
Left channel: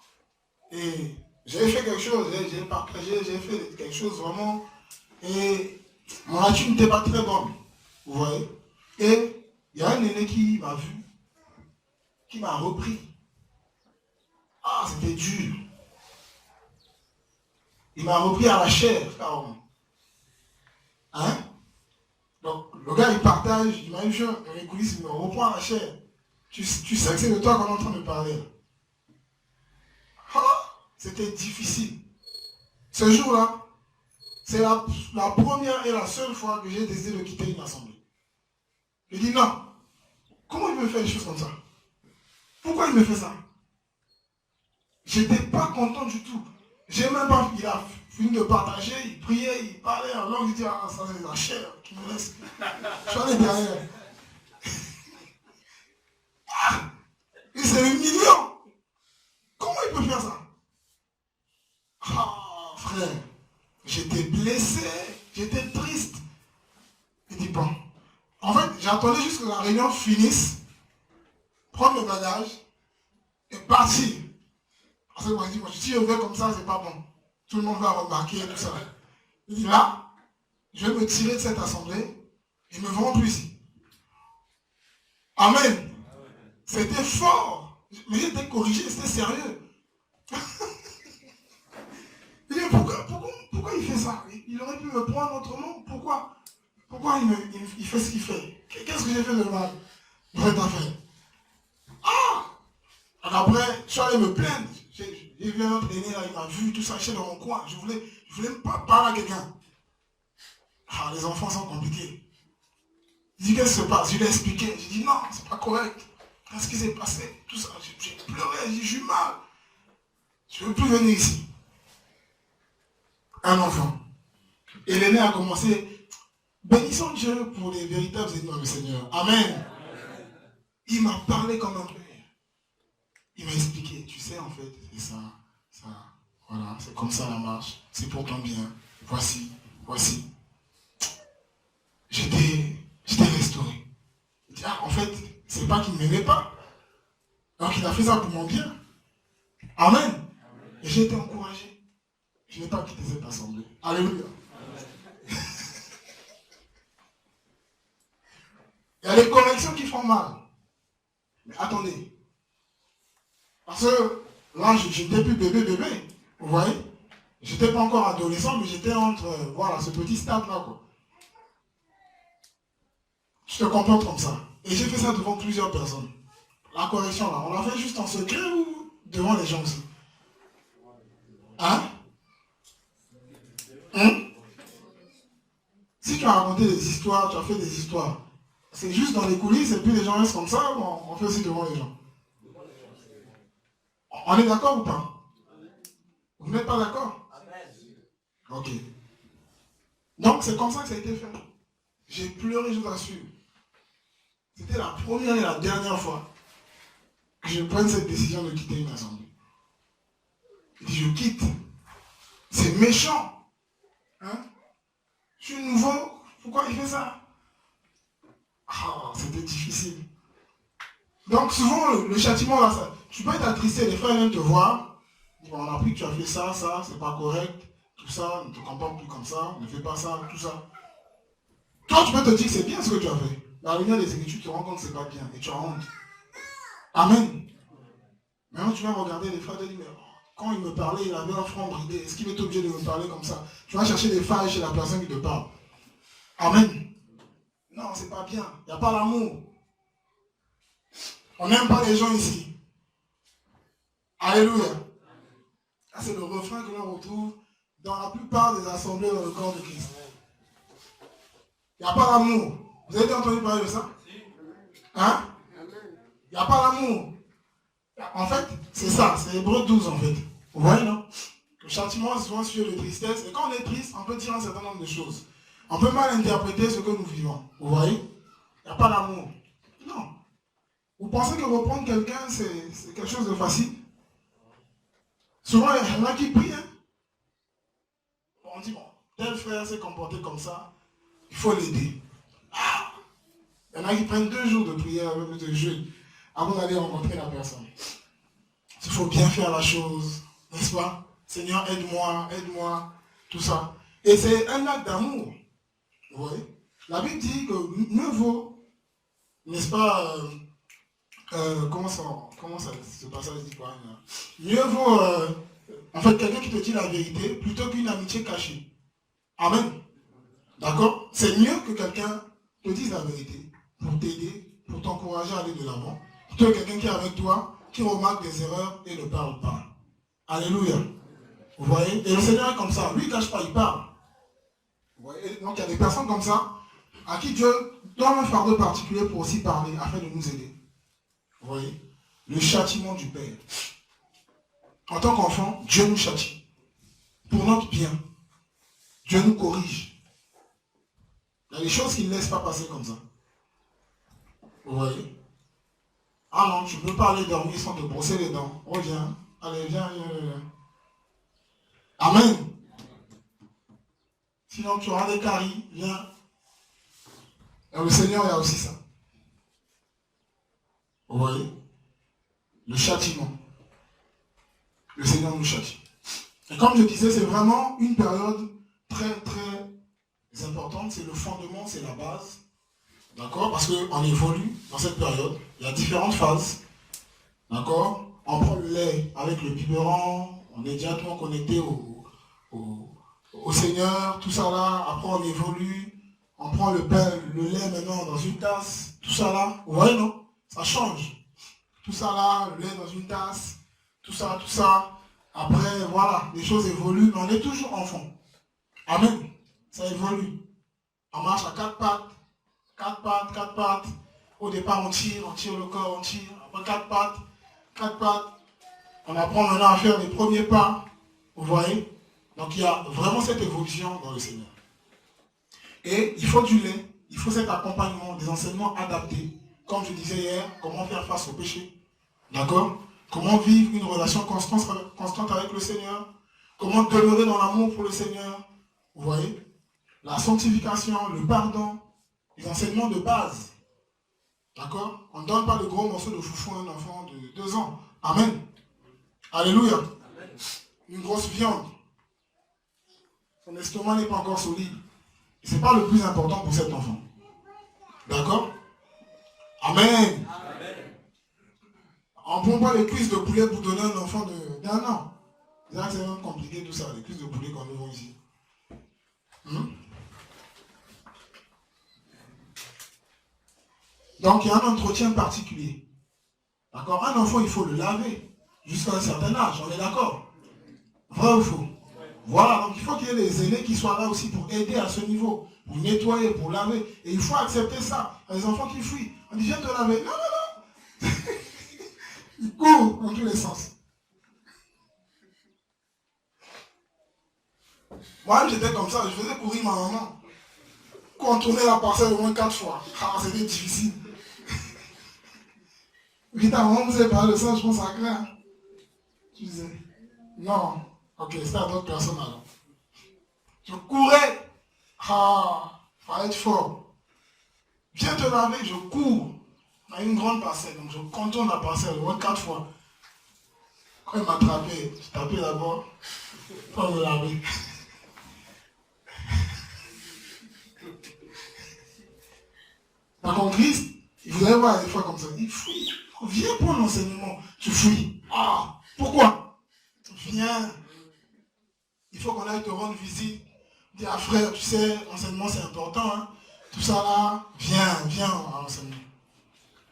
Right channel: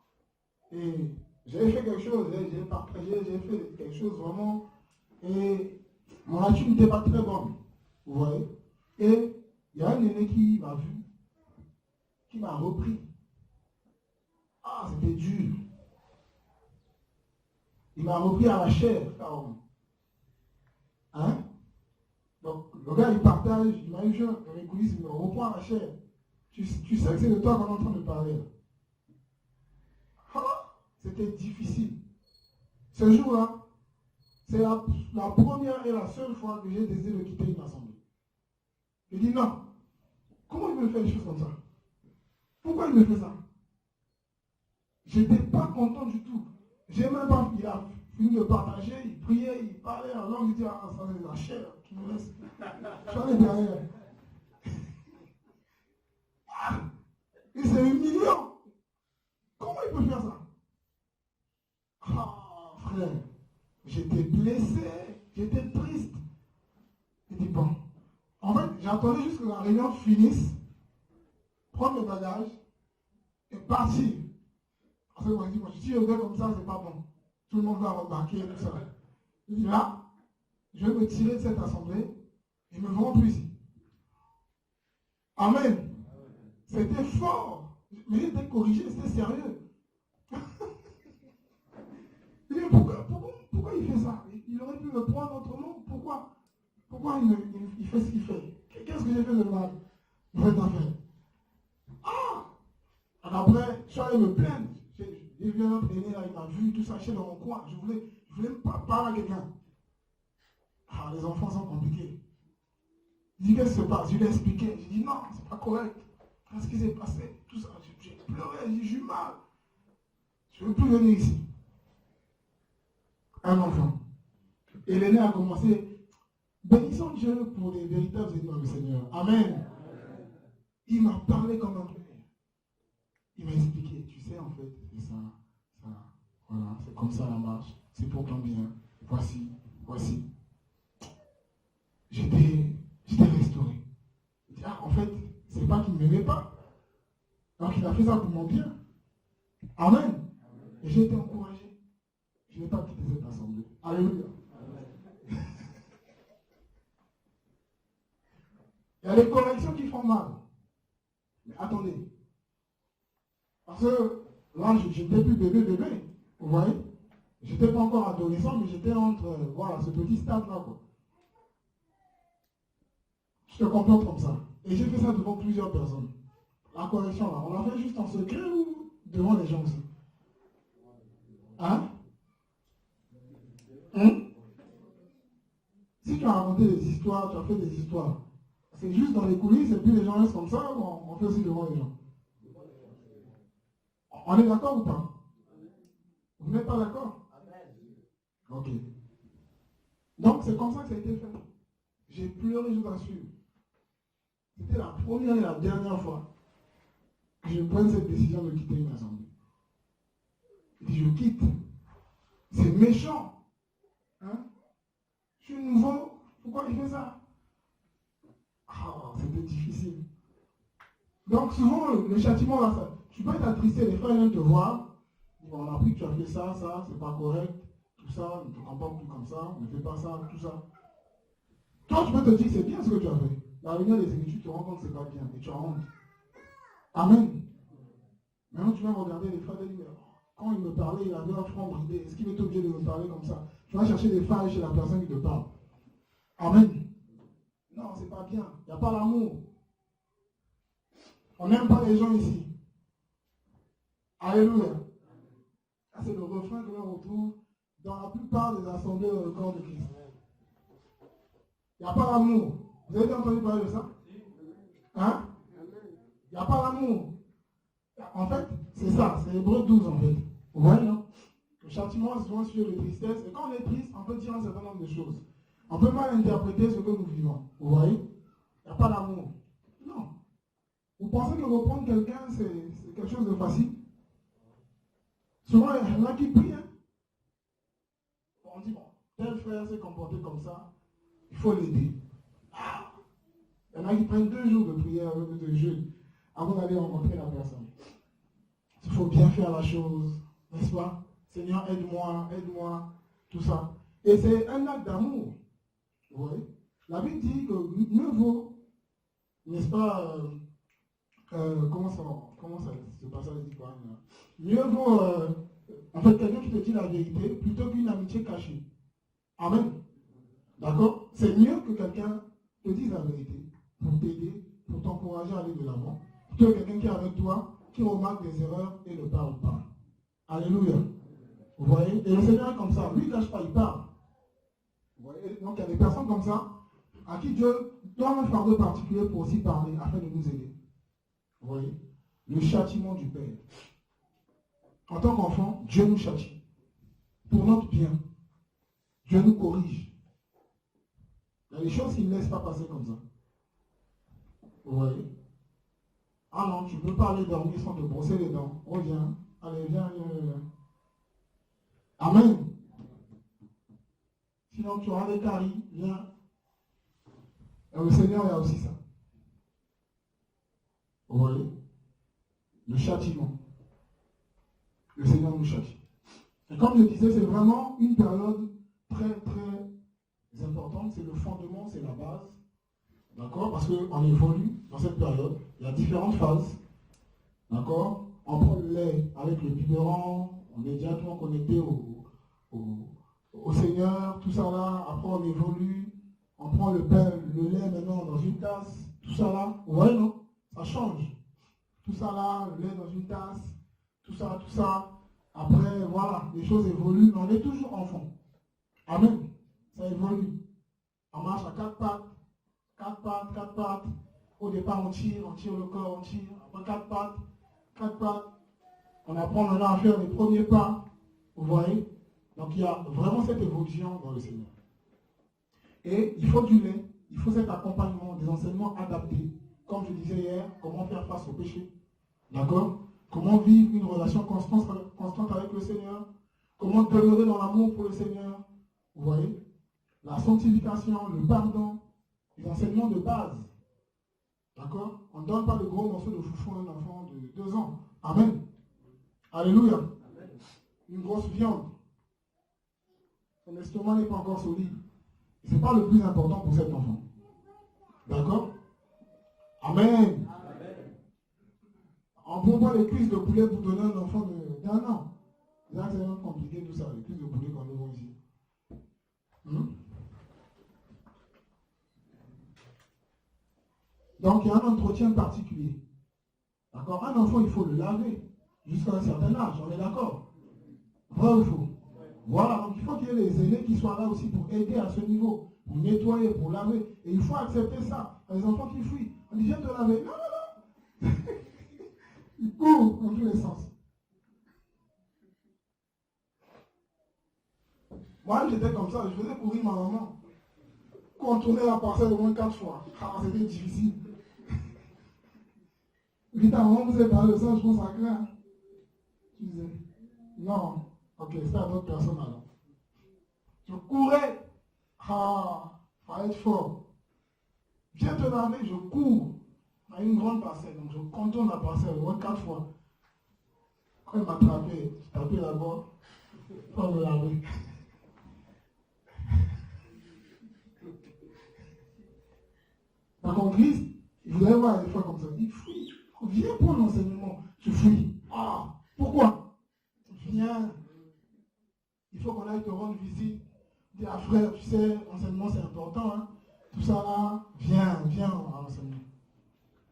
et j'ai fait quelque chose, j'ai partagé, j'ai fait quelque chose vraiment, et mon attitude n'était pas très bonne. Vous voyez? Et il y a un aîné qui m'a vu, qui m'a repris. Ah, c'était dur. Il m'a repris à la chair, carrément. Hein? Donc, le gars, il partage, il m'a eu dans les coulisses, il me reprend à la chair. Tu sais que c'est de toi qu'on est en train de parler. Ah, c'était difficile. Ce jour-là, c'est la première et la seule fois que j'ai décidé de quitter une assemblée. Je dis non. Comment il me fait des choses comme ça? Pourquoi il me fait ça? J'étais pas content du tout. J'ai même pas, il a fini de partager, il priait, il parlait en langue, il dit ah ça c'est la chair qui me laisse. Je suis allé derrière. Ah, il s'est humiliant. Comment il peut faire ça? Ah frère, j'étais blessé, j'étais triste. Il dit bon. En fait, j'attendais juste que la réunion finisse, prendre le bagage et partir. Parce que moi, je dis, si je vais comme ça, c'est pas bon. Tout le monde va remarquer tout ça. Il dit là, je vais me tirer de cette assemblée et me vends plus ici. Amen. C'était fort. Mais j'étais corrigé, c'était sérieux. Il dit, pourquoi il fait ça? Il aurait pu me prendre autrement. Pourquoi il fait ce qu'il fait? Qu'est-ce que j'ai fait de mal? Ah! Alors après, je suis allé me plaindre. J'ai vu un autre aîné là, il m'a vu, tout ça, j'étais dans mon coin. Je voulais même pas parler à quelqu'un. Ah, les enfants sont compliqués. Il dit, qu'est-ce qui se passe? Je lui ai expliqué. J'ai dit, non, c'est pas correct. Qu'est-ce qui s'est passé? Tout ça, j'ai pleuré, j'ai eu mal. Je ne veux plus venir ici. Un enfant. Et l'aîné a commencé. Bénissons Dieu pour les véritables ennemis du Seigneur. Amen. Il m'a parlé comme un père. Il m'a expliqué, tu sais, en fait, c'est ça, voilà, c'est comme ça la marche, c'est pour ton bien, voici. J'étais restauré. Il dit, ah, en fait, c'est pas qu'il ne m'aimait pas. Alors qu'il a fait ça pour mon bien. Amen. Et j'ai été encouragé. Je n'ai pas quitté cette assemblée. Alléluia. Il y a des corrections qui font mal. Mais attendez. Parce que là, j'étais plus bébé. Vous voyez? J'étais pas encore adolescent, mais j'étais entre, voilà, ce petit stade-là, quoi. Je te comporte comme ça. Et j'ai fait ça devant plusieurs personnes. La correction, là, on l'a fait juste en secret ou devant les gens aussi? Hein? histoires, tu as fait des histoires. C'est juste dans les coulisses et puis les gens restent comme ça, on fait aussi devant les gens. On est d'accord ou pas? Vous n'êtes pas d'accord? Ok. Donc c'est comme ça que ça a été fait. J'ai pleuré, je vous assure. C'était la première et la dernière fois que je prenne cette décision de quitter une assemblée. Je quitte. C'est méchant. Hein? Je suis nouveau. Pourquoi il fait ça? Ah, c'était difficile. Donc souvent, le châtiment, là, ça, tu peux être attristé. Les frères viennent te voir. On a appris que tu as fait ça, c'est pas correct. Tout ça, ne te comporte plus comme ça. Ne fais pas ça, tout ça. Toi, tu peux te dire que c'est bien ce que tu as fait. Dans la lumière des Écritures, tu te rends compte que c'est pas bien. Et tu as honte. Amen. Maintenant, tu vas regarder les frères de dire, quand il me parlait, il avait un front bridé. Est-ce qu'il est obligé de me parler comme ça? Tu vas chercher des failles chez la personne qui te parle. Amen. Non, c'est pas bien. Il n'y a pas l'amour. On n'aime pas les gens ici. Alléluia. Ça, c'est le refrain que l'on retrouve dans la plupart des assemblées dans le corps de Christ. Il n'y a pas l'amour. Vous avez entendu parler de ça? Hein? Il n'y a pas l'amour. En fait, c'est ça, c'est Hébreux 12 en fait. Vous voyez, non? Le châtiment est souvent suivi de tristesse. Et quand on est triste, on peut dire un certain nombre de choses. On peut mal interpréter ce que nous vivons. Vous voyez? Il n'y a pas d'amour. Non. Vous pensez que reprendre quelqu'un, c'est quelque chose de facile? Souvent, il y en a qui prient. Hein? On dit, bon, tel frère s'est comporté comme ça, il faut l'aider. Ah! Il y en a qui prennent 2 jours de prière, même de jeûne, avant d'aller rencontrer la personne. Il faut bien faire la chose, n'est-ce pas? Seigneur, aide-moi, tout ça. Et c'est un acte d'amour. Vous voyez? La Bible dit que mieux vaut, n'est-ce pas, comment ça ce passage dit quoi? Mieux vaut, en fait, quelqu'un qui te dit la vérité plutôt qu'une amitié cachée. Amen. D'accord? C'est mieux que quelqu'un te dise la vérité pour t'aider, pour t'encourager à aller de l'avant, plutôt que quelqu'un qui est avec toi, qui remarque des erreurs et ne parle pas. Alléluia. Vous voyez? Et le Seigneur est comme ça. Lui, il ne cache pas, il parle. Vous voyez? Donc, il y a des personnes comme ça à qui Dieu donne un fardeau particulier pour aussi parler, afin de nous aider. Vous voyez? Le châtiment du Père. En tant qu'enfant, Dieu nous châtie. Pour notre bien. Dieu nous corrige. Il y a des choses qu'il ne laisse pas passer comme ça. Vous voyez? Ah non, tu ne peux pas aller dormir sans te brosser les dents. Reviens. Allez, viens. Amen. Sinon, tu auras des caries. Viens. Et le Seigneur, il y a aussi ça. Vous voyez? Le châtiment. Le Seigneur nous châtie. Et comme je disais, c'est vraiment une période très, très importante. C'est le fondement, c'est la base. D'accord? Parce qu'on évolue dans cette période. Il y a différentes phases. D'accord? On prend le lait avec le biberon. On est directement connecté au Seigneur. Tout ça là. Après, on évolue. On prend le lait maintenant dans une tasse. Tout ça là. Vous voyez, non? Ça change. Tout ça là, le lait dans une tasse. Tout ça, tout ça. Après, voilà, les choses évoluent. Mais on est toujours enfant. Amen. Ça évolue. On marche à 4 pattes. 4 pattes, 4 pattes. Au départ, on tire le corps, on tire. Après 4 pattes, 4 pattes. On apprend maintenant à faire les premiers pas. Vous voyez? Donc il y a vraiment cette évolution dans le Seigneur. Et il faut du lait, il faut cet accompagnement, des enseignements adaptés. Comme je disais hier, comment faire face au péché. D'accord? Comment vivre une relation constante avec le Seigneur. Comment demeurer dans l'amour pour le Seigneur. Vous voyez? La sanctification, le pardon. Les enseignements de base. D'accord? On ne donne pas le gros morceau de foufou à un enfant de 2 ans. Amen. Alléluia. Amen. Une grosse viande. Son estomac n'est pas encore solide. Ce n'est pas le plus important pour cet enfant. D'accord? Amen. Amen. On ne prend pas les cuisses de poulet pour donner un enfant d'1 an. C'est vraiment compliqué tout ça, les cuisses de poulet qu'on nous vend ici. Donc il y a un entretien particulier. D'accord? Un enfant, il faut le laver jusqu'à un certain âge, on est d'accord? Vrai ou faux? Voilà, donc il faut qu'il y ait les aînés qui soient là aussi pour aider à ce niveau. pour nettoyer, pour laver. Et il faut accepter ça. Il y a des enfants qui fuient. On dit, viens te laver. Non, non, non. Ils courent dans tous les sens. Moi, j'étais comme ça. Je faisais courir ma maman. Contourner la parcelle au moins 4 fois. Ah, c'était difficile. Puis ta maman vous avez parlé de ça, je pense à clair. Tu disais, non. Ok, c'était à d'autres personnes alors. Je courais. Ah, fallait être fort. Viens te laver, je cours. On a une grande parcelle, donc je contourne la parcelle au moins 4 fois. Quand il m'attrapait, je tapais d'abord pour me laver. Par contre, Christ, vous allez voir des fois comme ça, il fuit. Viens pour l'enseignement, tu fuis. Ah, pourquoi? Viens. Il faut qu'on aille te rendre visite. Dis à frère, tu sais, l'enseignement c'est important. Hein? Tout ça là, viens à l'enseignement.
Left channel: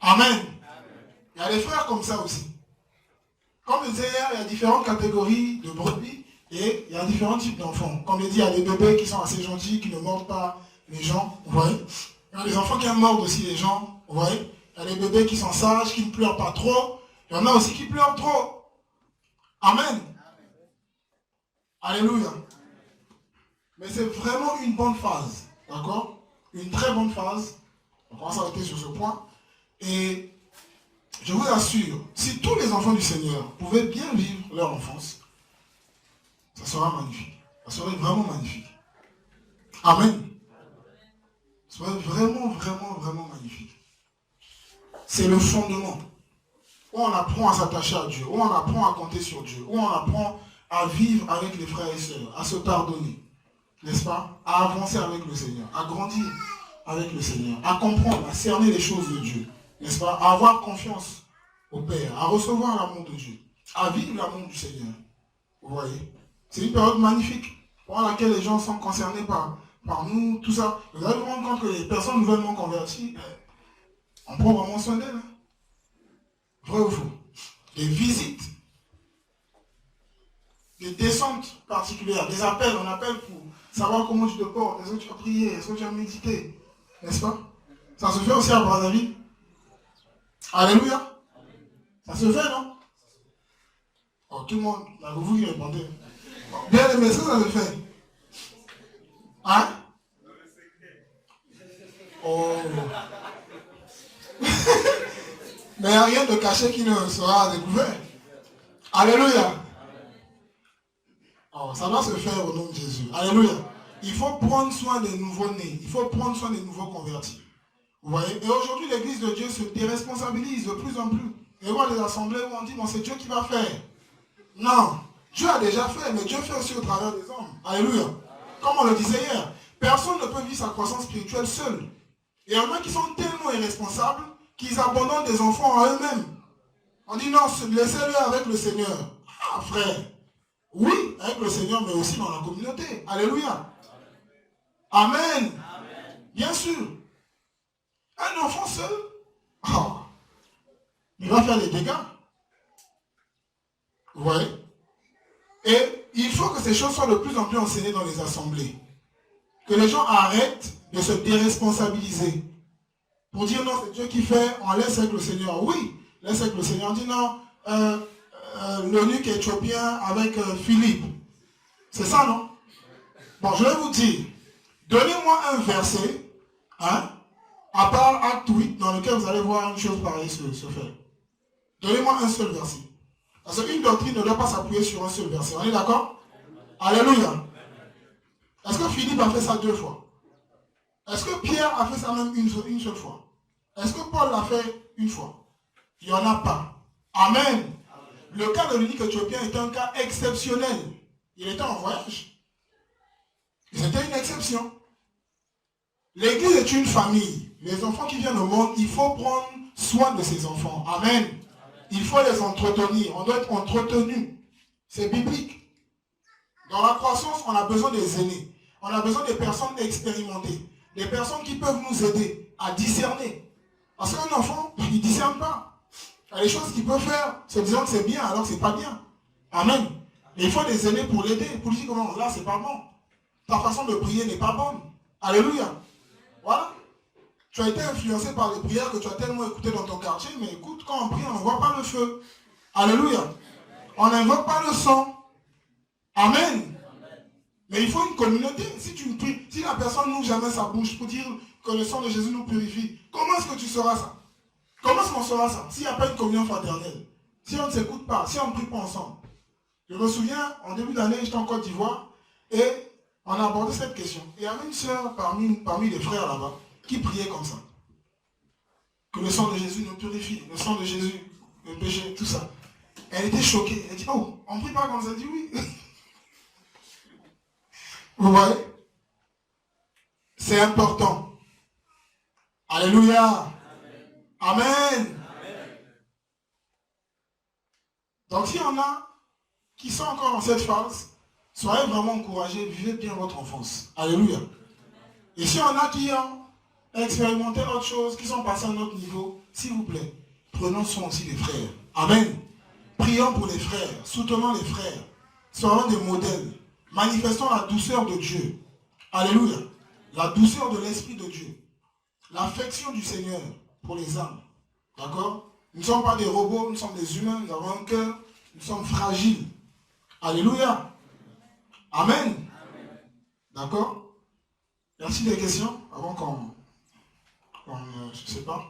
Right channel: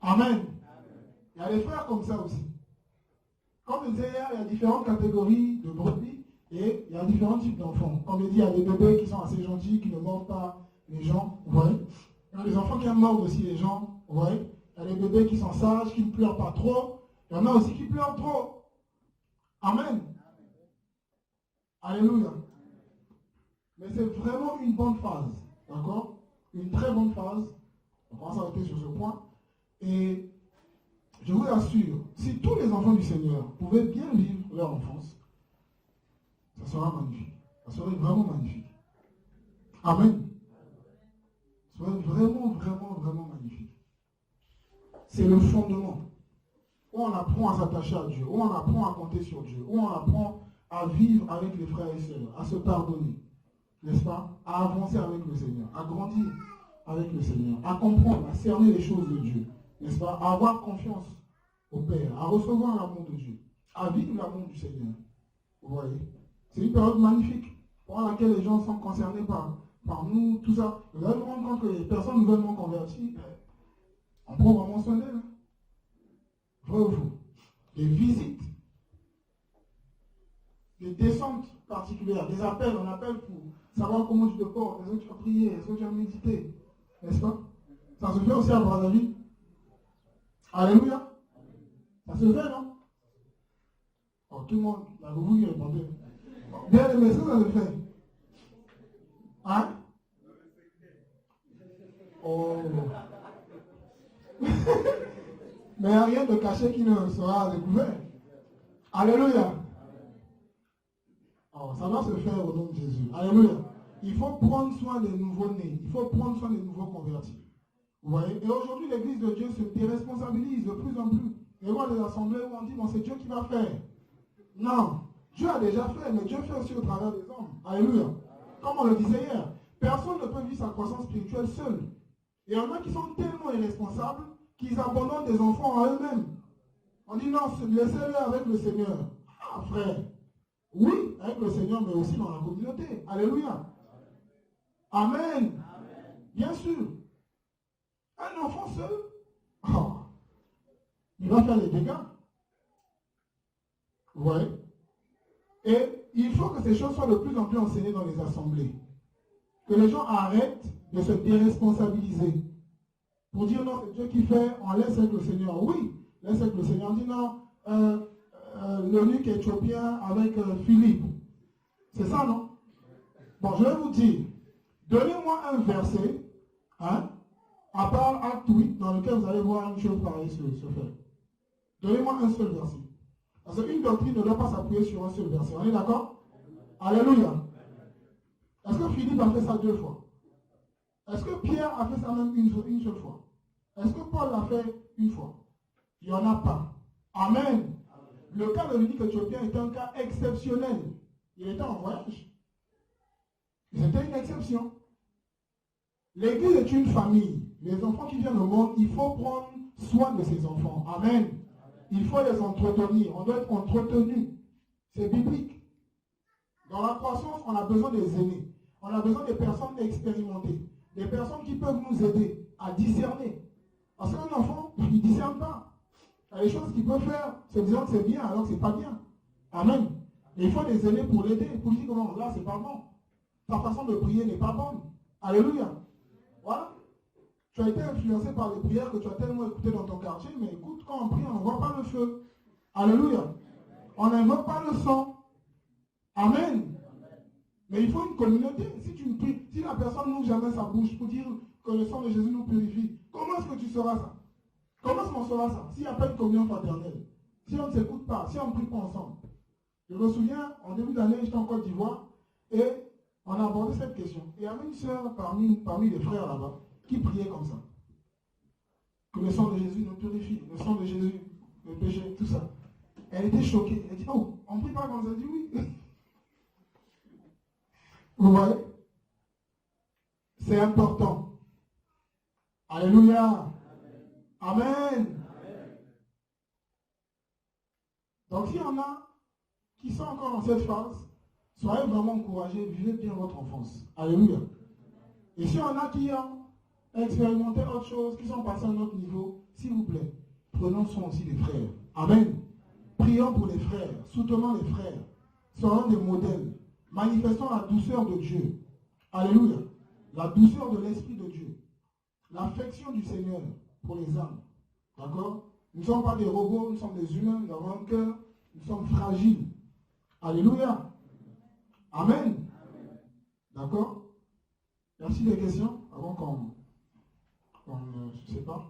Amen. Il y a des frères comme ça aussi. Comme je disais hier, il y a différentes catégories de brebis et il y a différents types d'enfants. Comme je dis, il y a des bébés qui sont assez gentils, qui ne mordent pas les gens. Vous voyez? Il y a des enfants qui mordent aussi les gens. Vous voyez? Il y a des bébés qui sont sages, qui ne pleurent pas trop. Il y en a aussi qui pleurent trop. Amen. Alléluia. Mais c'est vraiment une bonne phase. D'accord? Une très bonne phase. On va s'arrêter sur ce point. Et je vous assure, si tous les enfants du Seigneur pouvaient bien vivre leur enfance, ça sera magnifique. Ça serait vraiment magnifique. Amen. Ça serait vraiment, vraiment, vraiment magnifique. C'est le fondement. Où on apprend à s'attacher à Dieu, où on apprend à compter sur Dieu, où on apprend à vivre avec les frères et sœurs, à se pardonner, n'est-ce pas? À avancer avec le Seigneur, à grandir avec le Seigneur, à comprendre, à cerner les choses de Dieu, n'est-ce pas? À avoir confiance au Père, à recevoir l'amour de Dieu, à vivre l'amour du Seigneur. Vous voyez? C'est une période magnifique pour laquelle les gens sont concernés par nous, tout ça. Vous allez vous rendre compte que les personnes nouvellement converties, on prend vraiment soin d'elles. Hein? Vrai ou faux? Des visites, des descentes particulières, des appels, on appelle pour savoir comment tu te portes, est-ce que tu as prié, est-ce que tu as médité, n'est-ce pas? Ça se fait aussi à Brazzaville. Alléluia. Ça se fait, non? Oh, tout le monde, là, vous qui répondez. Bien aimé, ça se fait. Hein? Oh. Mais il n'y a rien de caché qui ne sera découvert. Alléluia. Oh, ça doit se faire au nom de Jésus. Alléluia. Il faut prendre soin des nouveaux-nés. Il faut prendre soin des nouveaux convertis. Vous voyez? Et aujourd'hui, l'Église de Dieu se déresponsabilise de plus en plus. Et on voit des assemblées où on dit, bon, c'est Dieu qui va faire. Non. Dieu a déjà fait, mais Dieu fait aussi au travers des hommes. Alléluia. Comme on le disait hier, personne ne peut vivre sa croissance spirituelle seul. Et il y en a qui sont tellement irresponsables qu'ils abandonnent des enfants à eux-mêmes. On dit non, laissez-le avec le Seigneur. Ah frère, oui, avec le Seigneur, mais aussi dans la communauté. Alléluia. Amen. Amen. Bien sûr. Un enfant seul, oh, il va faire des dégâts. Vous voyez? Et il faut que ces choses soient de plus en plus enseignées dans les assemblées. Que les gens arrêtent de se déresponsabiliser. Pour dire non, c'est Dieu qui fait, on laisse avec le Seigneur. Oui, laisse avec le Seigneur. On dit non, l'eunuque éthiopien avec Philippe. C'est ça, non? Bon, je vais vous dire, donnez-moi un verset, hein, à part Acte 8, dans lequel vous allez voir une chose pareille se faire. Donnez-moi un seul verset. Parce qu'une doctrine ne doit pas s'appuyer sur un seul verset. On est d'accord? Alléluia. Est-ce que Philippe a fait ça 2 fois? Est-ce que Pierre a fait ça même une seule fois? Est-ce que Paul l'a fait 1 fois? Il n'y en a pas. Amen. Le cas de l'unique éthiopien était un cas exceptionnel. Il était en voyage. C'était une exception. L'Église est une famille. Les enfants qui viennent au monde, il faut prendre soin de ces enfants. Amen. Il faut les entretenir. On doit être entretenu. C'est biblique. Dans la croissance, on a besoin des aînés. On a besoin des personnes expérimentées. Des personnes qui peuvent nous aider à discerner. Parce qu'un enfant, il ne discerne pas. Il y a des choses qu'il peut faire, se disant que c'est bien alors que ce n'est pas bien. Amen. Mais il faut des aînés pour l'aider. Pour lui dire comment, là, c'est pas bon. Ta façon de prier n'est pas bonne. Alléluia. Voilà. Tu as été influencé par les prières que tu as tellement écoutées dans ton quartier, mais écoute, quand on prie, on ne voit pas le feu. Alléluia. On n'invoque pas le sang. Amen. Mais il faut une communauté. Si tu pries, si la personne n'ouvre jamais sa bouche pour dire que le sang de Jésus nous purifie, comment est-ce que tu sauras ça? Comment est-ce qu'on saura ça? S'il n'y a pas une communion fraternelle, si on ne s'écoute pas, si on ne prie pas ensemble. Je me souviens, en début d'année, j'étais en Côte d'Ivoire et on a abordé cette question. Et il y avait une sœur parmi les frères là-bas qui priait comme ça. Que le sang de Jésus nous purifie, le sang de Jésus, le péché, tout ça. Elle était choquée. Elle dit, oh, on ne prie pas comme ça. Elle dit oui. Vous voyez? C'est important. Alléluia. Amen. Donc s'il y en a qui sont encore dans cette phase, soyez vraiment encouragés, vivez bien votre enfance. Alléluia. Et s'il y en a qui ont expérimenté autre chose, qui sont passés à un autre niveau, s'il vous plaît, prenons soin aussi des frères. Amen. Prions pour les frères, soutenons les frères, soyons des modèles, manifestons la douceur de Dieu. Alléluia. La douceur de l'Esprit de Dieu. L'affection du Seigneur pour les âmes. D'accord? Nous ne sommes pas des robots, nous sommes des humains, nous avons un cœur, nous sommes fragiles. Alléluia. Amen. D'accord? Merci des questions avant qu'on je ne sais pas.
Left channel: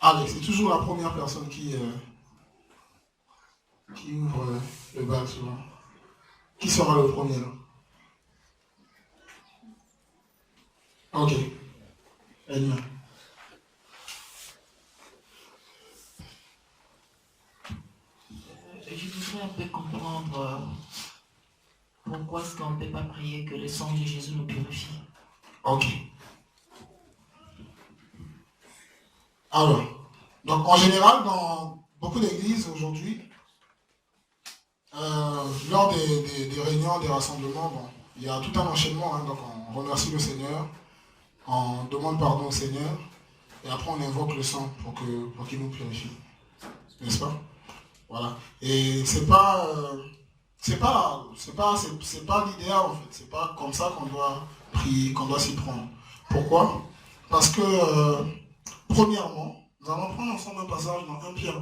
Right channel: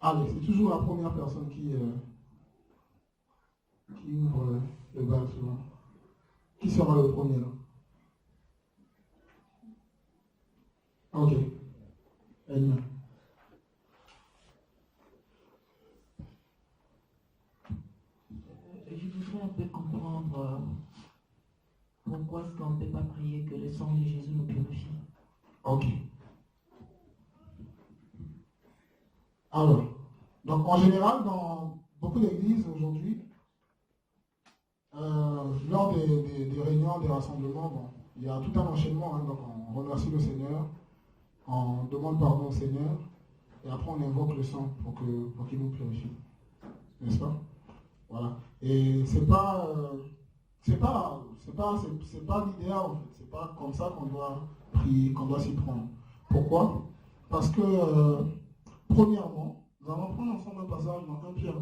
Allez, c'est toujours la première personne qui ouvre le bal souvent. Qui sera le premier là? Ok. Elma. Je voudrais un peu comprendre pourquoi est-ce qu'on ne peut pas prier que le sang de Jésus nous purifie. Ok. Alors, donc en général, dans beaucoup d'églises aujourd'hui, lors des réunions, des rassemblements, bon, il y a tout un enchaînement, hein, donc on remercie le Seigneur, on demande pardon au Seigneur, et après on invoque le sang pour qu'il nous purifie. N'est-ce pas? Voilà. Et c'est pas l'idéal en fait. C'est pas comme ça qu'on doit prier, qu'on doit s'y prendre. Pourquoi? Parce que premièrement, nous allons prendre ensemble un passage dans 1 Pierre 1.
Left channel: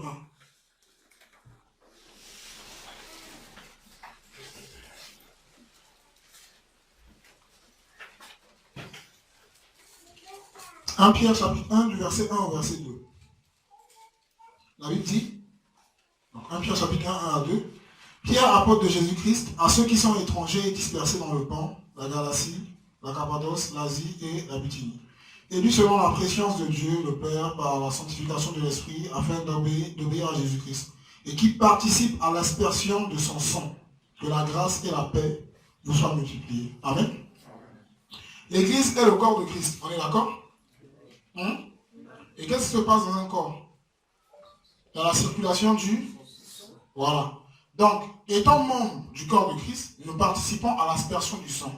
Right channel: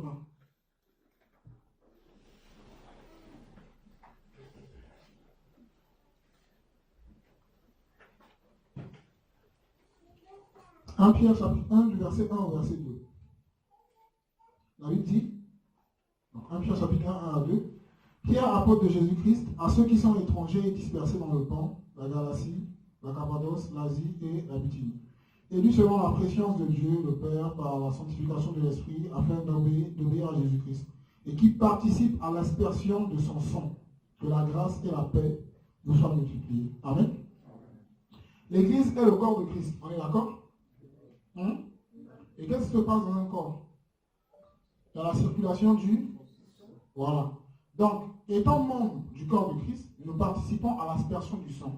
1 Pierre chapitre 1 du verset 1 au verset 2. La Bible dit, donc 1 Pierre chapitre 1, 1 à 2, Pierre, apôtre de Jésus-Christ, à ceux qui sont étrangers et dispersés dans le Pan, la Galatie, la Cappadoce, l'Asie et la Bithynie. Élus selon la préscience de Dieu, le Père, par la sanctification de l'Esprit, afin d'obéir à Jésus-Christ, et qui participent à l'aspersion de son sang, que la grâce et la paix vous soient multipliées. Amen. L'Église est le corps de Christ. On est d'accord? Et qu'est-ce qui se passe dans un corps? Dans la circulation du... Voilà. Donc, étant membres du corps de Christ, nous participons à l'aspersion du sang.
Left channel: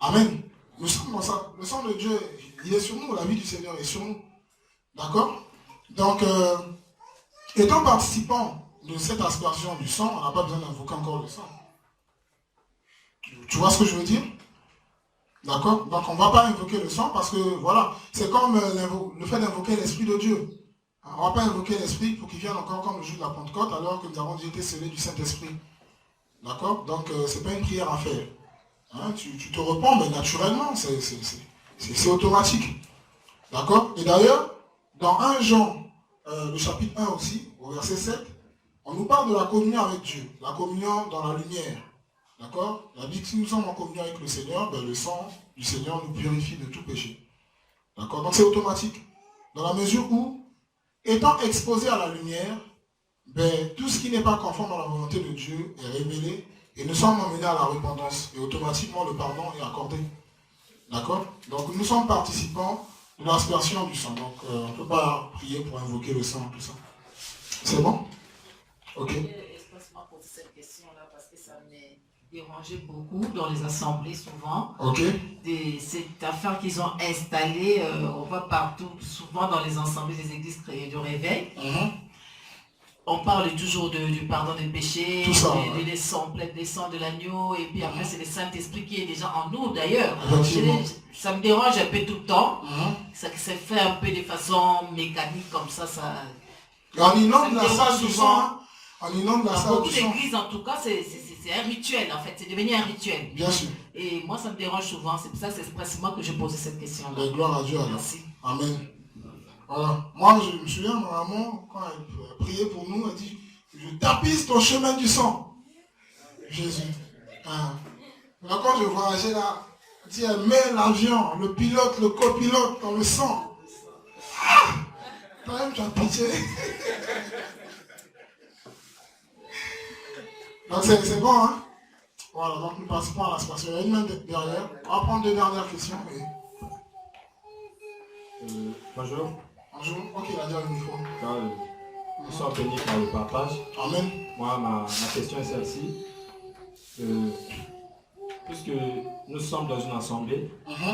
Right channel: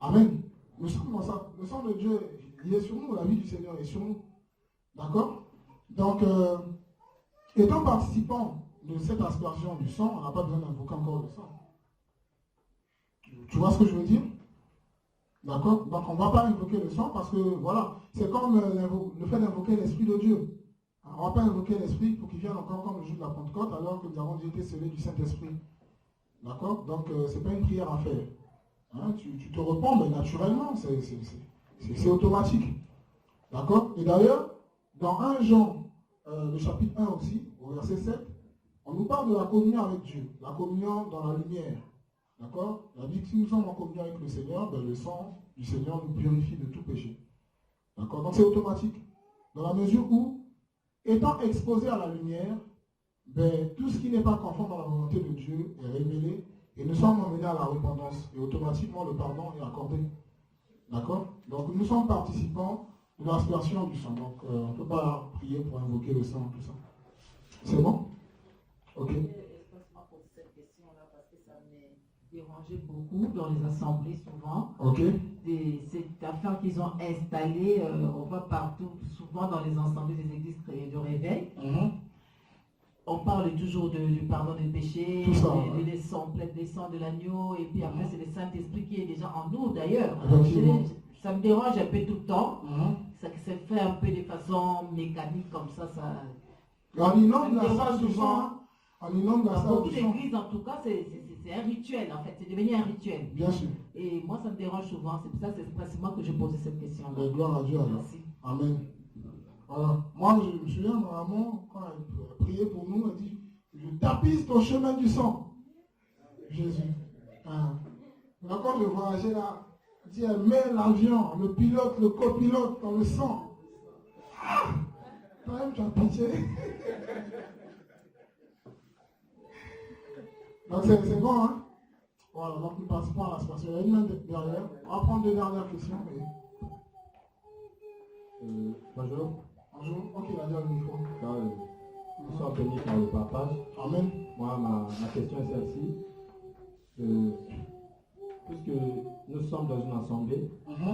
Amen. Nous sommes dans ça. Le sang de Dieu, il est sur nous, la vie du Seigneur est sur nous. D'accord? Donc, étant participants de cette aspersion du sang, on n'a pas besoin d'invoquer encore le sang. Tu vois ce que je veux dire? D'accord? Donc, on ne va pas invoquer le sang parce que, voilà, c'est comme le fait d'invoquer l'Esprit de Dieu. On ne va pas invoquer l'Esprit pour qu'il vienne encore comme le jour de la Pentecôte alors que nous avons déjà été scellés du Saint-Esprit. D'accord? Donc, ce n'est pas une prière à faire. Hein? Tu te repens, mais naturellement, c'est automatique. D'accord? Et d'ailleurs, dans 1 Jean, le chapitre 1 aussi, au verset 7, on nous parle de la communion avec Dieu, la communion dans la lumière. D'accord? La Bible, si nous sommes en communion avec le Seigneur, ben, le sang du Seigneur nous purifie de tout péché. D'accord? Donc c'est automatique. Dans la mesure où, étant exposé à la lumière, ben, tout ce qui n'est pas conforme à la volonté de Dieu est révélé et nous sommes emmenés à la repentance. Et automatiquement, le pardon est accordé. D'accord? Donc nous sommes participants de l'aspersion du sang. Donc on ne peut pas prier pour invoquer le sang, tout ça. C'est bon? Ok. Expressement pour cette question-là, parce que ça m'est dérangé beaucoup dans les assemblées souvent. Ok. Cette affaire qu'ils ont installée, on voit partout, souvent dans les assemblées des églises de réveil. on parle toujours du pardon des péchés, Tout ça, des sangs de l'agneau, et puis après c'est le Saint-Esprit qui est déjà en nous d'ailleurs. Effectivement. Ça me dérange un peu tout le temps, Mhm. ça s'est fait un peu de façon mécanique comme ça. Et on inonde la Ça me salle dérange du souvent. sang. Hein. On inonde la Dans salle beaucoup du sang. d'églises, en tout cas, c'est un rituel, en fait. C'est devenu un rituel. Bien sûr. Et moi, ça me dérange souvent. C'est pour ça que c'est expressément que je posais cette question-là. Mais gloire à Dieu alors. Merci. Amen. Voilà. Moi, je me souviens, ma maman, quand elle priait pour nous, elle dit, je tapisse ton chemin du sang. Jésus. Hein. Maintenant, quand je voyageais là, elle dit, elle met l'avion, le pilote, le copilote dans le sang. Ah! Quand même, tu as pitié. Donc, c'est bon, hein? Voilà, donc nous passons à la station. Il y a une main derrière. On va prendre deux dernières questions. Bonjour. Bonjour. Ok, il a déjà le micro. Nous sommes bénis par le partage. Amen. Moi, ma question est celle-ci. Puisque nous sommes dans une assemblée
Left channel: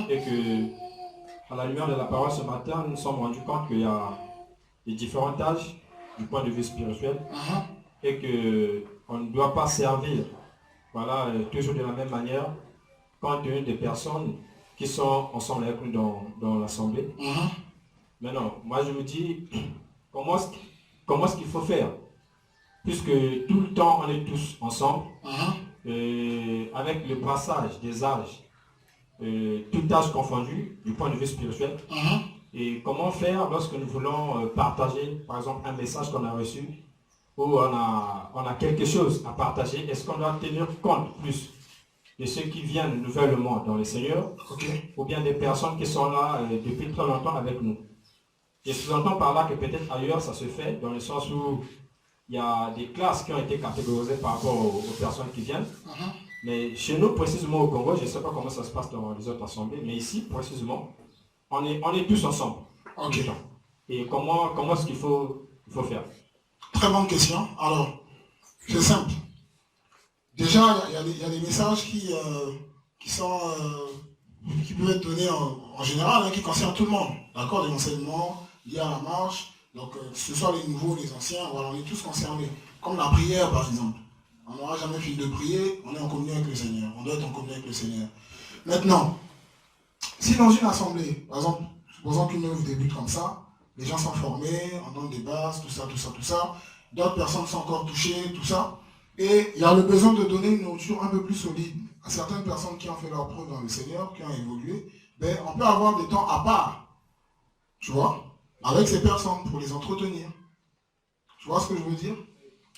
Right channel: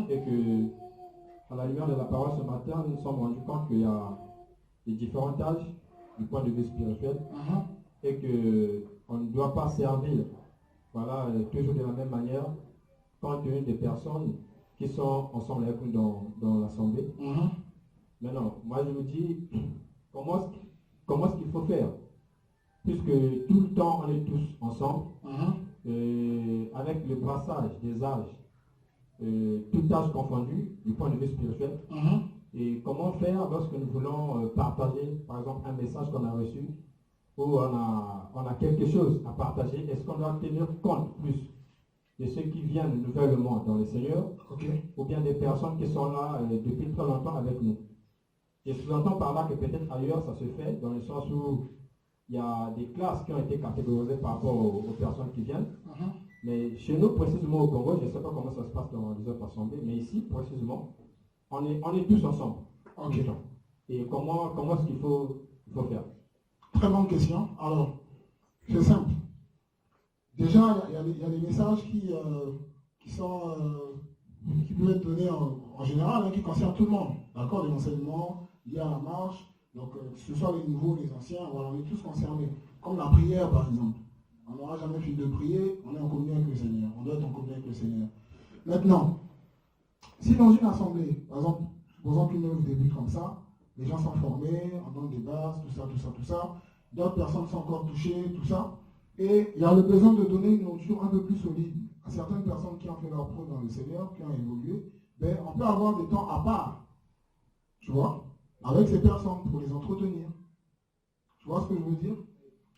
et que, à la lumière de la parole ce matin, nous nous sommes rendus compte qu'il y a des différents âges du point de vue spirituel et qu'on ne doit pas servir toujours de la même manière compte tenu des personnes qui sont ensemble avec nous dans l'assemblée. Maintenant, moi je me dis, comment est-ce qu'il faut faire? Puisque tout le temps on est tous ensemble, avec le brassage des âges, tout âge confondu du point de vue spirituel. Et comment faire lorsque nous voulons partager, par exemple, un message qu'on a reçu, où on a quelque chose à partager? Est-ce qu'on doit tenir compte plus de ceux qui viennent nouvellement dans le Seigneur, ou bien des personnes qui sont là depuis très longtemps avec nous? Je sous-entends par là que peut-être ailleurs ça se fait, dans le sens où il y a des classes qui ont été catégorisées par rapport aux personnes qui viennent. Mais chez nous, précisément au Congo, je ne sais pas comment ça se passe dans les autres assemblées, mais ici, précisément, on est tous ensemble. Et comment est-ce qu'il faut faire? Très bonne question. Alors, c'est simple. Déjà, il y a des messages qui peuvent être donnés en général, qui concernent tout le monde. D'accord? Des enseignements liés à la marche. Donc, que ce soit les nouveaux, les anciens, voilà, on est tous concernés. Comme la prière, par exemple. On n'aura jamais fini de prier, on est en communion avec le Seigneur. On doit être en communion avec le Seigneur. Maintenant, si dans une assemblée, par exemple, supposons qu'une œuvre débute comme ça, les gens sont formés, on donne des bases, tout ça. D'autres personnes sont encore touchées, tout ça. Et il y a le besoin de donner une nourriture un peu plus solide à certaines personnes qui ont fait leur preuve dans le Seigneur, qui ont évolué. Ben, on peut avoir des temps à part, tu vois, avec ces personnes pour les entretenir. Tu vois ce que je veux dire?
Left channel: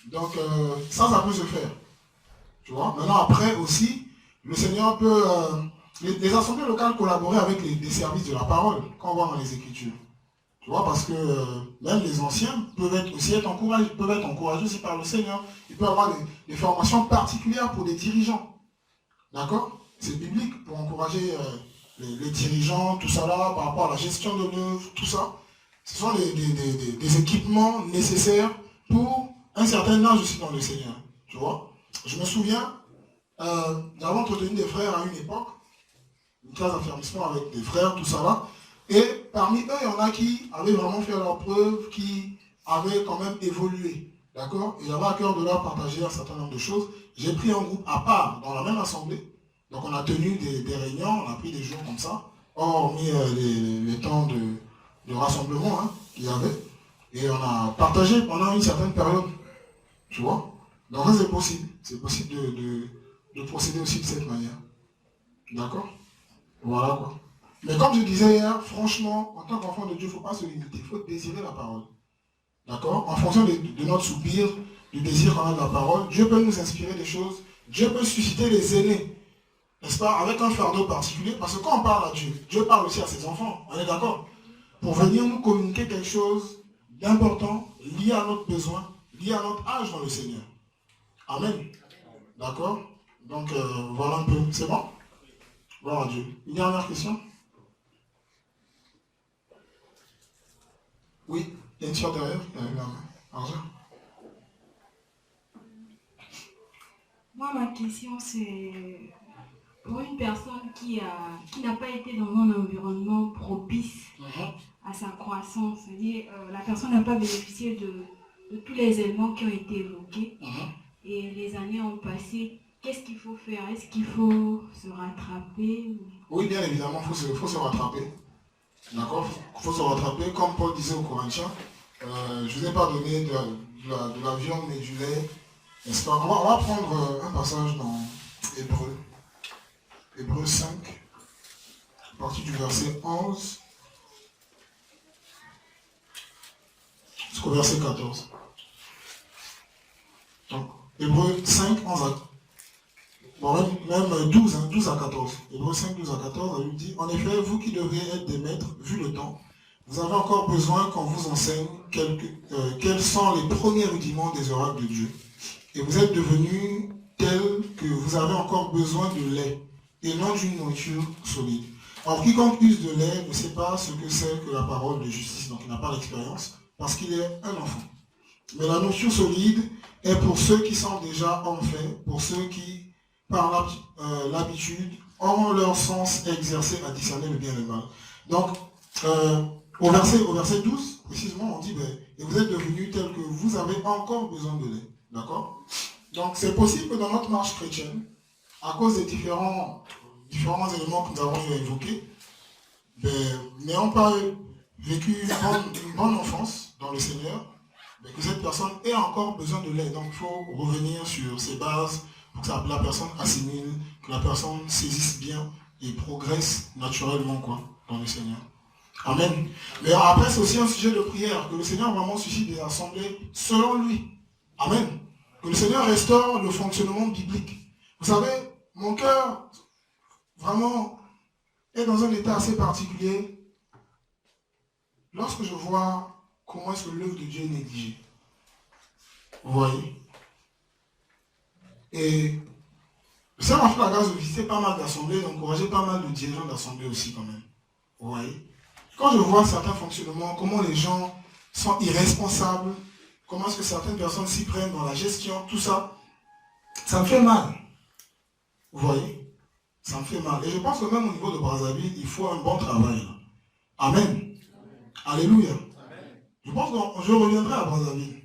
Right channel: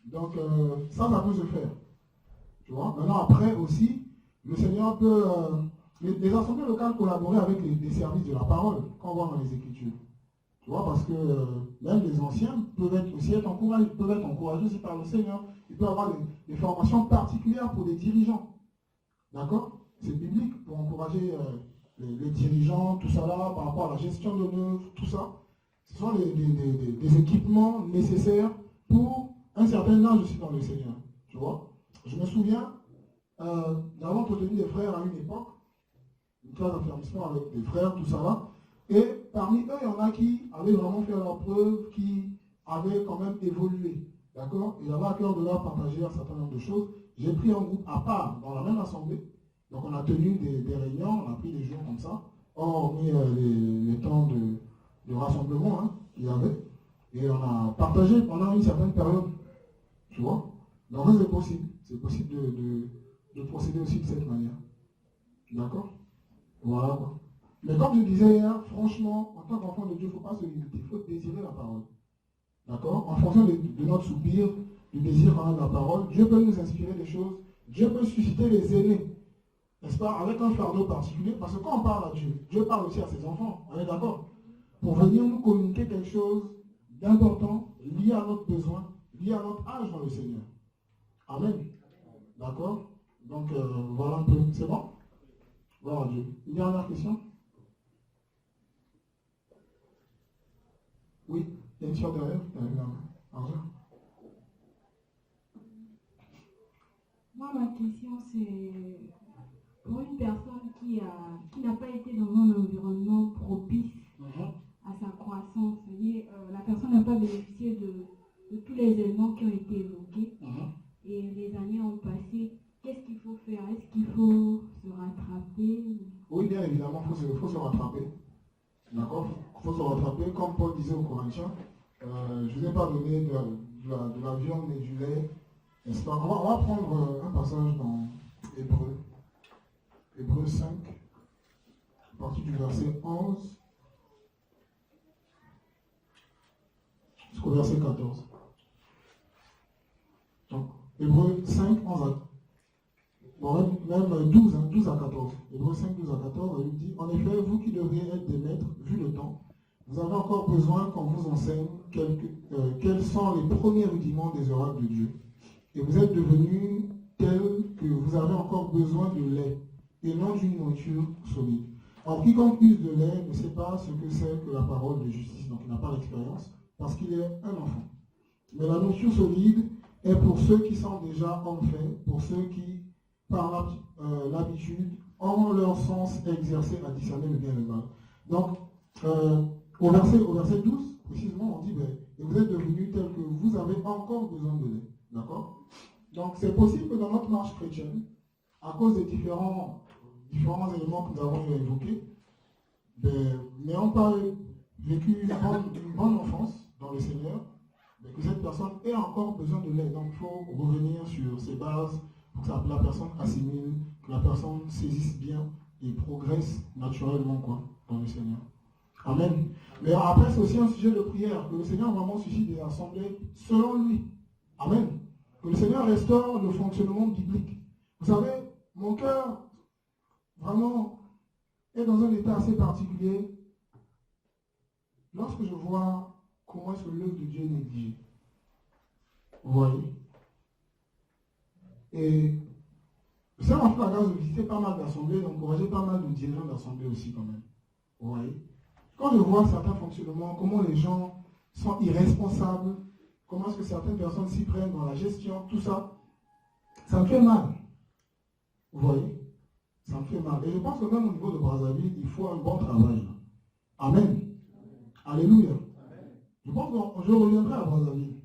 Donc, ça peut se faire. Tu vois? Maintenant, après aussi, le Seigneur peut... les assemblées locales collaborer avec des services de la parole, quand on voit dans les Écritures. Tu vois, parce que même les anciens peuvent être encouragés aussi par le Seigneur. Il peut y avoir des formations particulières pour des dirigeants. D'accord? C'est biblique pour encourager les dirigeants, tout ça là, par rapport à la gestion de l'œuvre, tout ça. Ce sont des équipements nécessaires pour un certain âge aussi dans le Seigneur. Tu vois? Je me souviens, j'avais entretenu des frères à une époque, une classe d'affermissement avec des frères, tout ça là. Et parmi eux, il y en a qui avaient vraiment fait leur preuve, qui avaient quand même évolué. D'accord? Et j'avais à cœur de leur partager un certain nombre de choses. J'ai pris un groupe à part dans la même assemblée. Donc on a tenu des réunions, on a pris des jours comme ça, hormis les temps de rassemblement qu'il y avait. Et on a partagé pendant une certaine période. Tu vois? Donc ça c'est possible. C'est possible de procéder aussi de cette manière. D'accord? Voilà quoi. Mais comme je disais hier, franchement, en tant qu'enfant de Dieu, il ne faut pas se limiter. Il faut désirer la parole. D'accord? En fonction de notre soupir, du désir qu'on a de la parole, Dieu peut nous inspirer des choses. Dieu peut susciter les aînés. N'est-ce pas? Avec un fardeau particulier. Parce que quand on parle à Dieu, Dieu parle aussi à ses enfants. On est d'accord? Pour venir nous communiquer quelque chose d'important, lié à notre besoin, lié à notre âge dans le Seigneur. Amen. D'accord? Donc, voilà un peu. C'est bon? Gloire à Dieu. Une dernière question? Oui, il y a une soeur derrière qui a levé la main. Argent. Moi, ma question, c'est pour une personne qui n'a pas été dans un environnement propice à sa croissance, c'est-à-dire la personne n'a pas bénéficié de tous les éléments qui ont été évoqués. Et les années ont passé. Qu'est-ce qu'il faut faire? Est-ce qu'il faut se rattraper? Oui, bien évidemment, il faut se rattraper. D'accord? Il faut se rattraper. Comme Paul disait aux Corinthiens, je ne vous ai pas donné de la viande mais du lait. N'est-ce pas? On va prendre un passage dans Hébreux 5, à partir du verset 11 jusqu'au verset 14. Donc, Hébreux 5, 11 à bon, même 12 à 14. Hébreux 5, 12 à 14, elle lui dit, en effet, vous qui devriez être des maîtres, vu le temps, vous avez encore besoin qu'on vous enseigne quels sont les premiers rudiments des oracles de Dieu. Et vous êtes devenus tels que vous avez encore besoin de lait et non d'une nourriture solide. Alors, quiconque use de lait ne sait pas ce que c'est que la parole de justice, donc il n'a pas d'expérience, parce qu'il est un enfant. Mais la nourriture solide est pour ceux qui sont déjà en fait, pour ceux qui, par l'habitude, auront leur sens exercé à discerner le bien et le mal. Donc, au verset 12, précisément, on dit, et vous êtes devenus tels que vous avez encore besoin de lait. D'accord? Donc, c'est possible que dans notre marche chrétienne, à cause des différents éléments que nous avons évoqués, n'ayant pas vécu une bonne enfance dans le Seigneur, que cette personne ait encore besoin de lait. Donc, il faut revenir sur ses bases pour que la personne assimile, que la personne saisisse bien et progresse naturellement dans le Seigneur. Amen. Mais après, c'est aussi un sujet de prière, que le Seigneur vraiment suscite des assemblées selon lui. Amen. Que le Seigneur restaure le fonctionnement biblique. Vous savez, mon cœur, vraiment, est dans un état assez particulier lorsque je vois comment est-ce que l'œuvre de Dieu est négligée. Vous voyez? Et le Seigneur m'a fait la grâce de visiter pas mal d'assemblées, d'encourager pas mal de dirigeants d'assemblées aussi quand même. Vous voyez? Quand je vois certains fonctionnements, comment les gens sont irresponsables, comment est-ce que certaines personnes s'y prennent dans la gestion, tout ça, ça me fait mal. Vous voyez? Ça me fait mal. Et je pense que même au niveau de Brazzaville, il faut un bon travail. Là. Amen. Alléluia. Je pense que je reviendrai à Brazzaville.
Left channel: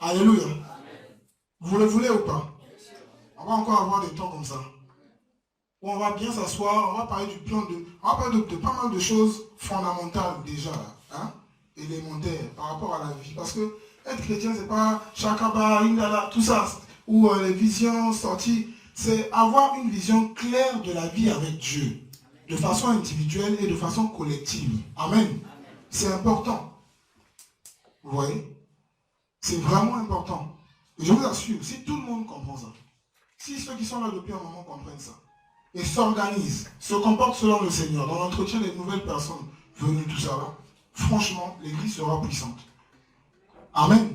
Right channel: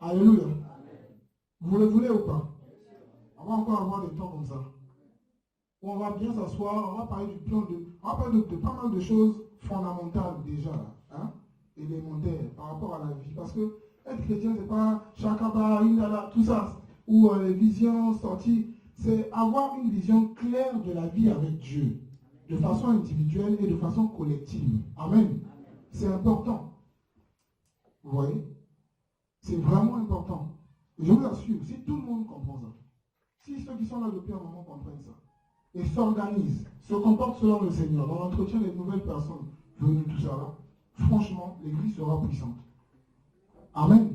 Alléluia. Vous le voulez ou pas? On va encore avoir des temps comme ça. Où on va bien s'asseoir, on va parler du plan on va parler de pas mal de choses fondamentales déjà. Hein? Élémentaires par rapport à la vie. Parce que être chrétien, c'est pas chakaba, indala, tout ça. Ou les visions sorties. C'est avoir une vision claire de la vie avec Dieu. De façon individuelle et de façon collective. Amen. C'est important. Vous voyez? C'est vraiment important. Et je vous assure, si tout le monde comprend ça, si ceux qui sont là depuis un moment comprennent ça, et s'organisent, se comportent selon le Seigneur, dans l'entretien des nouvelles personnes venues, tout ça là, franchement, l'Église sera puissante. Amen.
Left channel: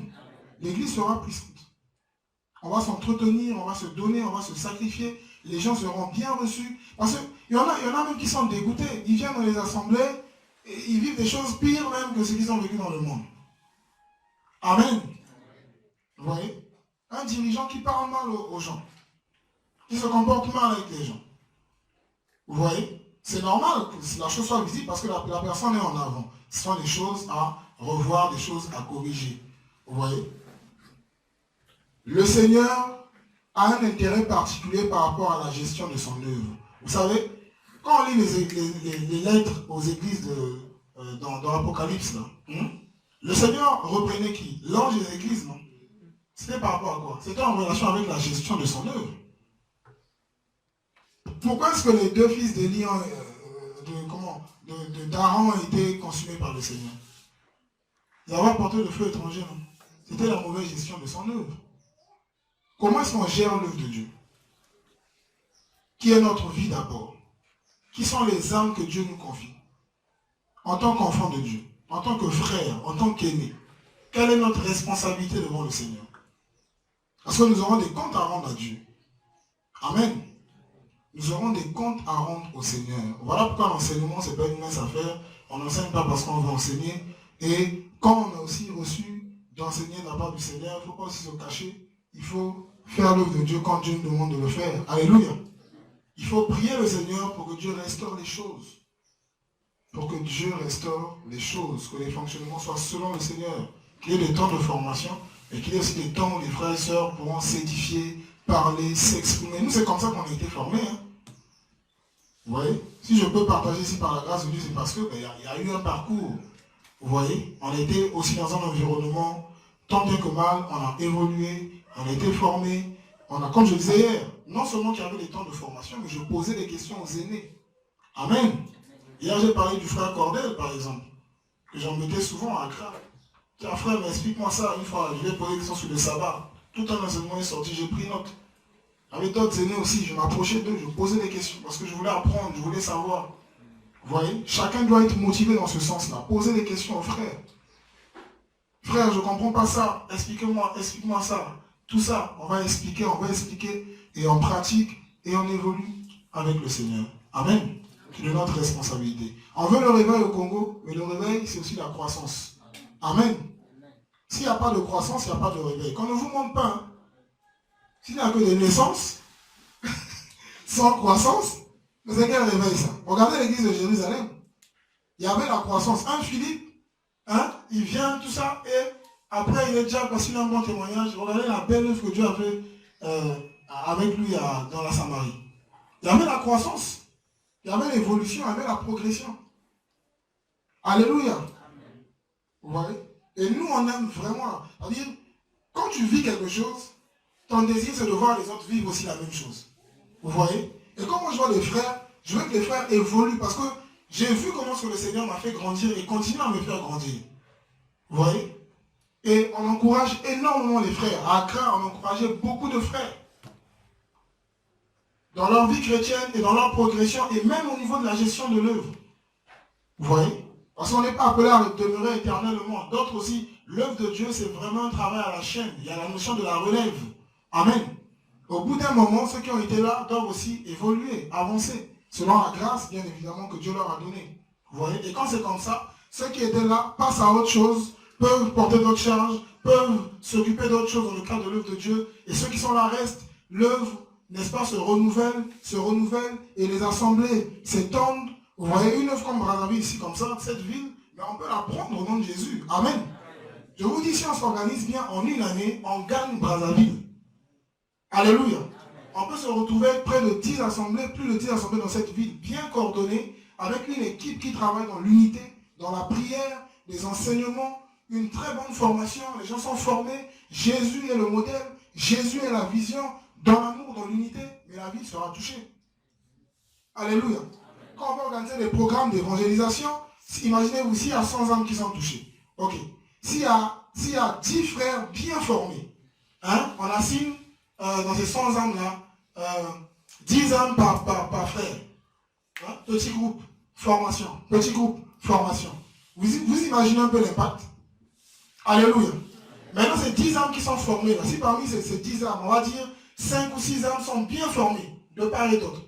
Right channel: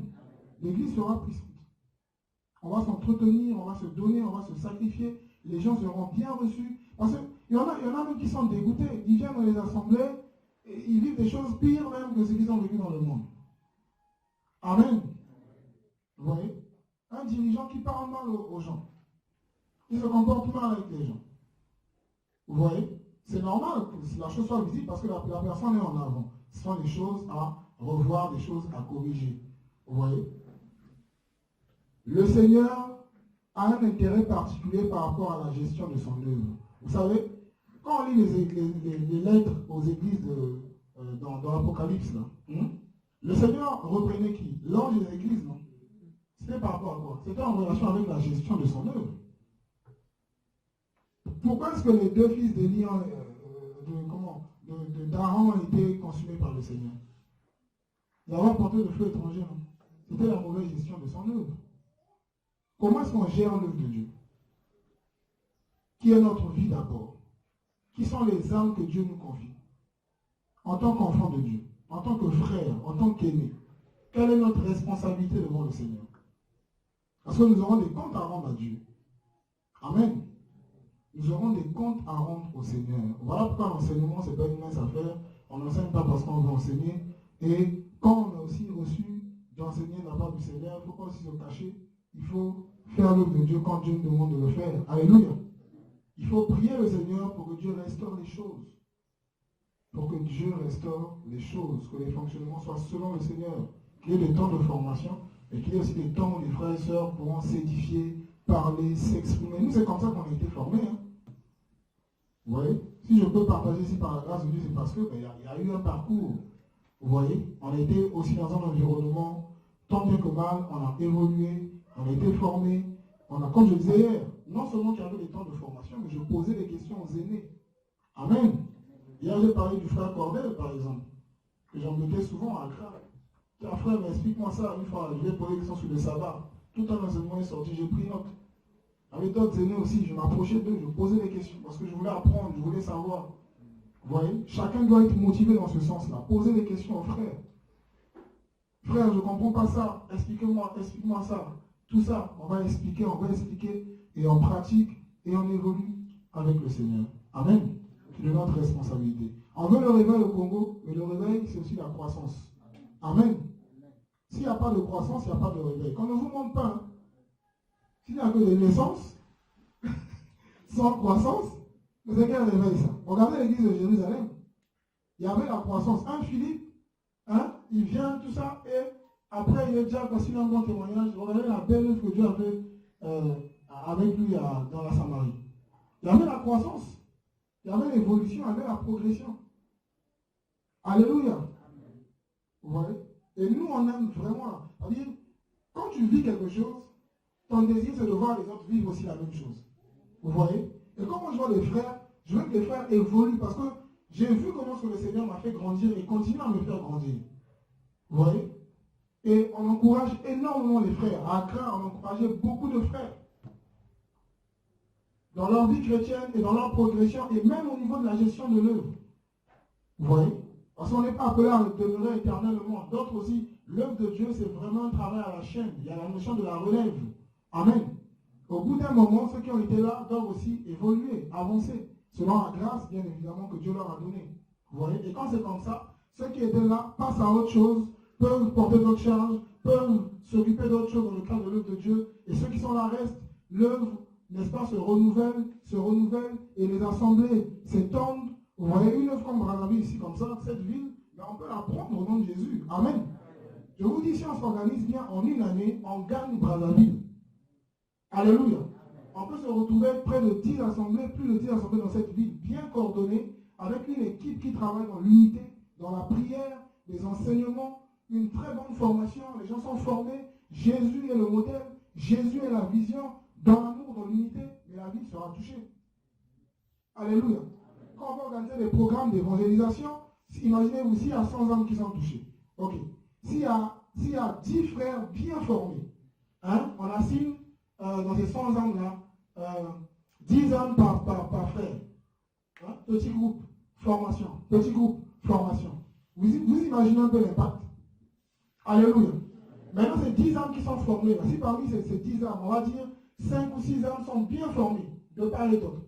L'Église sera puissante. On va s'entretenir, on va se donner, on va se sacrifier, les gens seront bien reçus. Parce qu'il y en a même qui sont dégoûtés. Ils viennent dans les assemblées, et ils vivent des choses pires même que ce qu'ils ont vécu dans le monde. Amen. Vous voyez? Un dirigeant qui parle mal aux gens, qui se comporte mal avec les gens. Vous voyez? C'est normal que la chose soit visible parce que la personne est en avant. Ce sont des choses à revoir, des choses à corriger. Vous voyez? Le Seigneur a un intérêt particulier par rapport à la gestion de son œuvre. Vous savez, quand on lit les lettres aux églises dans l'Apocalypse, le Seigneur reprenait qui? L'ange des églises, non? C'était par rapport à quoi? C'était en relation avec la gestion de son œuvre. Pourquoi est-ce que les deux fils d'Élie, d'Aaron, ont été consumés par le Seigneur? Ils avaient apporté le feu étranger, non? C'était la mauvaise gestion de son œuvre. Comment est-ce qu'on gère l'œuvre de Dieu? Qui est notre vie d'abord? Qui sont les âmes que Dieu nous confie? En tant qu'enfant de Dieu, en tant que frère, en tant qu'aîné, quelle est notre responsabilité devant le Seigneur? Parce que nous aurons des comptes à rendre à Dieu. Amen. Nous aurons des comptes à rendre au Seigneur. Voilà pourquoi l'enseignement, ce n'est pas une mince affaire. On n'enseigne pas parce qu'on veut enseigner. Et quand on a aussi reçu d'enseigner de la part du Seigneur, il ne faut pas aussi se cacher. Il faut faire l'œuvre de Dieu quand Dieu nous demande de le faire. Alléluia. Il faut prier le Seigneur pour que Dieu restaure les choses. Pour que Dieu restaure les choses. Que les fonctionnements soient selon le Seigneur. qu'il y ait des temps de formation, et qu'il y ait aussi des temps où les frères et sœurs pourront s'édifier, parler, s'exprimer. Nous, c'est comme ça qu'on a été formés. Hein. Vous voyez? Si je peux partager ici par la grâce de Dieu, c'est parce qu'il y a eu un parcours. Vous voyez? On était aussi dans un environnement, tant bien que mal, on a évolué, on a été formé. On a, comme je disais hier, non seulement qu'il y avait des temps de formation, mais je posais des questions aux aînés. Amen. Hier, j'ai parlé du frère Cordel, par exemple, que j'en mettais souvent à Accra. Tiens, frère, mais explique-moi ça. Une fois, je lui ai posé des questions sur le sabbat. Tout un enseignement est sorti, j'ai pris note. Avec d'autres aînés aussi, je m'approchais d'eux, je posais des questions, parce que je voulais apprendre, je voulais savoir. Vous voyez? Chacun doit être motivé dans ce sens-là. Poser des questions aux frères. Frère, je ne comprends pas ça. Explique-moi ça. Tout ça, on va expliquer, et on pratique, et on évolue avec le Seigneur. Amen. C'est de notre responsabilité. On veut le réveil au Congo, mais le réveil, c'est aussi la croissance. Amen. S'il n'y a pas de croissance, il n'y a pas de réveil. Qu'on ne vous montre pas. Hein. S'il n'y a que des naissances, sans croissance, c'est quel réveil ça? Regardez l'église de Jérusalem. Il y avait la croissance. Un Philippe, hein, il vient, tout ça, et après il est déjà passé un bon témoignage. Regardez la belle œuvre que Dieu a fait avec lui dans la Samarie. Il y avait la croissance. Il y avait l'évolution, il y avait la progression. Alléluia. Vous voyez? Et nous, on aime vraiment. C'est-à-dire, quand tu vis quelque chose, ton désir, c'est de voir les autres vivre aussi la même chose. Vous voyez? Et quand moi je vois les frères, je veux que les frères évoluent parce que j'ai vu comment le Seigneur m'a fait grandir et continue à me faire grandir. Vous voyez? Et on encourage énormément les frères. À Accra, on encourageait beaucoup de frères. Dans leur vie chrétienne et dans leur progression et même au niveau de la gestion de l'œuvre. Vous voyez? Parce qu'on n'est pas appelé à demeurer éternellement. D'autres aussi, l'œuvre de Dieu, c'est vraiment un travail à la chaîne. Il y a la notion de la relève. Amen. Au bout d'un moment, ceux qui ont été là doivent aussi évoluer, avancer, selon la grâce, bien évidemment, que Dieu leur a donnée. Vous voyez? Et quand c'est comme ça, ceux qui étaient là passent à autre chose, peuvent porter d'autres charges, peuvent s'occuper d'autres choses dans le cadre de l'œuvre de Dieu. Et ceux qui sont là restent, l'œuvre, n'est-ce pas, se renouvelle, et les assemblées s'étendent. Vous voyez, une œuvre comme Brazzaville, ici, comme ça, cette ville, mais on peut la prendre au nom de Jésus. Amen. Je vous dis, si on s'organise bien, en une année, on gagne Brazzaville. Alléluia. On peut se retrouver près de 10 assemblées, plus de 10 assemblées dans cette ville, bien coordonnées, avec une équipe qui travaille dans l'unité, dans la prière, des enseignements, une très bonne formation. Les gens sont formés. Jésus est le modèle. Jésus est la vision. Dans l'amour, dans l'unité, mais la ville sera touchée. Alléluia. Quand on va organiser des programmes d'évangélisation, imaginez-vous s'il y a 100 âmes qui sont touchées. Ok. S'il y a 10 frères bien formés, hein, on assigne dans ces 100 âmes-là 10 âmes par frère. Hein, petit groupe, formation. Petit groupe, formation. Vous imaginez un peu l'impact? Alléluia. Maintenant, c'est 10 âmes qui sont formées. Là. Si parmi ces 10 âmes, on va dire 5 ou 6 âmes sont bien formées, de part et d'autre.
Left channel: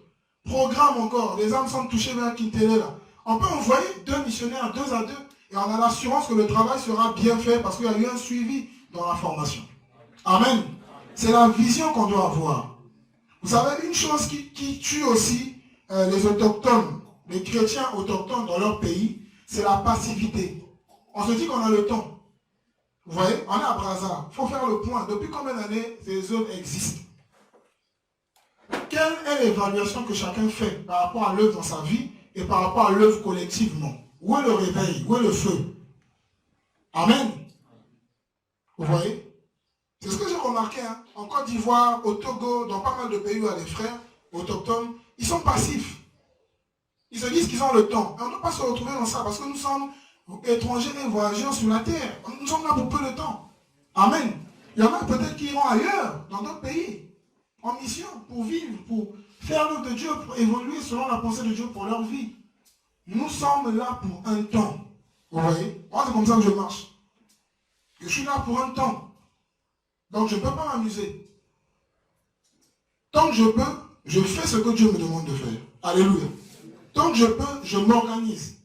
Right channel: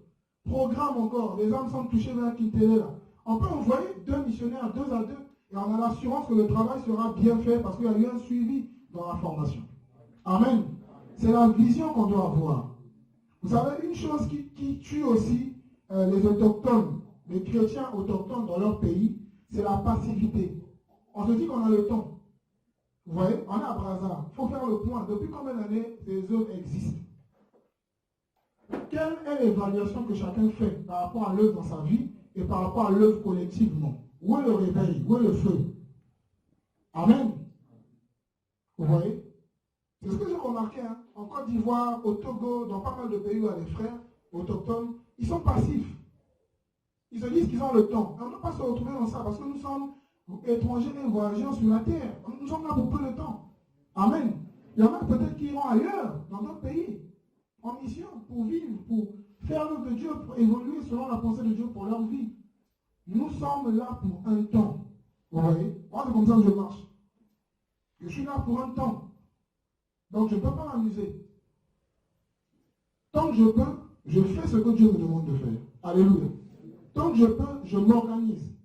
Programme encore, les âmes sont touchées vers Kintélé là. On peut envoyer 2 missionnaires 2 à 2 et on a l'assurance que le travail sera bien fait parce qu'il y a eu un suivi dans la formation. Amen. C'est la vision qu'on doit avoir. Vous savez, une chose qui tue aussi les autochtones, les chrétiens autochtones dans leur pays, c'est la passivité. On se dit qu'on a le temps. Vous voyez, on est à Brazza. Il faut faire le point. Depuis combien d'années ces zones existent? Quelle est l'évaluation que chacun fait par rapport à l'œuvre dans sa vie et par rapport à l'œuvre collectivement? Où est le réveil? Où est le feu? Amen. Vous voyez? C'est ce que j'ai remarqué. Hein. En Côte d'Ivoire, au Togo, dans pas mal de pays où il y a des frères autochtones, ils sont passifs. Ils se disent qu'ils ont le temps. Et on ne doit pas se retrouver dans ça parce que nous sommes étrangers et voyageurs sur la terre. Nous sommes là pour peu de temps. Amen. Il y en a peut-être qui iront ailleurs, dans d'autres pays, en mission, pour vivre, pour faire l'œuvre de Dieu, pour évoluer selon la pensée de Dieu pour leur vie. Nous sommes là pour un temps. Vous voyez? Moi, c'est comme ça que je marche. Je suis là pour un temps. Donc, je ne peux pas m'amuser. Tant que je peux, je fais ce que Dieu me demande de faire. Alléluia. Tant que je peux, je m'organise.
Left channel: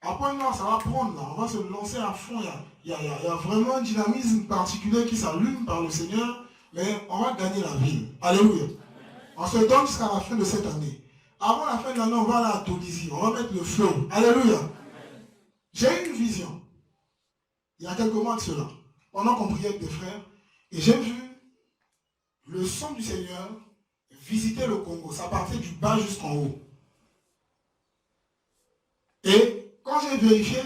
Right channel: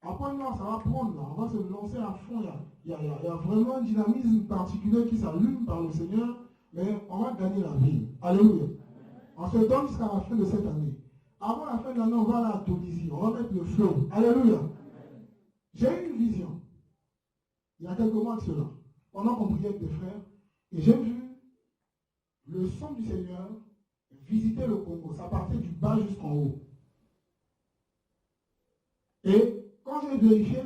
Après, là, ça va prendre. Là. On va se lancer à fond. Il y a vraiment un dynamisme particulier qui s'allume par le Seigneur. Mais on va gagner la ville. Alléluia. On se donne jusqu'à la fin de cette année. Avant la fin de l'année, on va aller à Tunisie. On va mettre le feu. Alléluia. J'ai une vision. il y a quelques mois de cela, pendant qu'on priait avec des frères, et j'ai vu le sang du Seigneur visiter le Congo. Ça partait du bas jusqu'en haut. Et quand j'ai vérifié,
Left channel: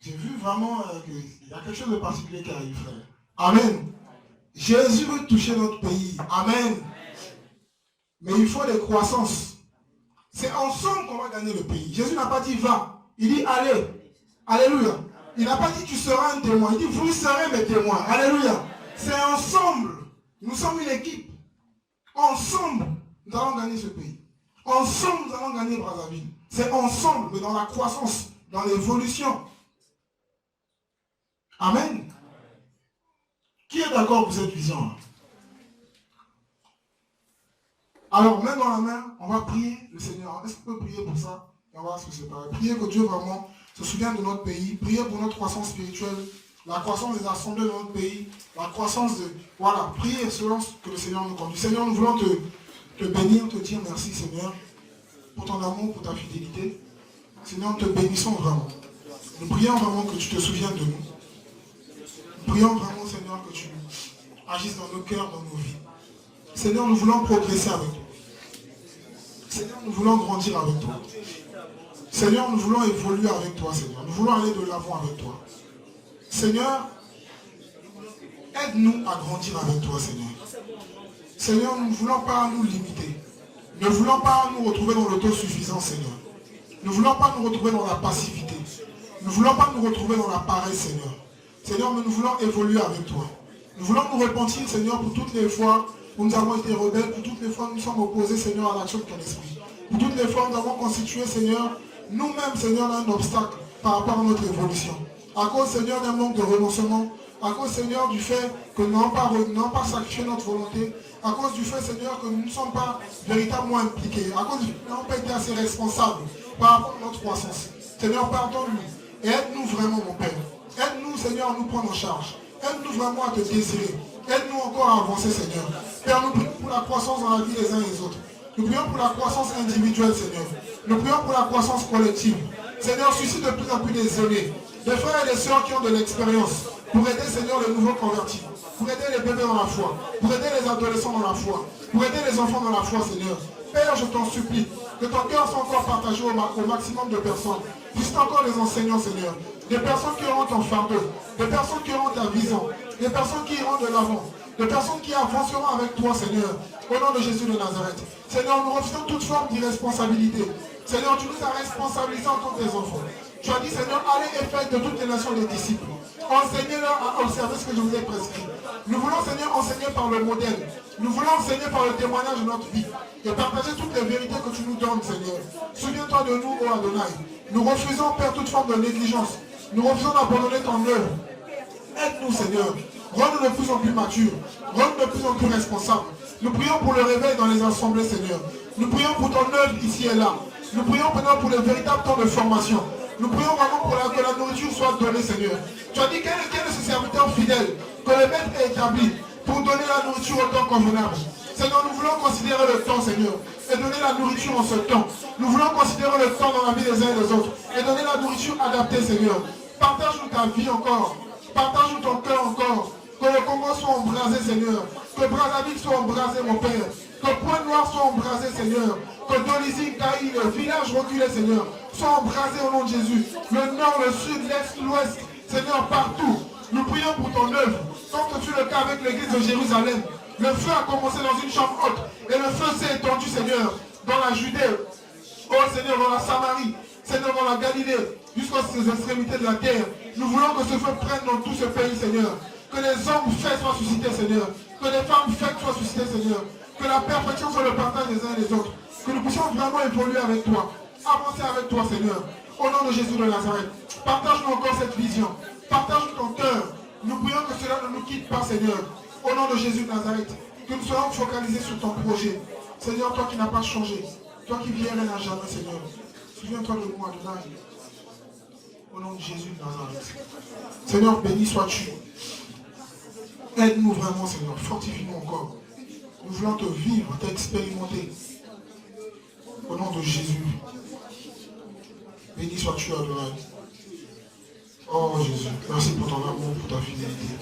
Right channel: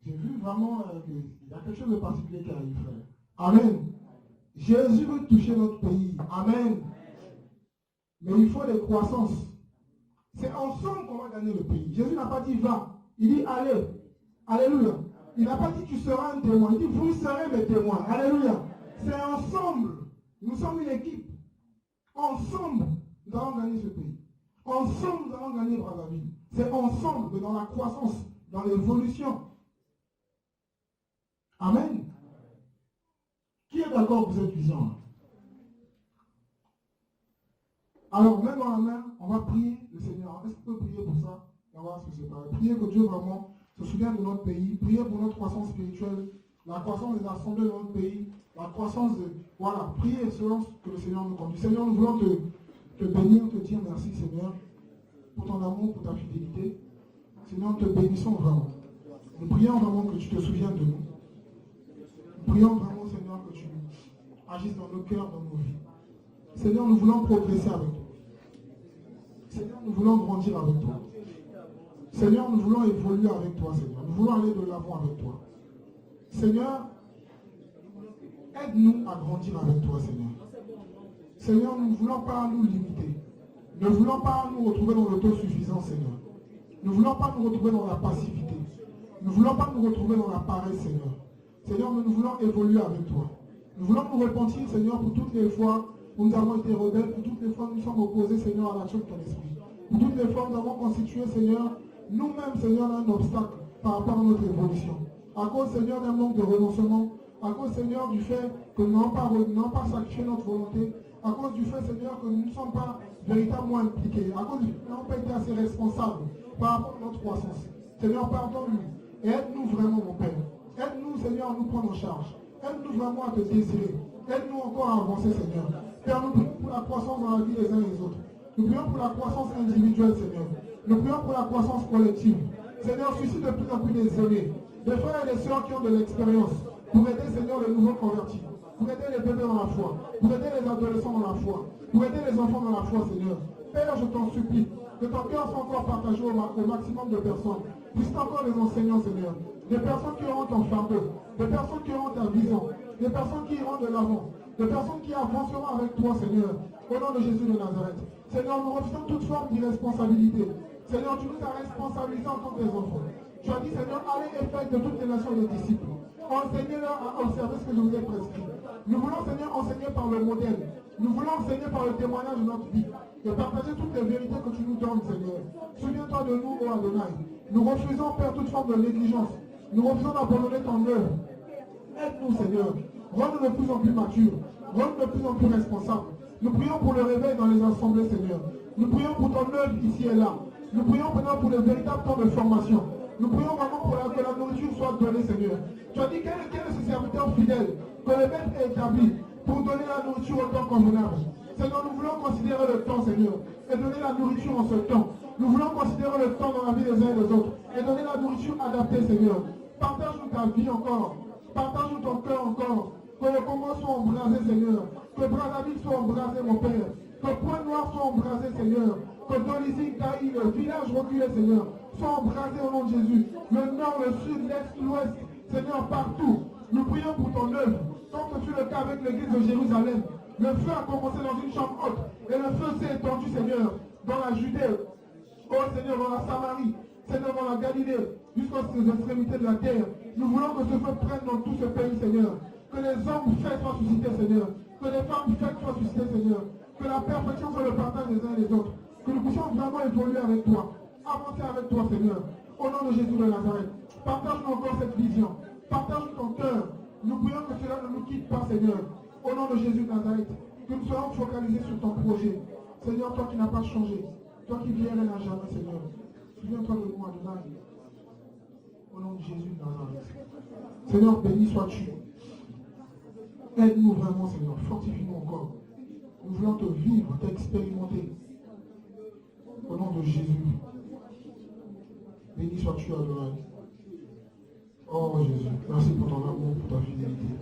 j'ai vu vraiment qu'il y a quelque chose de particulier qui arrive, frère. Amen. Jésus veut toucher notre pays. Amen. Mais il faut des croissances. C'est ensemble qu'on va gagner le pays. Jésus n'a pas dit va. Il dit allez. Alléluia. Il n'a pas dit tu seras un témoin. Il dit vous serez mes témoins. Alléluia. C'est ensemble. Nous sommes une équipe. Ensemble, nous allons gagner ce pays. Ensemble, nous allons gagner Brazzaville. C'est ensemble, mais dans la croissance, dans l'évolution. Amen. Qui est d'accord pour cette vision-là? Alors, main dans la main, on va prier le Seigneur. Est-ce qu'on peut prier pour ça? Et on va se séparer. Prier que Dieu vraiment se souvienne de notre pays. Prier pour notre croissance spirituelle, la croissance des assemblées de notre pays, la croissance de... Voilà, prier selon ce que le Seigneur nous conduit. Seigneur, nous voulons te bénir, te dire merci, Seigneur, pour ton amour, pour ta fidélité. Seigneur, nous te bénissons vraiment. Nous prions vraiment que tu te souviennes de nous. Nous prions vraiment, Seigneur, que tu agisses dans nos cœurs, dans nos vies. Seigneur, nous voulons progresser avec toi. Seigneur, nous voulons grandir avec toi. Seigneur, nous voulons évoluer avec toi, Seigneur. Nous voulons aller de l'avant avec toi. Seigneur, aide-nous à grandir avec toi, Seigneur. Seigneur, nous ne voulons pas nous limiter. Nous ne voulons pas nous retrouver dans l'autosuffisance, Seigneur. Nous ne voulons pas nous retrouver dans la passivité. Nous ne voulons pas nous retrouver dans la paresse, Seigneur. Seigneur, mais nous voulons évoluer avec toi. Nous voulons nous repentir, Seigneur, pour toutes les fois où nous avons été rebelles, pour toutes les fois où nous sommes opposés, Seigneur, à l'action de ton esprit. Pour toutes les fois où nous avons constitué, Seigneur, nous-mêmes, Seigneur, un obstacle par rapport à notre évolution. À cause, Seigneur, d'un manque de renoncement, à cause, Seigneur, du fait que nous n'avons pas sacrifié notre volonté, à cause du fait, Seigneur, que nous ne sommes pas véritablement impliqués, à cause du fait que nous n'avons pas été assez responsables par rapport à notre croissance. Seigneur, pardonne-nous et aide-nous vraiment, mon Père. Aide-nous, Seigneur, à nous prendre en charge. Aide-nous vraiment à te désirer. Aide-nous encore à avancer, Seigneur. Père, nous prions pour la croissance dans la vie des uns et des autres. Nous prions pour la croissance individuelle, Seigneur. Nous prions pour la croissance collective. Seigneur, suscite de plus en plus des aînés, des frères et des sœurs qui ont de l'expérience pour aider, Seigneur, les nouveaux convertis, pour aider les bébés dans la foi, pour aider les adolescents dans la foi, pour aider les enfants dans la foi, Seigneur. Père, je t'en supplie, que ton cœur soit encore partagé au maximum de personnes. Juste encore les enseignants, Seigneur. Des personnes qui auront ton fardeau, des personnes qui auront ta vision, des personnes qui iront de l'avant, des personnes qui avanceront avec toi, Seigneur, au nom de Jésus de Nazareth. Seigneur, nous refusons toute forme d'irresponsabilité. Seigneur, tu nous as responsabilisés en tant que tes enfants. Tu as dit, Seigneur, allez et faites de toutes les nations les disciples. Enseignez-leur à observer ce que je vous ai prescrit. Nous voulons, Seigneur, enseigner par le modèle. Nous voulons enseigner par le témoignage de notre vie. Et partager toutes les vérités que tu nous donnes, Seigneur. Souviens-toi de nous, ô Adonai. Nous refusons, Père, toute forme de négligence. Nous refusons d'abandonner ton œuvre. Aide-nous, Seigneur. Rends-nous de plus en plus matures. Rends-nous de plus en plus responsables. Nous prions pour le réveil dans les assemblées, Seigneur. Nous prions pour ton œuvre ici et là. Nous prions maintenant pour les véritables temps de formation. Nous prions vraiment pour que la nourriture soit donnée, Seigneur. Tu as dit quel est ce serviteur fidèle que le maître est établi pour donner la nourriture au temps convenable. Seigneur, nous voulons considérer le temps, Seigneur, et donner la nourriture en ce temps. Nous voulons considérer le temps dans la vie des uns et des autres et donner la nourriture adaptée, Seigneur. Partage-nous ta vie encore. Partage-nous ton cœur encore. Que le Congo soit embrasé, Seigneur. Que Brazzaville soit embrasé, mon Père. Que Pointe-Noire soit embrasé, Seigneur. Que Dolisie, Caï, le village reculé, Seigneur, soit embrasé au nom de Jésus. Le nord, le sud, l'est, l'ouest, Seigneur, partout. Nous prions pour ton œuvre. Comme ce fut le cas avec l'église de Jérusalem. Le feu a commencé dans une chambre haute. Et le feu s'est étendu, Seigneur, dans la Judée. Oh Seigneur, dans la Samarie. Seigneur, dans la Galilée. Jusqu'aux extrémités de la terre. Nous voulons que ce feu prenne dans tout ce pays, Seigneur. Que les hommes faits soient suscités, Seigneur. Que les femmes faites soient suscitées, Seigneur. Que la perfection soit le partage des uns et des autres. Que nous puissions vraiment évoluer avec toi. Avancer avec toi, Seigneur. Au nom de Jésus de Nazareth. Partage-nous encore cette vision. Partage-nous ton cœur. Nous prions que cela ne nous quitte pas, Seigneur. Au nom de Jésus de Nazareth. Que nous soyons focalisés sur ton projet. Seigneur, toi qui n'as pas changé. Toi qui viens à jamais, Seigneur. Souviens-toi de moi, Adonai. Au nom de Jésus de Nazareth. Seigneur, béni sois-tu. Aide-nous vraiment, Seigneur. Fortifie-nous encore. Nous voulons te vivre, t'expérimenter. Au nom de Jésus. Béni sois-tu, Adonai. Oh Jésus, merci pour ton amour, pour ta fidélité.